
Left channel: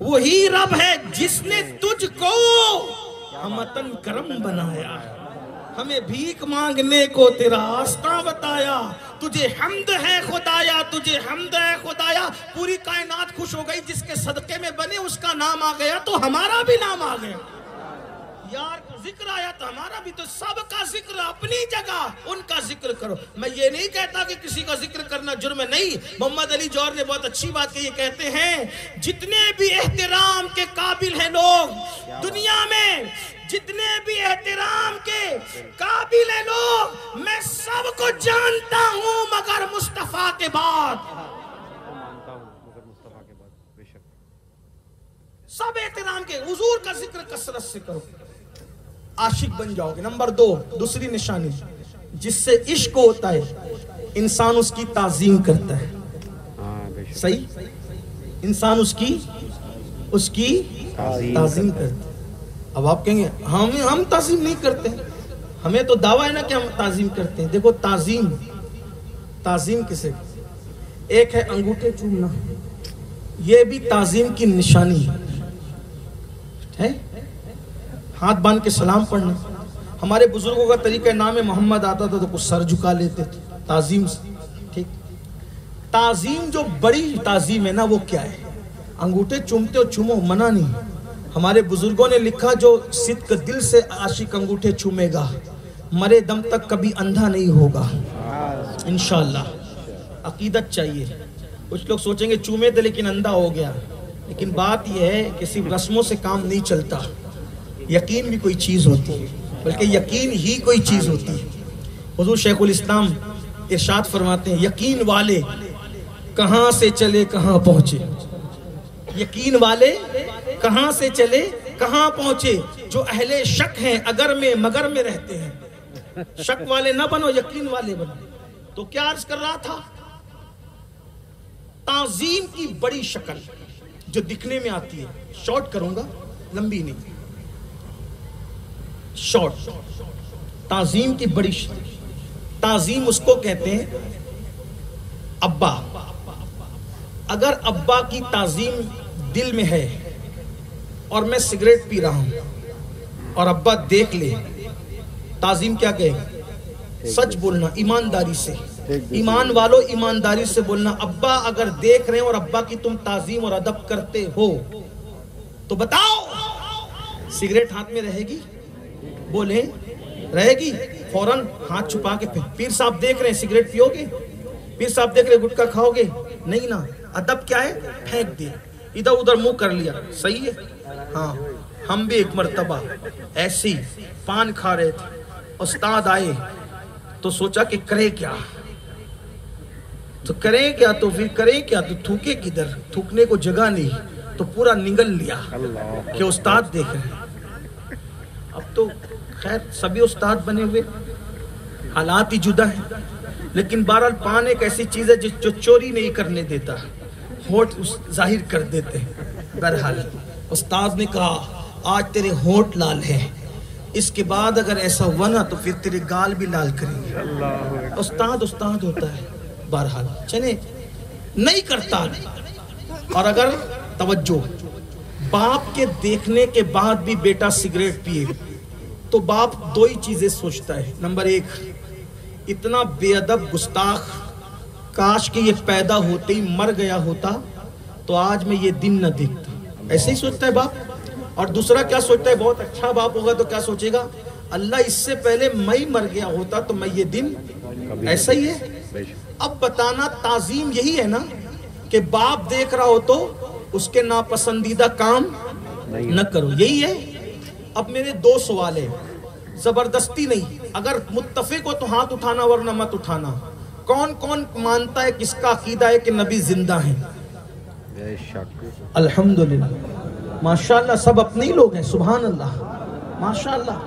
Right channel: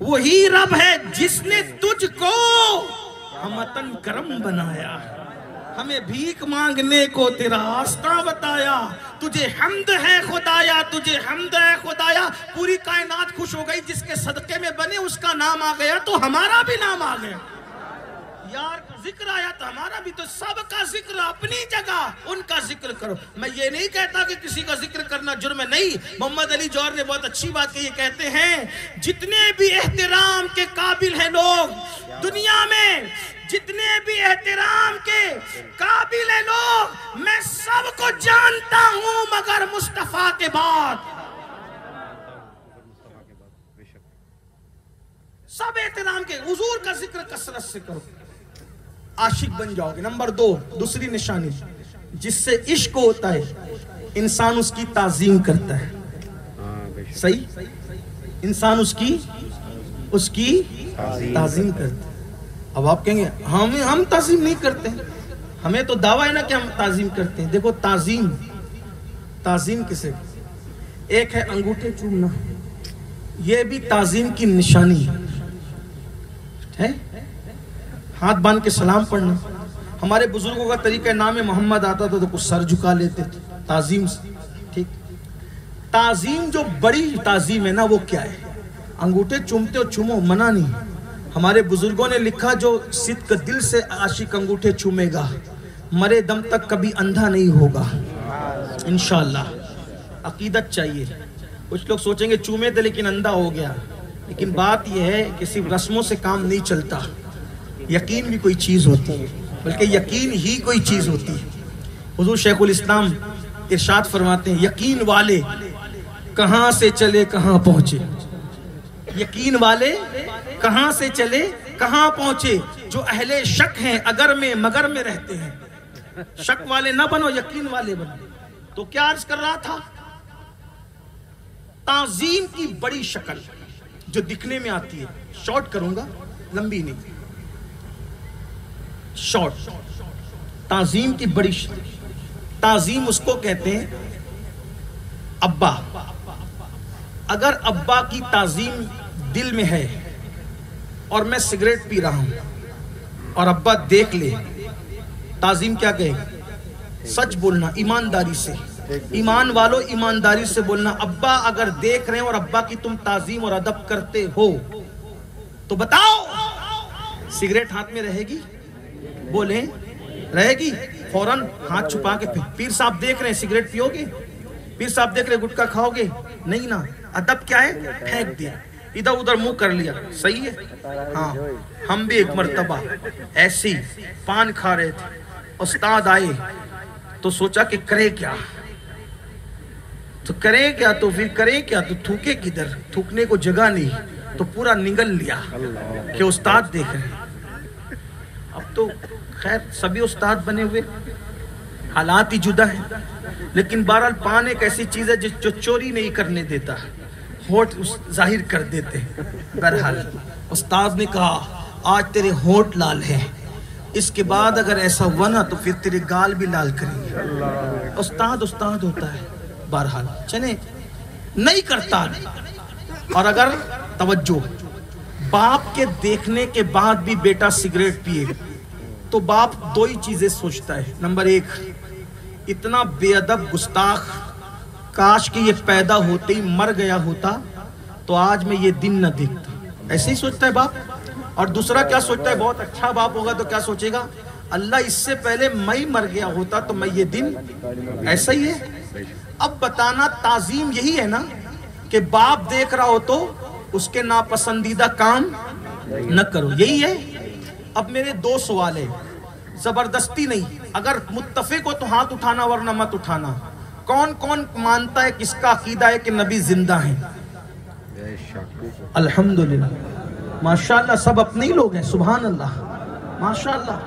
وہی رب ہے جس نے تجھ کو ہمتن کرم بنایا, ہمیں بھیک مانگنے کو تیرا راستہ بتایا. تجھے حمد ہے خدایا, تجھے حمد ہے خدایا. پوری کائنات خوش ہو گئی جس کے صدقے میں بنے, اس کا نام آ گیا تو ہمارا بھی نام آ گیا. یار ذکر آیا تو ہمارا بھی. تو سب کا ذکر اپنی جگہ, ان کا ذکر کرو. میں یہ نہیں کہتا کہ کسی کا ذکر کرنا جرم ہے, نہیں. محمد علی جوہر نے بہت اچھی بات کہی, کہتے ہیں جتنے بھی احترام کے قابل ہیں لوگ دنیا میں, جتنے بھی احترام کے قابل ہیں لوگ, میں سب کو جانتا ہوں مگر مصطفیٰ کے بعد. سب احترام کے, حضور کا ذکر کثرت سے کرو, عاشق بن جاؤ گے. نمبر 2, دوسری نشانی, جس سے عشق ہوتا ہے انسان اس کی تعظیم کرتا ہے. صحیح, انسان اس کی تعظیم کرتا ہے. اب آپ کہیں گے ہم تعظیم نہیں کرتے, ہمیں تو دعویٰ ہے نا کہ ہم تعظیم کرتے ہیں. دیکھو تعظیم کسے, ایک ہے انگوٹھے چومنا, یہ بھی تعظیم کی نشانی ہے. ہاتھ باندھ کے سلام پڑھنا. ہمارے بزرگوں کا طریقہ نام محمد آتا تھا تو کچھ سر جھکا لیتے تھے تعظیم سے. ٹھیک, تعظیم جو بڑی تعظیم ہے نا وہ کیا ہے. انگوٹھے چومتے ہو چومو, منع نہیں. ہمارے بزرگوں نے لکھا جو صدق دل سے عاشق انگوٹھے چومے گا مرے دم تک کبھی اندھا نہیں ہوگا انشاءاللہ. عقیدت چاہیے. کچھ لوگ سوچیں گے چومے تھے لیکن اندھا ہو گیا, لیکن بات یہ ہے کہ صرف رسموں سے کام نہیں چلتا. یقین بھی کوئی چیز ہوتی ہے, بلکہ یقین ہی کوئی چیز ہوتی ہے. حضور شیخ الاسلام ارشاد فرماتے ہیں یقین والے کہاں سے چلے کہاں پہنچے. یقین والے کہاں سے چلے کہاں پہنچے. جو اہل شک ہیں اگر میں مگر میں رہتے ہیں. شک والے نہ بنو, یقین والے بنو. تو کیا عرض کر رہا تھا, تعظیم کی بڑی شکل جو دکھنے میں آتی ہے, شارٹ کروں گا لمبی نہیں, شارٹ. تعظیم کی بڑی تعظیم اس کو کہتے ہیں ابا. اگر ابا کی تعظیم دل میں ہے اور میں سگریٹ پی رہا ہوں اور ابا دیکھ لے, تعظیم کیا کہے گا, سچ بولنا ایمانداری سے. ایمان والو ایمانداری سے بولنا. ابا اگر دیکھ رہے ہیں اور ابا کی تم تعظیم اور ادب کرتے ہو تو بتاؤ سگریٹ ہاتھ میں رہے گی, بولیں رہے گی. فوراً ہاتھ چھپا کے پیر صاحب دیکھ رہے ہیں سگریٹ پیو گے, پیر صاحب دیکھ رہے گٹکا کھاؤ گے, نہیں نا. ادب کیا ہے, پھینک دیا, ادھر ادھر منہ کر لیا, صحیح ہے. ہاں ہم بھی ایک مرتبہ ایسی پان کھا رہے تھے، استاد آئے تو سوچا کہ کرے کیا، تو کریں کیا، تو پھر کریں کیا، تو تھوکے کدھر، تھوکنے کو جگہ نہیں، تو پورا نگل لیا کہ استاد دیکھ رہے ہیں۔ اب تو خیر سبھی استاد بنے ہوئے، حالات ہی جدا ہیں، لیکن بہرحال پان ایک ایسی چیز ہے جو چوری نہیں کرنے دیتا، ہونٹ ظاہر کر دیتے ہیں۔ بہرحال استاد نے کہا آج تیرے ہونٹ لال ہیں، اس کے بعد اگر ایسا ہوا نا تو پھر تیرے گال بھی لال کریں گے۔ استاد استاد ہوتا ہے۔ بہرحال چلے نہیں کرتا، اور اگر توجہ باپ کے دیکھنے کے بعد بھی بیٹا سگریٹ پیے تو باپ دو ہی چیزیں سوچتا ہے۔ نمبر ایک، اتنا بے ادب گستاخ، کاش کہ یہ پیدا ہوتے ہی مر گیا ہوتا تو آج میں یہ دن نہ دیکھتا، ایسے ہی سوچتا ہے باپ۔ اور دوسرا کیا سوچتا ہے، بہت اچھا باپ ہوگا تو کیا سوچے گا، اللہ اس سے پہلے میں مر گیا ہوتا تو میں یہ دن، ایسا ہی ہے۔ اب بتانا تعظیم یہی ہے نا کہ باپ دیکھ رہا ہو تو اس کے ناپسندیدہ کام نہ کرو، یہی ہے۔ اب میرے دو سوال ہیں، زبردستی نہیں، اگر متفق ہو تو ہاتھ اٹھانا ورنہ مت اٹھانا۔ کون کون مانتا ہے، کس کا عقیدہ ہے کہ نبی زندہ ہیں؟ الحمدللہ، ماشاءاللہ سب اپنے ہی لوگ ہیں، سبحان اللہ، ماشاءاللہ۔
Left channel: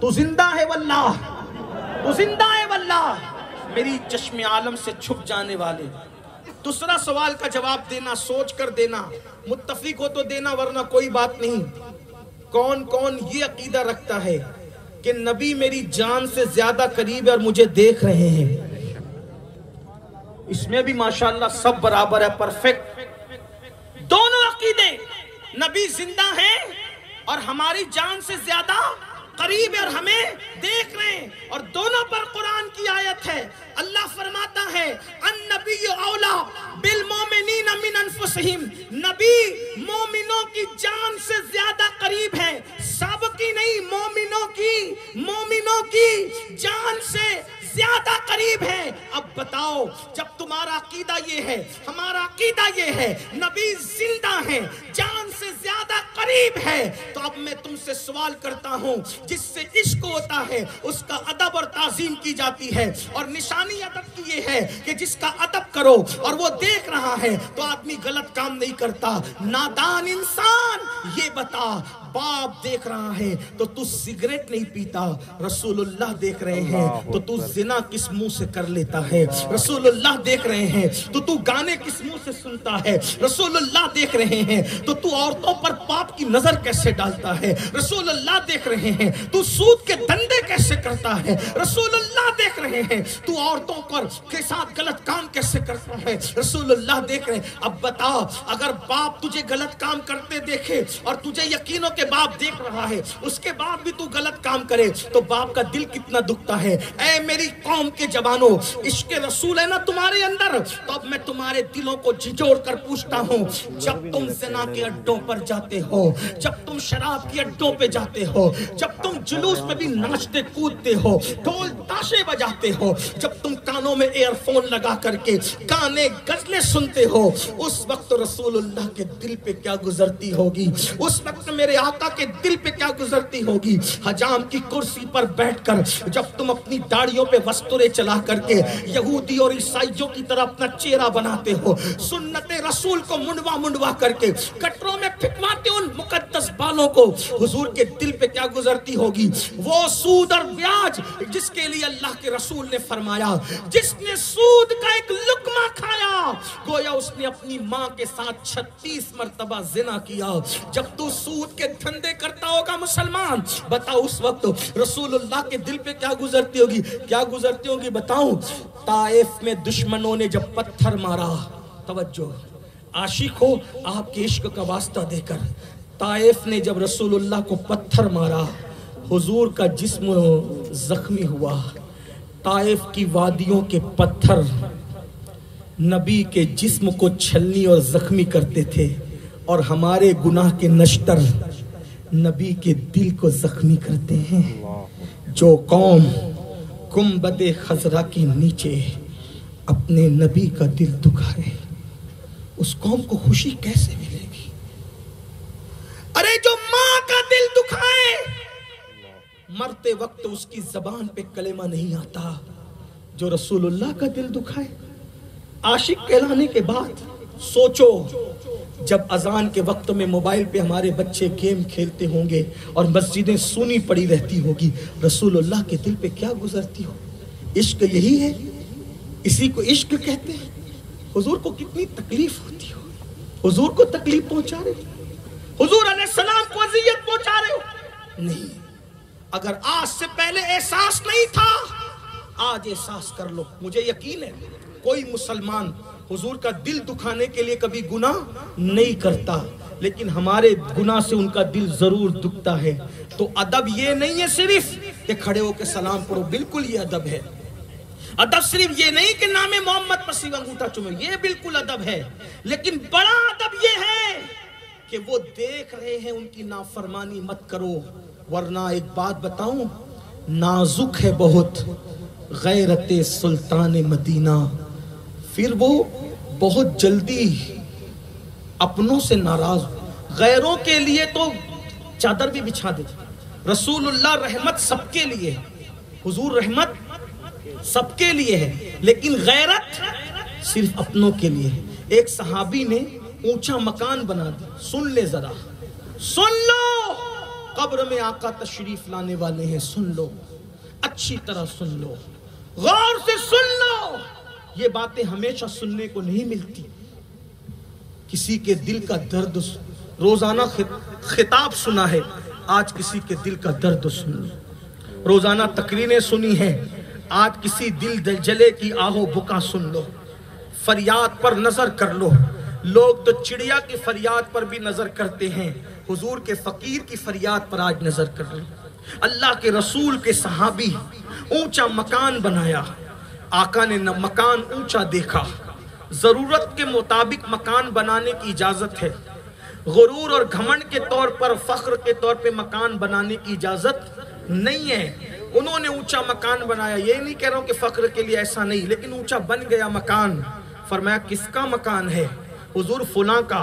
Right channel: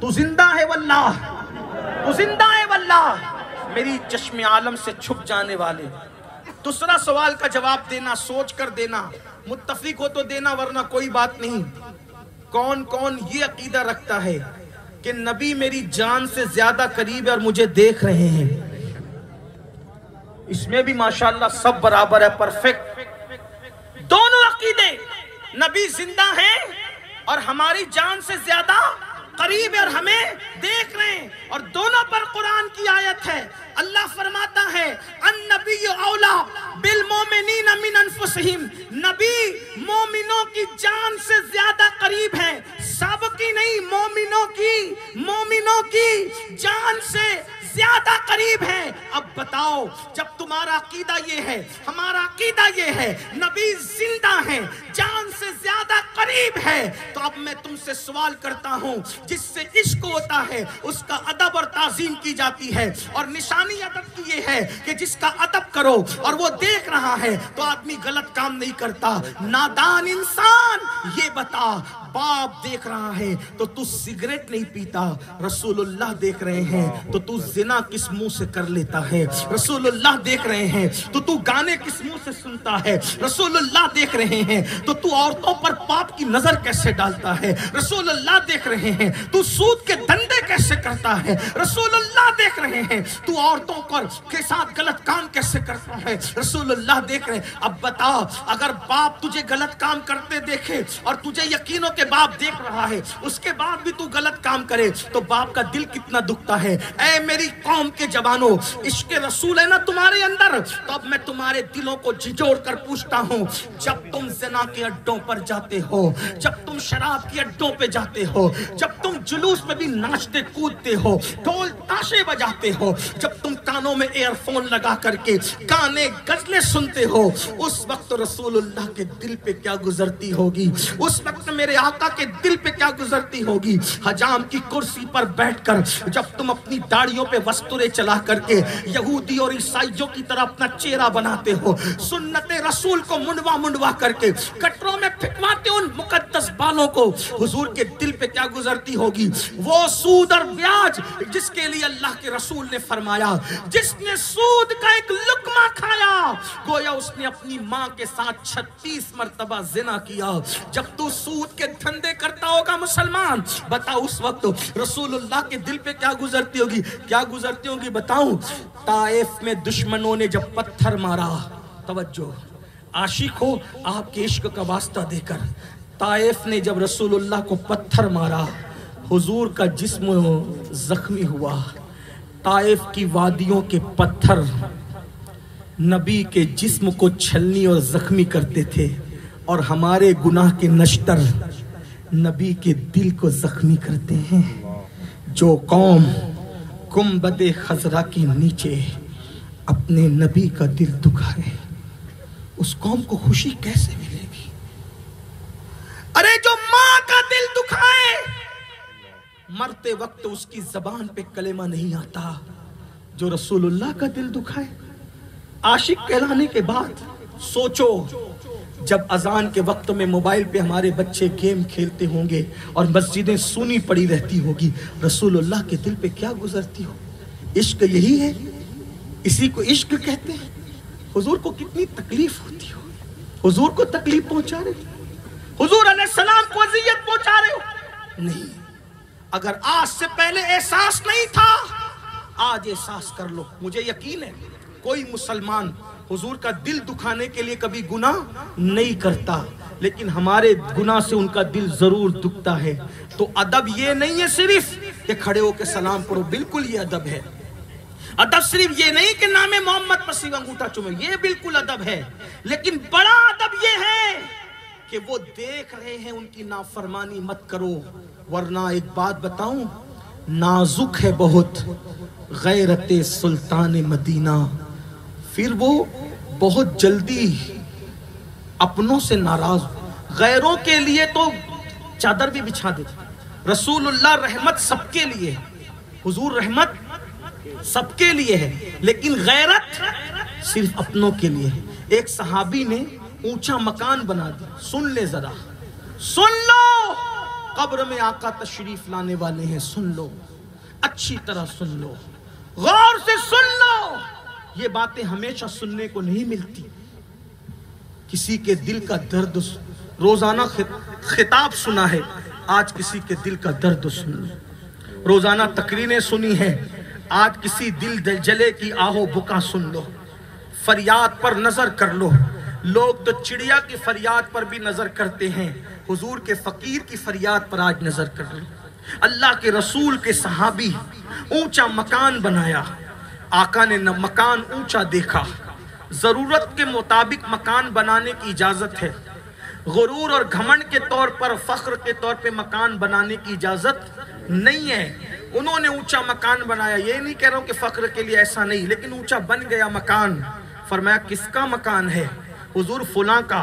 تو زندہ ہے واللہ، تو زندہ ہے واللہ، میری چشم عالم سے چھپ جانے والے۔ دوسرا سوال کا جواب دینا، سوچ کر دینا، متفق ہو تو دینا ورنہ کوئی بات نہیں۔ کون کون یہ عقیدہ رکھتا ہے کہ نبی میری جان سے زیادہ قریب ہے اور مجھے دیکھ رہے ہیں؟ اس میں بھی ماشاءاللہ سب برابر ہے، پرفیکٹ۔ دونوں عقیدے، نبی زندہ ہیں اور ہماری جان سے زیادہ قریب ہے اور ہمیں دیکھ رہے ہیں، اور دونوں پر قرآن کی آیت ہے۔ اللہ فرماتا ہے النبی اولا بالمومنین من انفسہم، نبی مومنوں کی جان سے زیادہ قریب ہے، سب کی نہیں، مومنوں کی جان سے زیادہ قریب ہے۔ اب بتاؤ، جب تمہارا عقیدہ یہ ہے، ہمارا عقیدہ یہ ہے نبی زندہ ہیں، جان سے زیادہ قریب ہے، تو اب میں تم سے سوال کرتا ہوں، جس سے عشق ہوتا ہے اس کا ادب اور تعظیم کی جاتی ہے، اور نشانی ادب کی یہ ہے کہ جس کا ادب کرو اور وہ دیکھ رہا ہے تو آدمی غلط کام نہیں کرتا۔ نادان انسان یہ بتا، باپ دیکھ رہا ہے تو تو سگریٹ نہیں پیتا، رسول اللہ دیکھ رہے ہیں تو تو زنا کس منہ سے کر لیتا ہے، رسول اللہ دیکھ رہے ہیں تو تو گانے کس منہ سے سنتا ہے، رسول اللہ دیکھ رہے ہیں تو تو عورتوں پر پاپ کی نظر کیسے ڈالتا ہے، رسول اللہ دیکھ رہے ہیں تو سود کے دھندے کیسے کرتا ہے، رسول اللہ دیکھ رہے ہیں تو عورتوں پر کے ساتھ غلط کام کیسے کرتا ہے، رسول اللہ دیکھ رہے ہیں۔ اب بتا، اگر باپ تجھے غلط کام کرتے دیکھے اور تجھے یقین ہو کہ باپ دیکھ رہا ہے، اس کے بعد بھی تو غلط کام کرے تو باپ کا دل کتنا دکھتا ہے۔ اے میری قوم کے جوانوں، عشق رسول ہے نا تمہارے اندر، تو اب میں تمہارے دلوں کو جھنجھوڑ کر پوچھتا ہوں، جب تم زنا کے اڈوں پر جاتے ہو، جب تم شراب کے اڈوں پہ جاتے ہو، جب تم جلوس میں بھی ناچتے کودتے ہو، ڈھول تاشے بجاتے ہو، جب تم کانوں میں ایئر فون لگا کر کے گانے غزلیں سنتے ہو، اس وقت رسول اللہ کے دل پہ کیا گزرتی ہوگی، اس وقت میرے آقا کے دل پہ کیا گزرتی ہوگی۔ حجام کی کرسی پر بیٹھ کر جب تم اپنی داڑھیوں پہ وسترے چلا کر کے یہودی اور عیسائیوں کی طرح اپنا چہرہ بناتے ہو، سنت رسول کو منڈوا کر کے کٹروں میں پھٹواتے ان مقدس بالوں کو، حضور کے دل پہ کیا گزرتی ہوگی۔ وہ سود اور بیاج جس کے لیے اللہ کے رسول نے فرمایا، جس نے سود کا ایک لقمہ کھایا گویا اس نے اپنی ماں کے ساتھ 36 مرتبہ زنا کیا۔ جب تو سود کے دھندے کرتا ہوگا مسلمان، بتا اس وقت رسول اللہ کے دل پہ کیا گزرتی ہوگی، کیا گزرتی ہوگی بتاؤں۔ طائف میں دشمنوں نے جب پتھر مارا، توجہ عاشق ہو آپ کے عشق کا واسطہ دے کر، طائف نے جب رسول اللہ کو پتھر مارا، حضور کا جسم زخمی ہوا۔ طائف کی وادیوں کے پتھر نبی کے جسم کو چھلنی اور زخمی کرتے تھے، اور ہمارے گناہ کے نشتر نبی کے دل کو زخمی کرتے ہیں۔ جو قوم گنبد خضرا کے نیچے اپنے نبی کا دل دکھائے، اس قوم کو خوشی کیسے ملے گی؟ ارے جو ماں کا دل دکھائے مرتے وقت اس کی زبان پہ کلمہ نہیں آتا، جو رسول اللہ کا دل دکھائے۔ عاشق کہلانے کے بعد سوچو جب اذان کے وقت میں موبائل پہ ہمارے بچے گیم کھیلتے ہوں گے اور مسجدیں سونی پڑی رہتی ہوگی، رسول اللہ کے دل پہ کیا گزرتی ہو؟ عشق یہی ہے، اسی کو عشق کہتے ہیں۔ حضور کو کتنی تکلیف ہوتی ہو، حضور کو تکلیف پہنچا رہے ہو، حضور علیہ السلام کو اذیت پہنچا رہے ہو؟ نہیں، اگر آج سے پہلے احساس نہیں تھا آج احساس کر لو۔ مجھے یقین ہے کوئی مسلمان حضور کا دل دکھانے کے لیے کبھی گناہ نہیں کرتا، لیکن ہمارے گناہ سے ان کا دل ضرور دکھتا ہے۔ تو ادب یہ نہیں ہے صرف کہ کھڑے ہو کے سلام پڑھو، بالکل یہ ادب ہے۔ ادب صرف یہ نہیں کہ نام محمد پر سیدھا انگوٹھا چومے، یہ بالکل ادب ہے، لیکن بڑا ادب یہ ہے کہ وہ دیکھ رہے ہیں ان کی نافرمانی مت کرو۔ ورنہ ایک بات بتاؤں، نازک ہے بہت غیرت سلطان مدینہ، پھر وہ بہت جلدی اپنوں سے ناراض، غیروں کے لیے تو چادر بھی بچھا دیتے۔ رسول اللہ رحمت سب کے لیے ہے، حضور رحمت سب کے لیے ہے، لیکن غیرت صرف اپنوں کے لیے ہے۔ ایک صحابی نے اونچا مکان بنا دیا، سن لے ذرا، سن لو، قبر میں آقا تشریف لانے والے ہیں، سن لو، اچھی طرح سن لو، غور سے سن لو۔ یہ باتیں ہمیشہ سننے کو نہیں ملتی۔ کسی کے دل کا درد روزانہ خطاب سنا ہے، آج کسی کے دل کا درد سن لو۔ روزانہ تقریریں سنی ہیں، آج کسی دل جلے کی آہو بکا سن لو۔ فریاد پر نظر کر لو، لوگ تو چڑیا کی فریاد پر بھی نظر کرتے ہیں، حضور کے فقیر کی فریاد پر آج نظر کر لو۔ اللہ کے رسول کے صحابی اونچا مکان بنایا، آقا نے مکان اونچا دیکھا۔ ضرورت کے مطابق مکان بنانے کی اجازت ہے، غرور اور گھمنڈ کے طور پر، فخر کے طور پہ مکان بنانے کی اجازت نہیں ہے۔ انہوں نے اونچا مکان بنایا، یہ نہیں کہہ رہا ہوں کہ فخر کے لیے ایسا نہیں، لیکن اونچا بن گیا مکان۔ فرمایا کس کا مکان ہے؟ حضور فلاں کا۔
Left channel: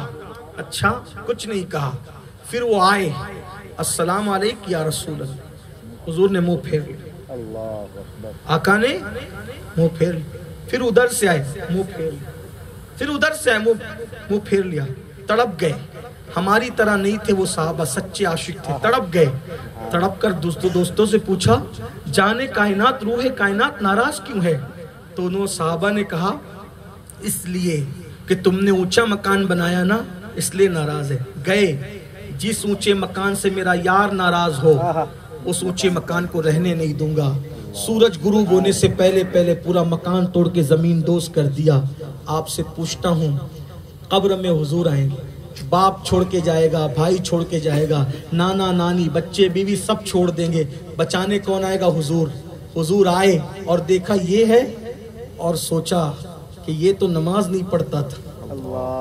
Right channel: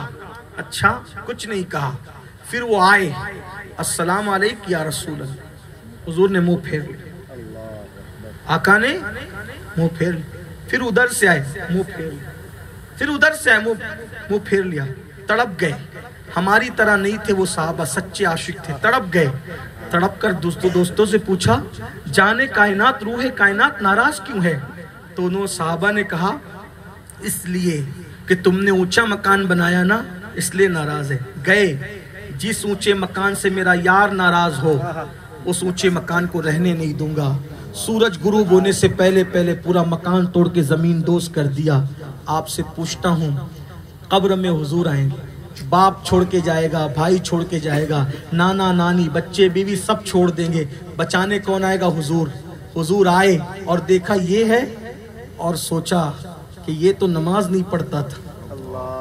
اچھا، کچھ نہیں کہا۔ پھر وہ آئے، السلام علیکم یا رسول اللہ، حضور نے منہ پھیر لیا، آقا نے منہ پھیر لیا۔ پھر ادھر سے آئے، منہ پھیر لیا، پھر ادھر سے آئے، منہ پھیر لیا۔ تڑپ گئے، ہماری طرح نہیں تھے وہ صحابہ، سچے عاشق تھے، تڑپ گئے۔ تڑپ کر دوستوں سے پوچھا، جانے کائنات، روح کائنات ناراض کیوں ہے؟ تو انہوں صحابہ نے کہا، اس لیے کہ تم نے اونچا مکان بنایا نا، اس لیے ناراض ہے۔ گئے، جس اونچے مکان سے میرا یار ناراض ہو اس اونچے مکان کو رہنے نہیں دوں گا۔ سورج غروب ہونے سے پہلے پورا مکان توڑ کے زمین دوز کر دیا۔ آپ سے پوچھتا ہوں، قبر میں حضور آئیں گے، باپ چھوڑ کے جائے گا، بھائی چھوڑ کے جائے گا، نانا نانی بچے بیوی سب چھوڑ دیں گے، بچانے کون آئے گا؟ حضور۔ حضور آئے اور دیکھا یہ ہے، اور سوچا کہ یہ تو نماز نہیں پڑھتا تھا۔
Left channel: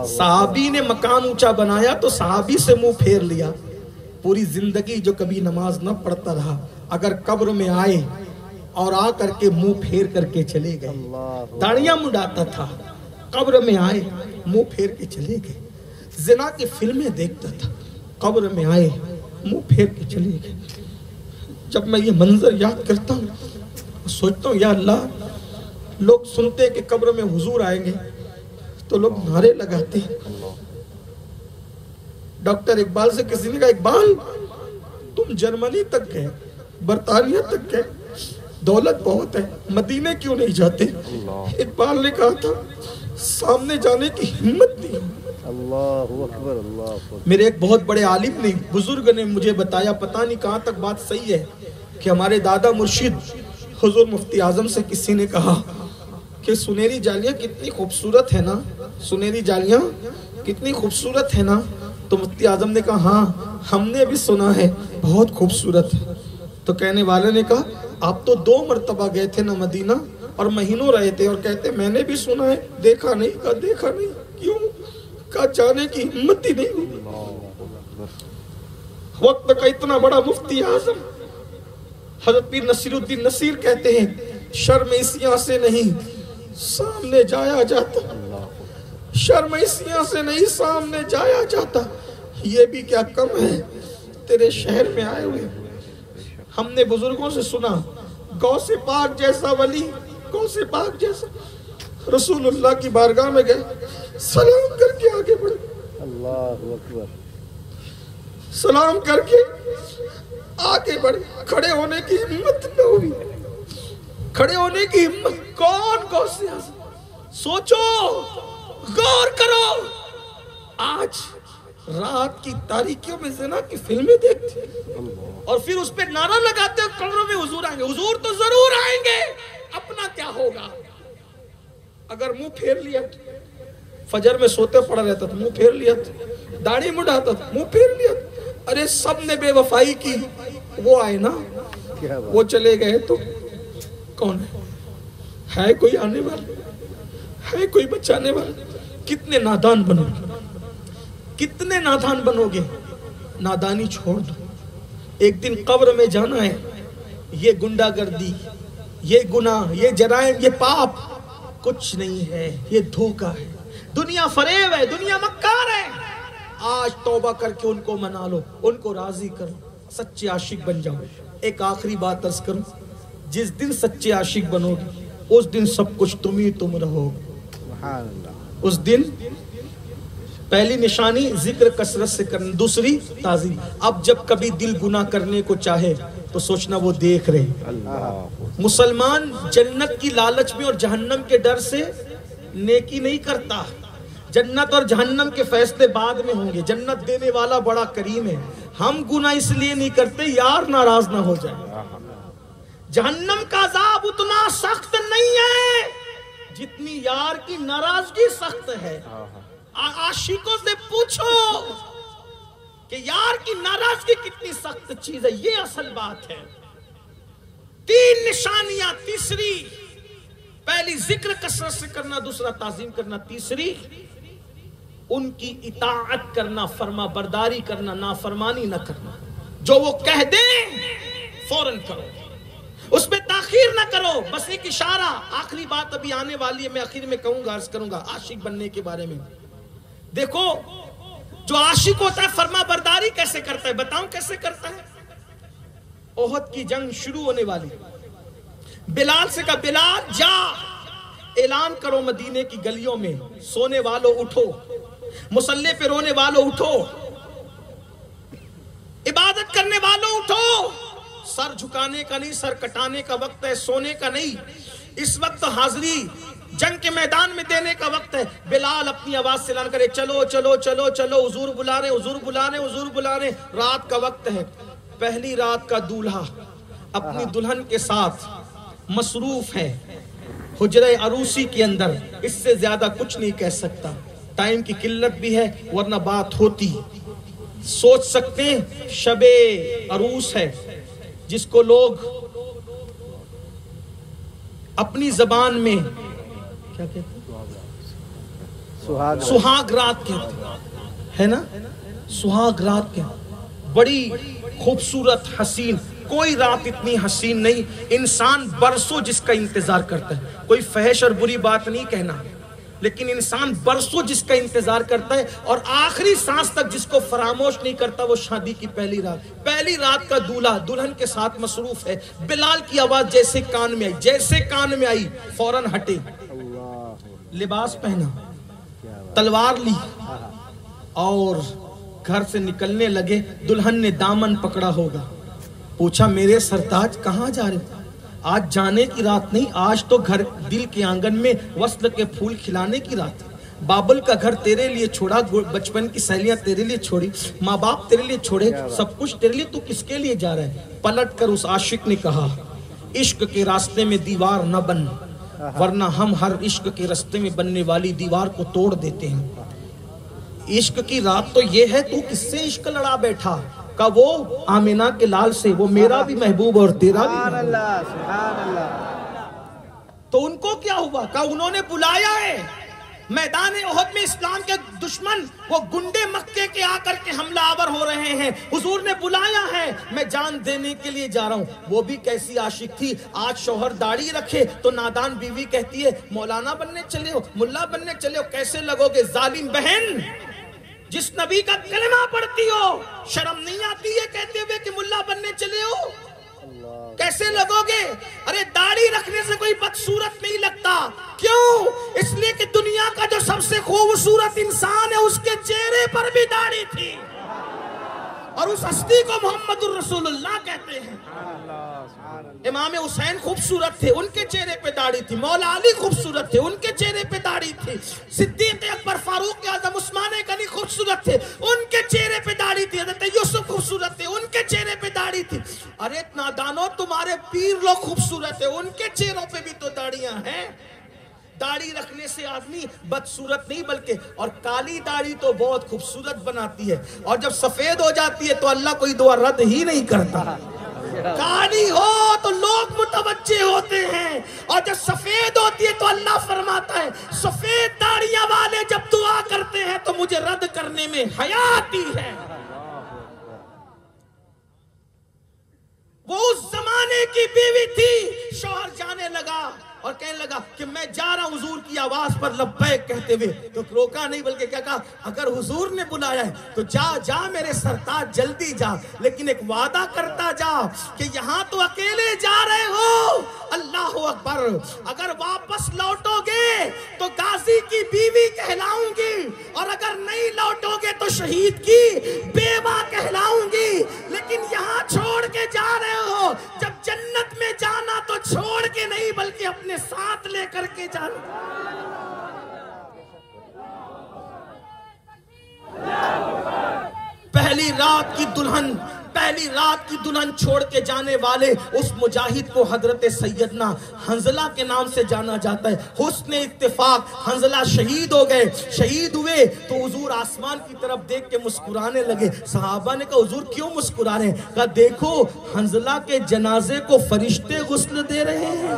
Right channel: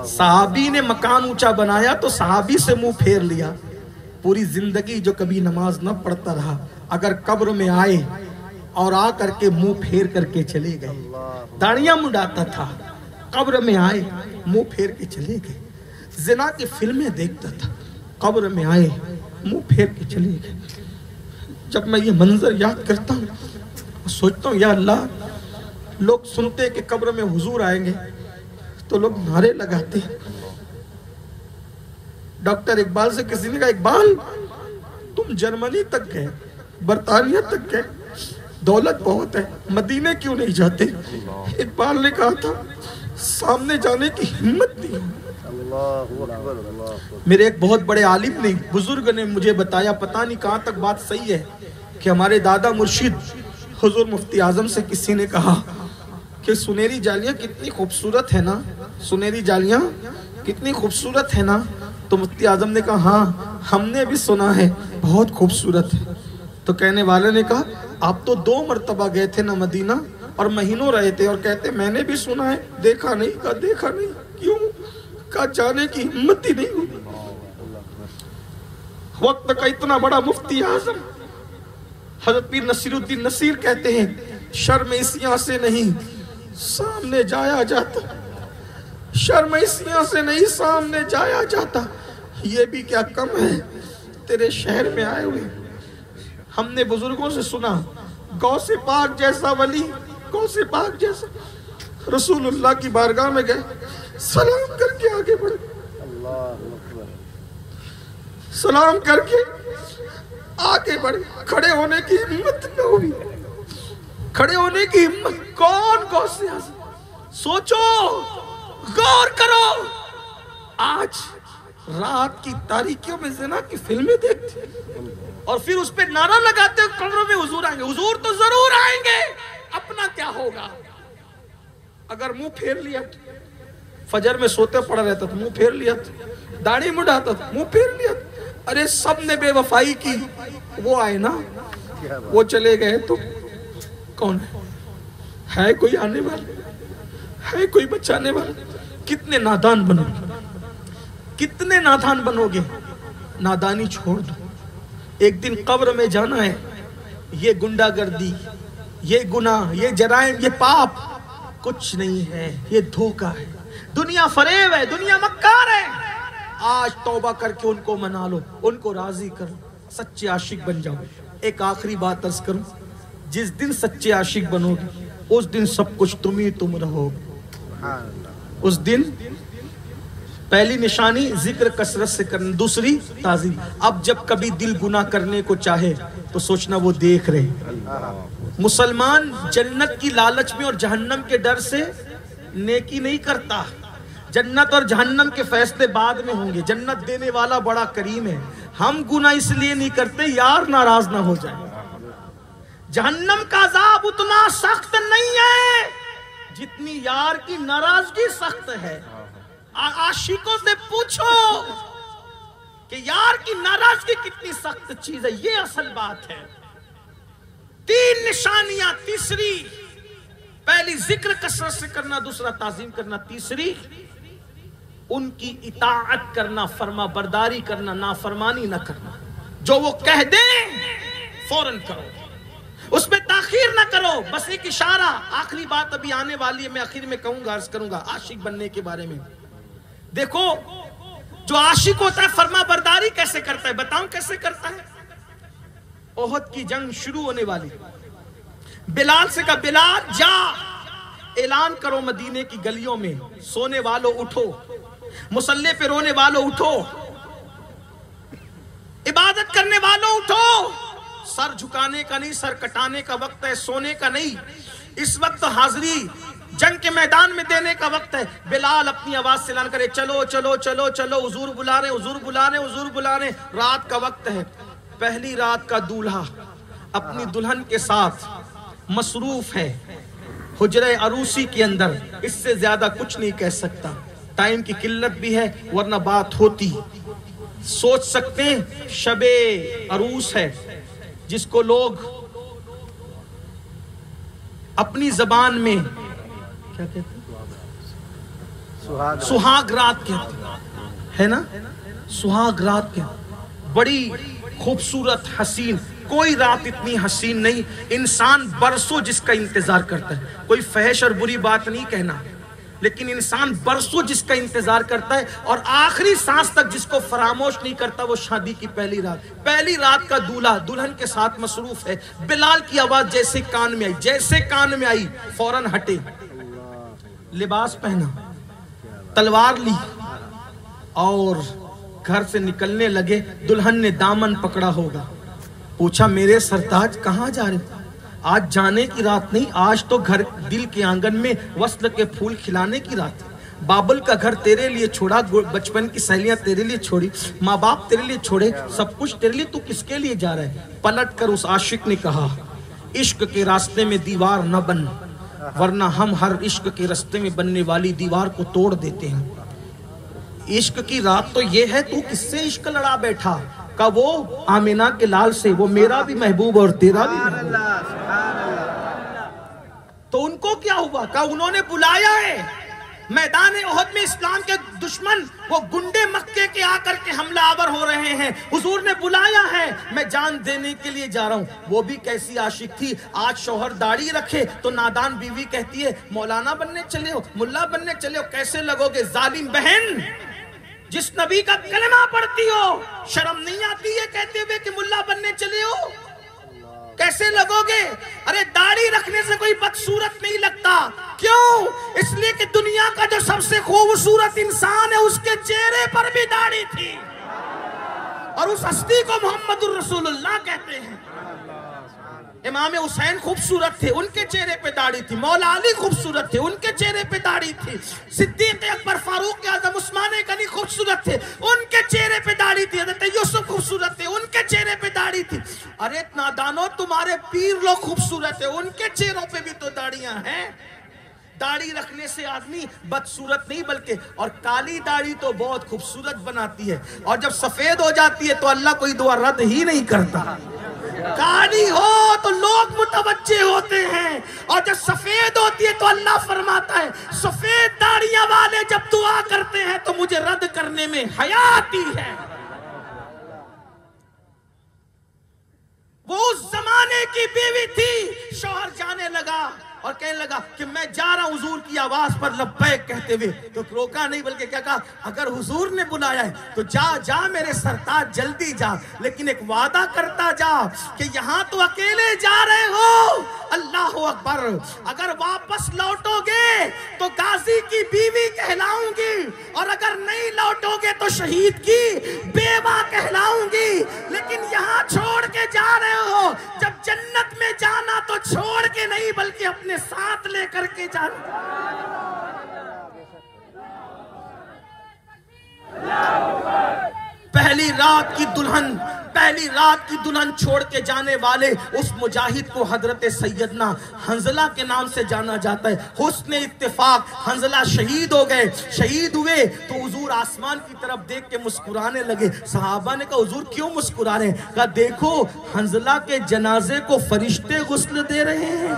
صحابی نے مکان اونچا بنایا تو صحابی سے منہ پھیر لیا۔ پوری زندگی جو کبھی نماز نہ پڑھتا رہا، اگر قبر میں آئے اور آ کر کے منہ پھیر کر کے چلے گئے، داڑیاں منڈاتا تھا، قبر میں آئے منہ پھیر کے چلے گئے، زنا کی فلمیں دیکھتا تھا، قبر میں آئے منہ پھیر کے چلے گئے۔ جب میں یہ منظر یاد کرتا ہوں، سوچتا ہوں یا اللہ، لوگ سنتے ہیں کہ قبر میں حضور آئیں گے تو لوگ نعرے لگاتے ہیں۔ ڈاکٹر اقبال سے کسی نے کہا، اقبال تم جرمنی تک گئے، برطانیہ تک گئے، دولت بہت ہے، مدینے کیوں نہیں جاتے؟ اقبال نے کہا تھا، سامنے جانے کی ہمت نہیں۔ میرے ایک بہت بڑے عالم نے، بزرگ نے مجھے بتایا، پتہ نہیں کہاں تک بات صحیح ہے، کہ ہمارے دادا مرشد حضور مفتی اعظم سے کسی نے کہا کہ سنہری جالیاں کتنی خوبصورت ہے نا، سنہری جالیاں کتنی خوبصورت ہے نا؟ تو مفتی اعظم نے کہا، ہاں ہم نے بھی سنا ہے، بہت خوبصورت ہے۔ تو کہنے والے نے کہا، آپ تو 2 مرتبہ گئے تھے نا مدینہ، اور مہینوں رہے تھے، اور کہتے میں نے بھی سنا ہے، دیکھا نہیں؟ کہا دیکھا نہیں، کیوں؟ کہا جانے کی ہمت ہی نہیں ہوئی۔ وقت کا اتنا بڑا مفتی اعظم حضرت پیر نصیر الدین نصیر کہتے ہیں، شرم اسیاں سے نہیں سامنے جایا جاتا، شرم اسیاں سے نہیں سامنے جایا جاتا، یہ بھی کیا کم ہے تیرے شہر میں آئے ہوئے. ہم نے بزرگوں سے سنا غوث پاک جیسا ولی، غوث پاک جیسا. رسول اللہ کی بارگاہ میں گئے، سلام کر کے آگے بڑھے، سلام کر کے آگے بڑھے. کھڑے ہونے کی ہمت نہ ہوئی، کھڑے ہونے کی ہمت. کون غوث اعظم؟ سوچو، غور کرو. آج رات کی تاریکیوں میں زنا کی فلمیں دیکھتے اور پھر اس پہ نعرہ لگاتے ہیں قبروں میں حضور آئیں گے. حضور تو ضرور آئیں گے، اپنا کیا ہوگا؟ اگر منہ پھیر لیا تو فجر میں سوتے پڑا رہتا تو منہ پھیر لیا تو داڑھی مڈاتا تو منہ پھیر لیا تو. ارے سب نے بے وفائی کی، وہ آئے نا، وہ چلے گئے تو کون ہے کوئی آنے والا؟ ہے کوئی بچانے والا؟ کتنے نادان بنو گے، کتنے نادان بنو گے. نادانی چھوڑ دو. ایک دن قبر میں جانا ہے. یہ گنڈا گردی، یہ گناہ، یہ جرائم، یہ پاپ کچھ نہیں ہے، یہ دھوکہ ہے. دنیا فریب ہے، دنیا مکار ہے. آج توبہ کر کے ان کو منا لو، ان کو راضی کرو، سچے عاشق بن جاؤ. ایک آخری بات عرض کروں، جس دن سچے عاشق بنو گے اس دن سب کچھ تم ہی تم رہو گے. اس دن پہلی نشانی ذکر کثرت سے کرنا، دوسری تعظیم. اب جب کبھی دل گناہ کرنے کو چاہے تو سوچنا وہ دیکھ رہے. مسلمان جنت کی لالچ میں اور جہنم کے ڈر سے نیکی نہیں کرتا. جنت اور جہنم کے فیصلے بعد میں ہوں گے. جنت دینے والا بڑا کریم ہے. ہم گناہ اس لیے نہیں کرتے یار ناراض نہ ہو جائے. جہنم کا عذاب اتنا سخت نہیں ہے جتنی یار کی ناراضگی سخت ہے. عاشقوں سے پوچھو کہ یار کی ناراضگی کتنی سخت چیز ہے. یہ اصل بات ہے. 3 نشانیاں. تیسری، پہلی ذکر کثرت سے کرنا، دوسرا تعظیم کرنا، تیسری ان کی اطاعت کرنا، فرما برداری کرنا، نافرمانی نہ کرنا. جو وہ کہہ دیں فوراً کرو، اس میں تاخیر نہ کرو. بس ایک اشارہ. آخری بات ابھی آنے والی ہے، میں آخر میں کہوں گا، عرض کروں گا عاشق بننے کے بارے میں. دیکھو، جو عاشق ہوتا ہے فرما برداری کیسے کرتا ہے؟ بتاؤں کیسے کرتا ہے. احد کی جنگ شروع ہونے والی. بلال سے کہا بلال جا اعلان کرو مدینے کی گلیوں میں، سونے والوں اٹھو، مصلی پہ رونے والوں اٹھو، عبادت کرنے والوں اٹھو. سر جھکانے کا نہیں، سر کٹانے کا وقت ہے، سونے کا نہیں. اس وقت حاضری جنگ کے میدان میں دینے کا وقت ہے. بلال اپنی آواز سے اعلان کرے چلو چلو چلو چلو، حضور بلا رہے، حضور بلا رہے، حضور بلا رہے. رات کا وقت ہے. پہلی رات کا دولہا اپنی دلہن کے ساتھ مصروف ہے حجرہ عروسی کے اندر. اس سے زیادہ کچھ نہیں کہہ سکتا. ٹائم کی قلت بھی ہے ورنہ بات ہوتی. سوچ سکتے ہیں شب عروس ہے جس کو لوگ اپنی زبان میں کیا کہتے ہیں؟ سہاگ رات کہتے ہیں، ہے نا؟ سہاگ رات کہتے ہیں. بڑی خوبصورت حسین. کوئی رات اتنی حسین نہیں. انسان برسوں جس کا انتظار کرتا ہے. کوئی فحش اور بری بات نہیں کہنا، لیکن انسان برسوں جس کا انتظار کرتا ہے اور آخری سانس تک جس کو فراموش نہیں کرتا، وہ شادی کی پہلی رات. پہلی رات کا دولہا دلہن کے ساتھ مصروف ہے. بلال کی آواز جیسے کان میں آئی، جیسے کان میں آئی فوراً ہٹے، لباس پہنا، تلوار لی اور گھر سے نکلنے لگے. دلہن نے دامن پکڑا ہوگا. پوچھا میرے سرتاج کہاں جا رہے؟ آج جانے کی رات نہیں، آج تو گھر دل کے آنگن میں وصل کے پھول کھلانے کی رات ہے. بابل کا گھر تیرے لیے چھوڑا، بچپن کی سہیلیاں تیرے لیے چھوڑی، ماں باپ تیرے لیے چھوڑے، سب کچھ تیرے لیے. تو کس کے لیے جا رہا ہے؟ پلٹ کر اس عاشق نے کہا عشق کے راستے میں دیوار نہ بن، ورنہ ہم ہر عشق کے راستے میں بننے والی دیوار کو توڑ دیتے ہیں. عشق کی رات تو یہ ہے، تو کس سے عشق لڑا بیٹھا؟ کہ وہ آمینہ کے لال سے، وہ میرا بھی محبوب اور تیرا بھی محبوب. تو ان کو کیا ہوا؟ کہ انہوں نے بلایا ہے. میدان احد میں اسلام کے دشمن وہ گنڈے مکے کے آ کر کے حملہ آور ہو رہے ہیں. حضور نے بلایا ہے، میں جان دینے کے لیے جا رہا ہوں. وہ بھی کیسی عاشق تھی. آج شوہر داڑھی رکھے تو نادان بیوی کہتی ہے مولانا بننے چلے ہو، ملا بننے چلے ہو، کیسے لگو گے ظالم بہن. جس نبی کا کلمہ پڑھتی ہو شرم نہیں آتی ہے کہتے ہوئے کہ ملا بننے چلے ہو؟ کیسے لگو گے؟ ارے داڑھی رکھنے سے کوئی بدصورت نہیں لگتا. کیوں؟ اس لیے کہ دنیا کا جو سب سے خوبصورت انسان ہے اس کے چہرے پر بھی داڑھی تھی، اور اس ہستی کو محمد الرسول اللہ کہتے ہیں. امام حسین خوبصورت تھے، ان کے چہرے پہ داڑھی تھی. مولا علی خوبصورت تھے، ان کے چہرے پہ داڑھی تھی. صدیق اکبر، فاروق اعظم، عثمان غنی خوبصورت تھے، ان کے چہرے پہ داڑھی تھی. حضرت یوسف خوبصورت تھے، ان کے چہرے پہ داڑھی تھی. ارے نادانو، تمہارے پیر لوگ خوبصورت ہیں، ان کے چہروں پہ بھی تو داڑیاں ہیں. داڑھی رکھنے سے آدمی بدصورت نہیں بلکہ، اور کالی داڑھی تو بہت خوبصورت بناتی ہے، اور جب سفید ہو جاتی ہے تو اللہ کوئی دعا رد ہی نہیں کرتا. کالی ہو تو لوگ متوجہ ہوتے ہیں، اور جب سفید ہوتی ہے تو اللہ فرماتا ہے سفید داڑیاں والے جب دعا کرتے ہیں تو مجھے رد کرنے میں حیا آتی ہے. وہ اس زمانے کی بیوی تھی. شوہر جانے لگا اور کہنے لگا کہ میں جا رہا ہوں حضور کی آواز پر لبیک کہتے ہوئے، تو روکا نہیں بلکہ کیا کہا، اگر حضور نے بلایا ہے تو جا جا میرے سرتاج، جلدی جا، لیکن ایک وعدہ کرتا جا کہ یہاں تو اکیلے جا رہے ہو، اللہ اکبر، اگر واپس لوٹو گے تو غازی کی بیوی کہلاؤں گی، اور اگر نہیں لوٹو گے تو شہید کی بیوہ کہلاؤں گی. لیکن یہاں چھوڑ کے جا رہے ہو، جب جنت میں جانا تو چھوڑ کے نہیں بلکہ اپنے ساتھ لے کر کے جانا. پہلی رات کی دلہن چھوڑ کے جانے والے اس مجاہد کو حضرت سیدنا حنظلہ کے نام سے جانا جاتا ہے. حسن اتفاق حنظلہ شہید ہو گئے. شہید ہوئے تو حضور آسمان کی طرف دیکھ کے مسکرانے لگے. صحابہ نے کہا حضور کیوں مسکرا رہے ہیں؟ کہا دیکھو حنظلہ کے جنازے کو فرشتے غسل دے رہے ہیں.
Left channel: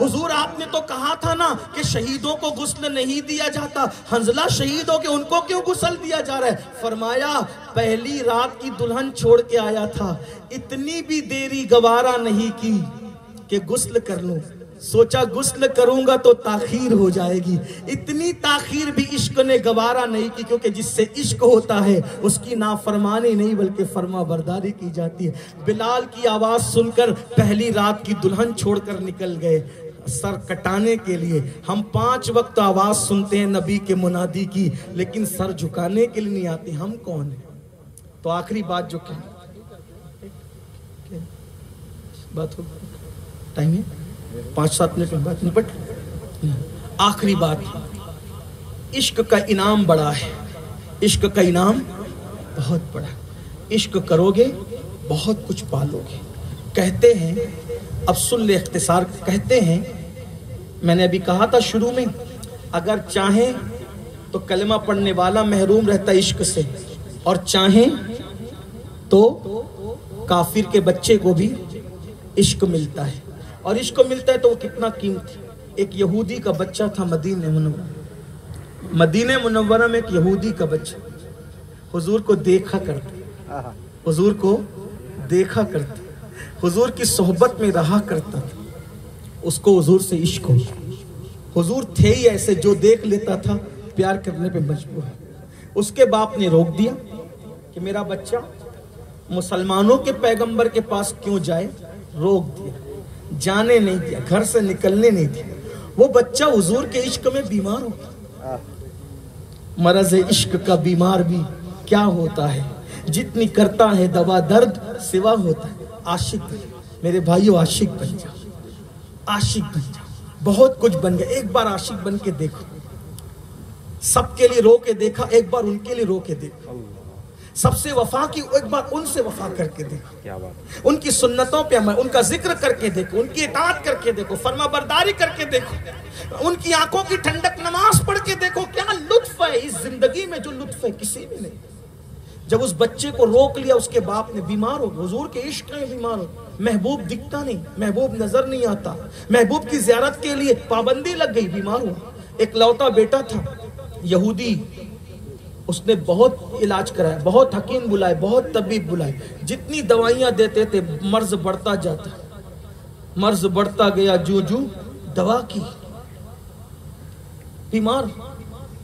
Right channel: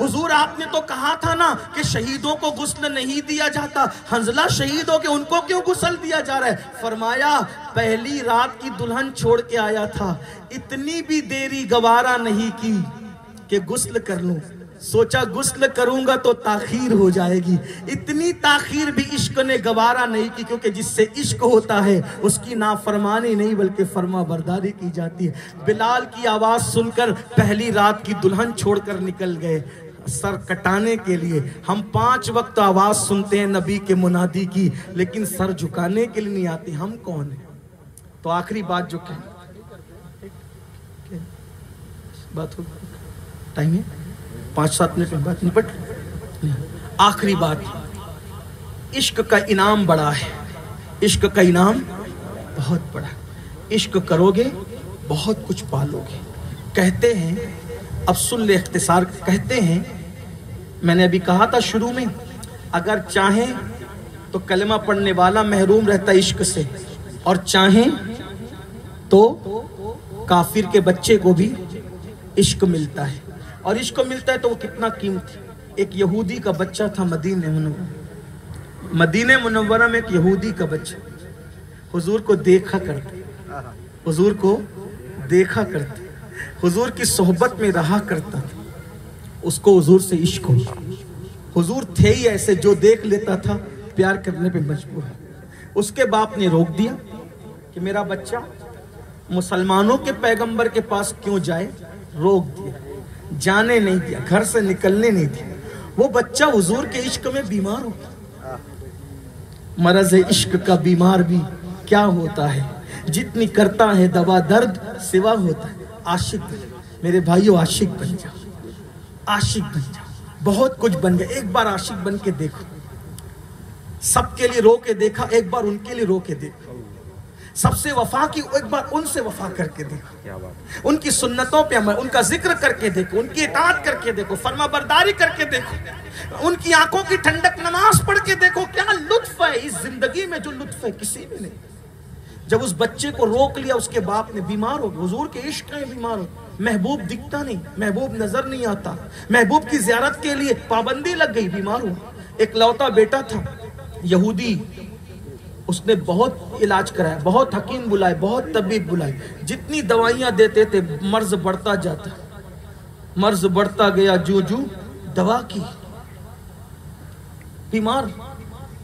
حضور آپ نے تو کہا تھا نا کہ شہیدوں کو غسل نہیں دیا جاتا، حنظلہ شہید ہو کے ان کو کیوں غسل دیا جا رہا ہے؟ فرمایا پہلی رات کی دلہن چھوڑ کے آیا تھا، اتنی بھی دیری گوارا نہیں کی کہ غسل کر لوں. سوچا غسل کروں گا تو تاخیر ہو جائے گی، اتنی تاخیر بھی عشق نے گوارا نہیں کی، کیونکہ جس سے عشق ہوتا ہے اس کی نافرمانی نہیں بلکہ فرما برداری کی جاتی ہے. بلال کی آواز سن کر پہلی رات کی دلہن چھوڑ کر نکل گئے سر کٹانے کے لیے. ہم 5 وقت آواز سنتے ہیں نبی کے منادی کی، لیکن سر جھکانے کے لیے نہیں آتے. ہم کون ہیں؟ تو آخری بات جو کہیں بات ہو ٹائم ہے 5-7 منٹ میں بات نپٹ. آخری بات، عشق کا انعام بڑا ہے، عشق کا انعام بہت بڑا. عشق کرو گے بہت کچھ پالو گے. کہتے ہیں، اب سن لے اختصار، کہتے ہیں، میں نے ابھی کہا تھا شروع میں، اگر چاہیں تو کلمہ پڑھنے والا محروم رہتا عشق سے، اور چاہیں تو کافر کے بچے کو بھی عشق ملتا ہے. اور عشق ملتا ہے تو وہ کتنا قیمتی. ایک یہودی کا بچہ تھا مدینہ منورہ میں ایک یہودی کا بچہ حضور کو دیکھا کرتا، حضور کی صحبت میں رہا کرتا تھا. اس کو حضور سے عشق ہو. حضور تھے ہی ایسے جو دیکھ لیتا تھا پیار کرنے پہ مجبور ہے. اس کے باپ نے روک دیا کہ میرا بچہ مسلمانوں کے پیغمبر کے پاس کیوں جائے. روک دیا، جانے نہیں دیا، گھر سے نکلنے نہیں دیا. وہ بچہ حضور کے عشق میں بیمار ہو. مرض عشق کا بیمار بھی کیا ہوتا ہے، جتنی کرتا ہے دوا درد سوا ہوتا ہے. عاشق میرے بھائیو، عاشق بن جا، عاشق بن جا. بہت کچھ بن گیا. ایک بار عاشق بن کے دیکھو. سب کے لیے رو کے دیکھا، ایک بار ان کے لیے رو کے دیکھو. سب سے وفا کی، ایک بار ان سے وفا کر کے دیکھو. ان کی سنتوں پہ عمل، ان کا ذکر کر کے دیکھو، ان کی اطاعت کر کے دیکھو، فرما برداری کر کے دیکھو، ان کی آنکھوں کی ٹھنڈک نماز پڑھ کے دیکھو. کیا لطف ہے اس زندگی میں جو لطف ہے کسی میں نہیں. جب اس بچے کو روک لیا اس کے باپ نے، بیمار ہو گیا، حضور کے عشق میں بیمار ہو. محبوب دکھتا نہیں، محبوب نظر نہیں آتا، محبوب کی زیارت کے لیے پابندی لگ گئی، بیمار ہو. ایک لوتا بیٹا تھا یہودی، اس نے بہت علاج کرایا، بہت حکیم بلائے، بہت طبیب بلائے. جتنی دوائیاں دیتے تھے مرض بڑھتا جاتا، مرض بڑھتا گیا. جو دوا کی بیمار.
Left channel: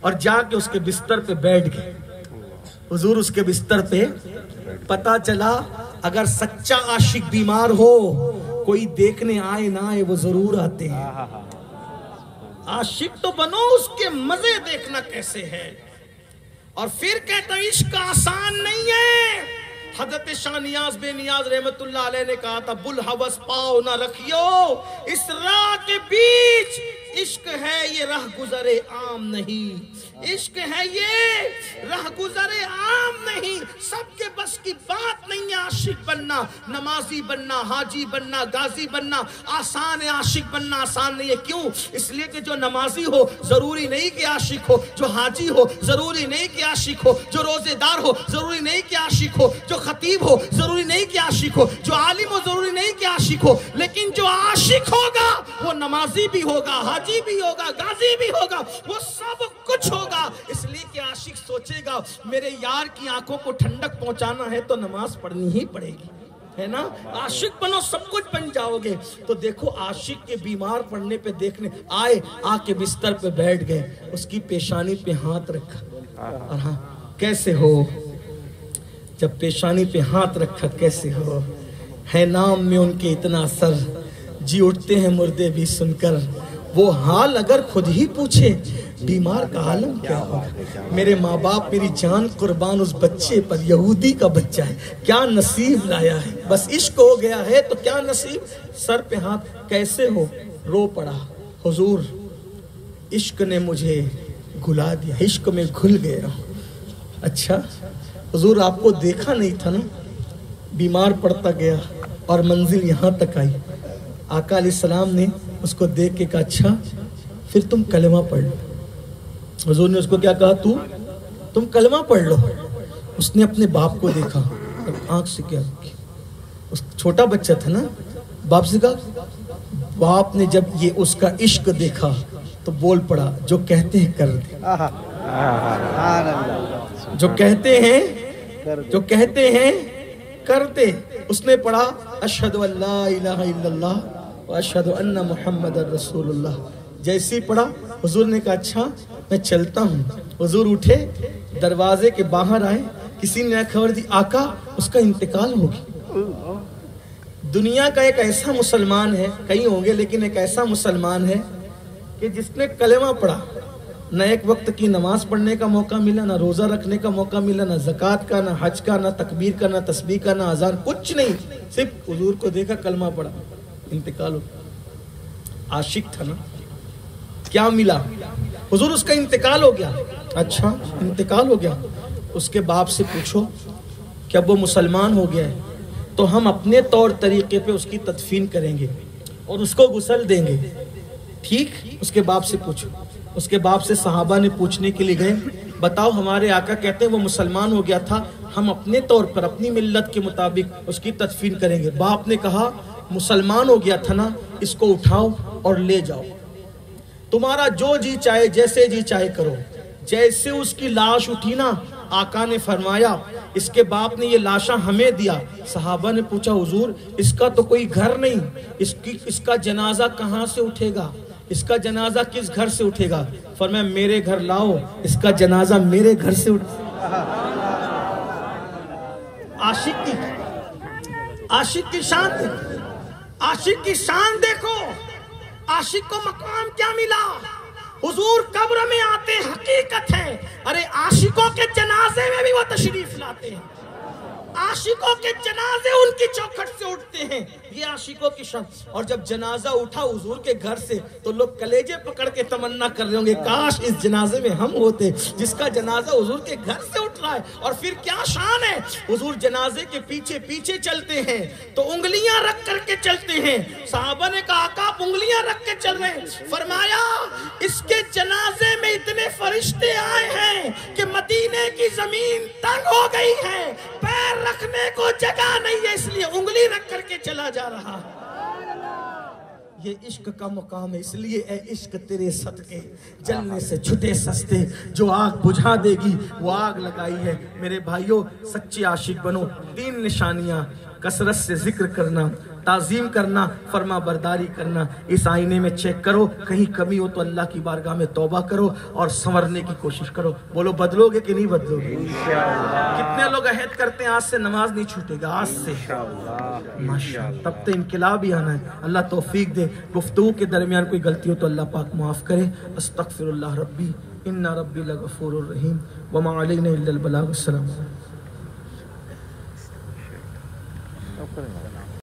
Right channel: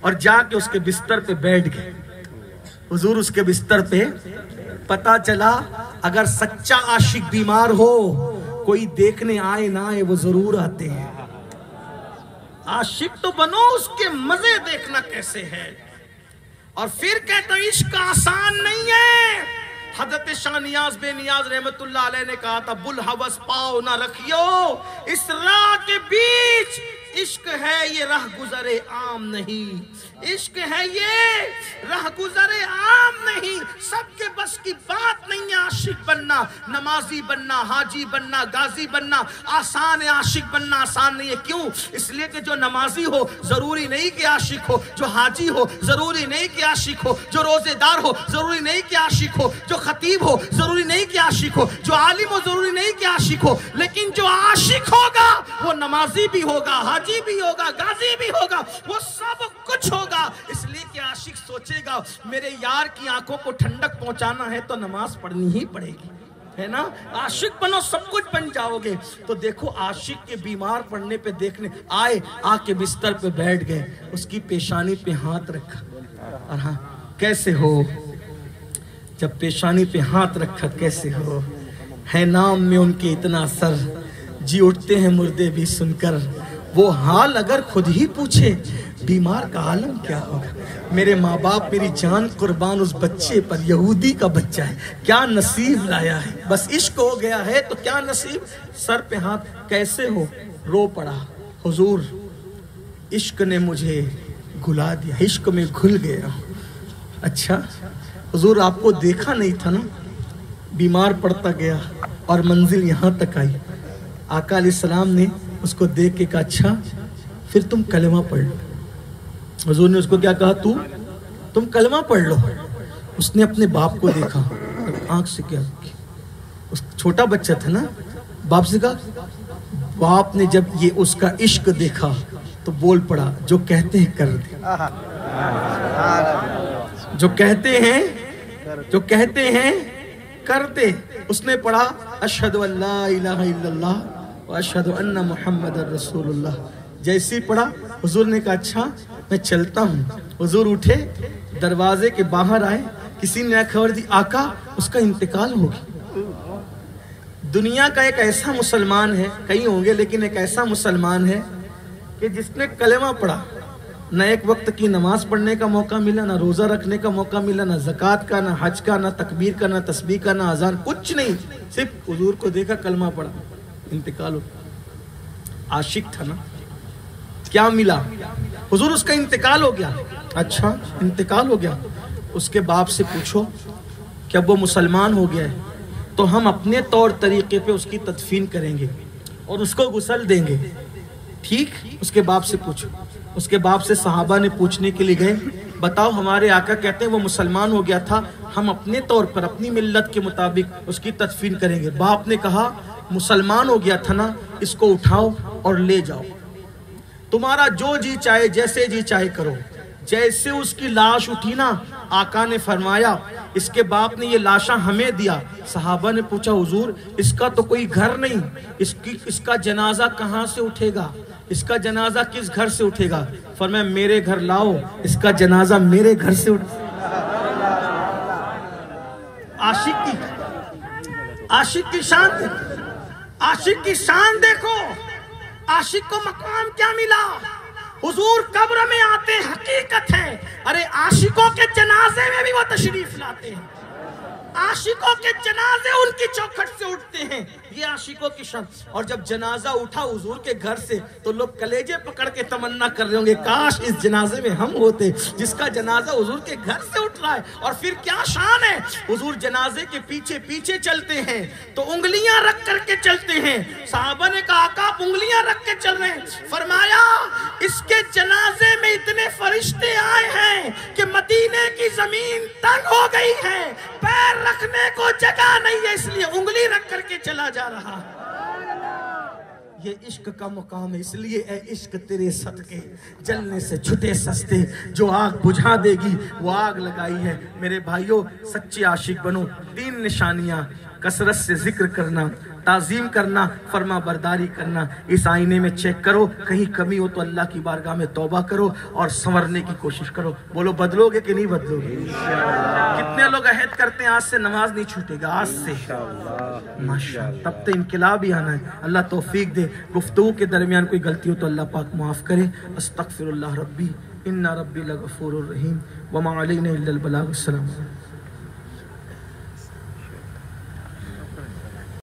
اور جا کے اس کے بستر پہ بیٹھ گئے. حضور اس کے بستر پہ، پتا چلا اگر سچا عاشق بیمار ہو کوئی دیکھنے آئے نہ آئے وہ ضرور آتے ہیں. عاشق تو بنو، اس کے مزے دیکھنا کیسے ہے. اور پھر کہتا عشق آسان نہیں ہے. حضرت شاہ نیاز بے نیاز رحمت اللہ علیہ نے کہا تھا بلحوث پاؤ نہ رکھیو اس راہ کے بیچ، عشق ہے یہ راہ گزر عام نہیں. عشق ہے یہ راہ گزر عام نہیں. سب کے بس کی بات نہیں ہے عاشق بننا. نمازی بننا، حاجی بننا، غازی بننا آسان ہے، عاشق بننا آسان نہیں ہے. کیوں؟ اس لیے کہ جو نمازی ہو ضروری نہیں کہ عاشق ہو، جو حاجی ہو ضروری نہیں کہ عاشق ہو، جو روزے دار ہو ضروری نہیں کہ عاشق ہو، جو خطیب ہو ضروری نہیں کہ عاشق ہو، جو عالم ہو ضروری نہیں کہ عاشق ہو. لیکن جو عاشق ہوگا وہ نمازی بھی ہوگا، حاجی بھی ہوگا، غازی بھی ہوگا، وہ سب کچھ ہوگا. اس لیے کہ عاشق سوچے گا میرے یار کی آنکھوں کو ٹھنڈک پہنچانا ہے تو نماز پڑھنی ہی پڑے گی، ہے نا. عاشق بنو سب کچھ بن جاؤ گے. تو دیکھو عاشق کے بیمار پڑنے پہ دیکھنے آئے، آ کے بستر پہ بیٹھ گئے، اس کی پیشانی پہ ہاتھ رکھا. اور ہاں کیسے ہو؟ جب پیشانی پہ ہاتھ رکھا کیسے ہو؟ ہے نام میں ان کے اتنا اثر، جی اٹھتے ہیں مردے بھی سن کر. وہ حال اگر خود ہی پوچھے بیمار کا عالم کیا ہوگا. میرے ماں باپ میری جان قربان اس بچے پر، یہودی کا بچہ ہے، کیا نصیب لایا ہے. بس عشق ہو گیا ہے تو کیا نصیب. سر پہ ہاتھ. کیسے ہو؟ رو پڑا. حضور عشق نے مجھے گھلا دیا، عشق میں گھل گیا ہوں. اچھا حضور آپ کو دیکھا نہیں تھا نا. بیمار پڑتا گیا اور منزل یہاں تک آئی. آقا علیہ السلام نے اس کو دیکھ کے کہا اچھا پھر تم کلمہ پڑھ لو. حضور نے اس کو کیا کہا؟ تم کلمہ پڑھ لو. اس نے اپنے باپ کو دیکھا، آنکھ سے کیا، اس چھوٹا بچہ تھا نا، باپ سے کہا. باپ نے جب یہ اس کا عشق دیکھا تو بول پڑا جو کہتے ہیں کر دے، جو کہتے ہیں کر دے. اس نے پڑھا اشہد ان لا الہ الا اللہ واشہد ان محمد رسول اللہ. جیسے ہی پڑھا حضور نے کہا اچھا میں چلتا ہوں. حضور اٹھے، دروازے کے باہر آئے. کسی نے خبر دی آقا اس کا انتقال ہو گیا. دنیا کا ایک ایسا مسلمان ہے، کئی ہوں گے لیکن ایک ایسا مسلمان ہے کہ جس نے کلمہ پڑھا، نہ ایک وقت کی نماز پڑھنے کا موقع ملا، نہ روزہ رکھنے کا موقع ملا، نہ زکوٰۃ کا، نہ حج کا، نہ تکبیر کا، نہ تسبیح کا، نہ اذان، کچھ نہیں. صرف حضور کو دیکھا، کلمہ پڑھا، انتقال ہو. عاشق تھا نا. کیا ملا؟ حضور اس کا انتقال ہو گیا. اچھا انتقال ہو گیا. اس کے باپ سے پوچھو کہ اب وہ مسلمان ہو گیا ہے تو ہم اپنے طور طریقے پہ اس کی تدفین کریں گے اور اس کو غسل دیں گے، ٹھیک؟ اس کے باپ سے پوچھو. اس کے باپ سے صحابہ نے پوچھنے کے لیے گئے بتاؤ ہمارے آقا کہتے ہیں وہ مسلمان ہو گیا تھا، ہم اپنے طور پر اپنی ملت کے مطابق اس کی تدفین کریں گے. باپ نے کہا مسلمان ہو گیا تھا نا، اس کو اٹھاؤ اور لے جاؤ، تمہارا جو جی چاہے جیسے جی چاہے کرو. جیسے اس کی لاش اٹھی نا، آقا نے فرمایا اس کے باپ نے یہ لاشاں ہمیں دیا. صحابہ نے پوچھا حضور اس کا تو کوئی گھر نہیں، اس کا جنازہ کہاں سے اٹھے گا، اس کا جنازہ کس گھر سے اٹھے گا؟ فرمایا میرے گھر لاؤ، اس کا جنازہ میرے گھر سے اٹھے. عاشق کی شان دیکھو، عاشق کی شان دیکھو. عاشق کو مقام کیا ملا؟ حضور قبر میں آتے حقیقت ہے. ارے عاشقوں کے جنازے میں بھی وہ تشریف لاتے ہیں، عاشقوں کے جنازے ان کی چوکھٹ سے اٹھتے ہیں. یہ عاشقوں کی شان. اور جب جنازہ اٹھا حضور کے گھر سے تو لوگ کلیجے پکڑ کے تمنا کر رہے ہوں گے کاش اس جنازے میں ہم ہوتے جس کا جنازہ حضور کے گھر سے اٹھ رہا ہے. اور پھر کیا شان ہے، حضور جنازے کے پیچھے پیچھے چلتے ہیں تو انگلیاں رکھ کر کے چلتے ہیں. صحابہ نے کہا آقا آپ انگلیاں رکھ کے چل رہے ہیں. فرمایا اس کے جنازے میں اتنے فرشتے آئے ہیں کہ مدینے کی زمین تنگ ہو گئی ہے، پیر رکھنے کو جگہ نہیں ہے، اس لیے انگلی رکھ کر کے چلا جا رہا. یہ عشق کا مقام ہے. اس لیے اے عشق تیرے صدقے جلنے سے چھٹے سستے، جو آگ بجھا دے گی وہ آگ لگائی ہے. میرے بھائیوں سچے عاشق بنو. 3 نشانیاں کثرت سے ذکر کرنا، تعظیم کرنا، فرما برداری کرنا۔ اس آئینے میں چیک کرو، کہیں کمی ہو تو اللہ کی بارگاہ میں توبہ کرو اور سنورنے کی کوشش کرو۔ بولو بدلو گے کہ نہیں بدلو گے؟ کتنے لوگ عہد کرتے ہیں آج سے نماز نہیں چھوٹے گا، آج سے ماشاءاللہ، تب تو انقلاب ہی آنا ہے۔ اللہ توفیق دے، گفتگو کے درمیان کوئی غلطی ہو تو اللہ پاک معاف کرے۔ استغفر اللہ ربی ان ربی لغفور الرحیم وما علینا الا البلاغ۔ السلام علیکم۔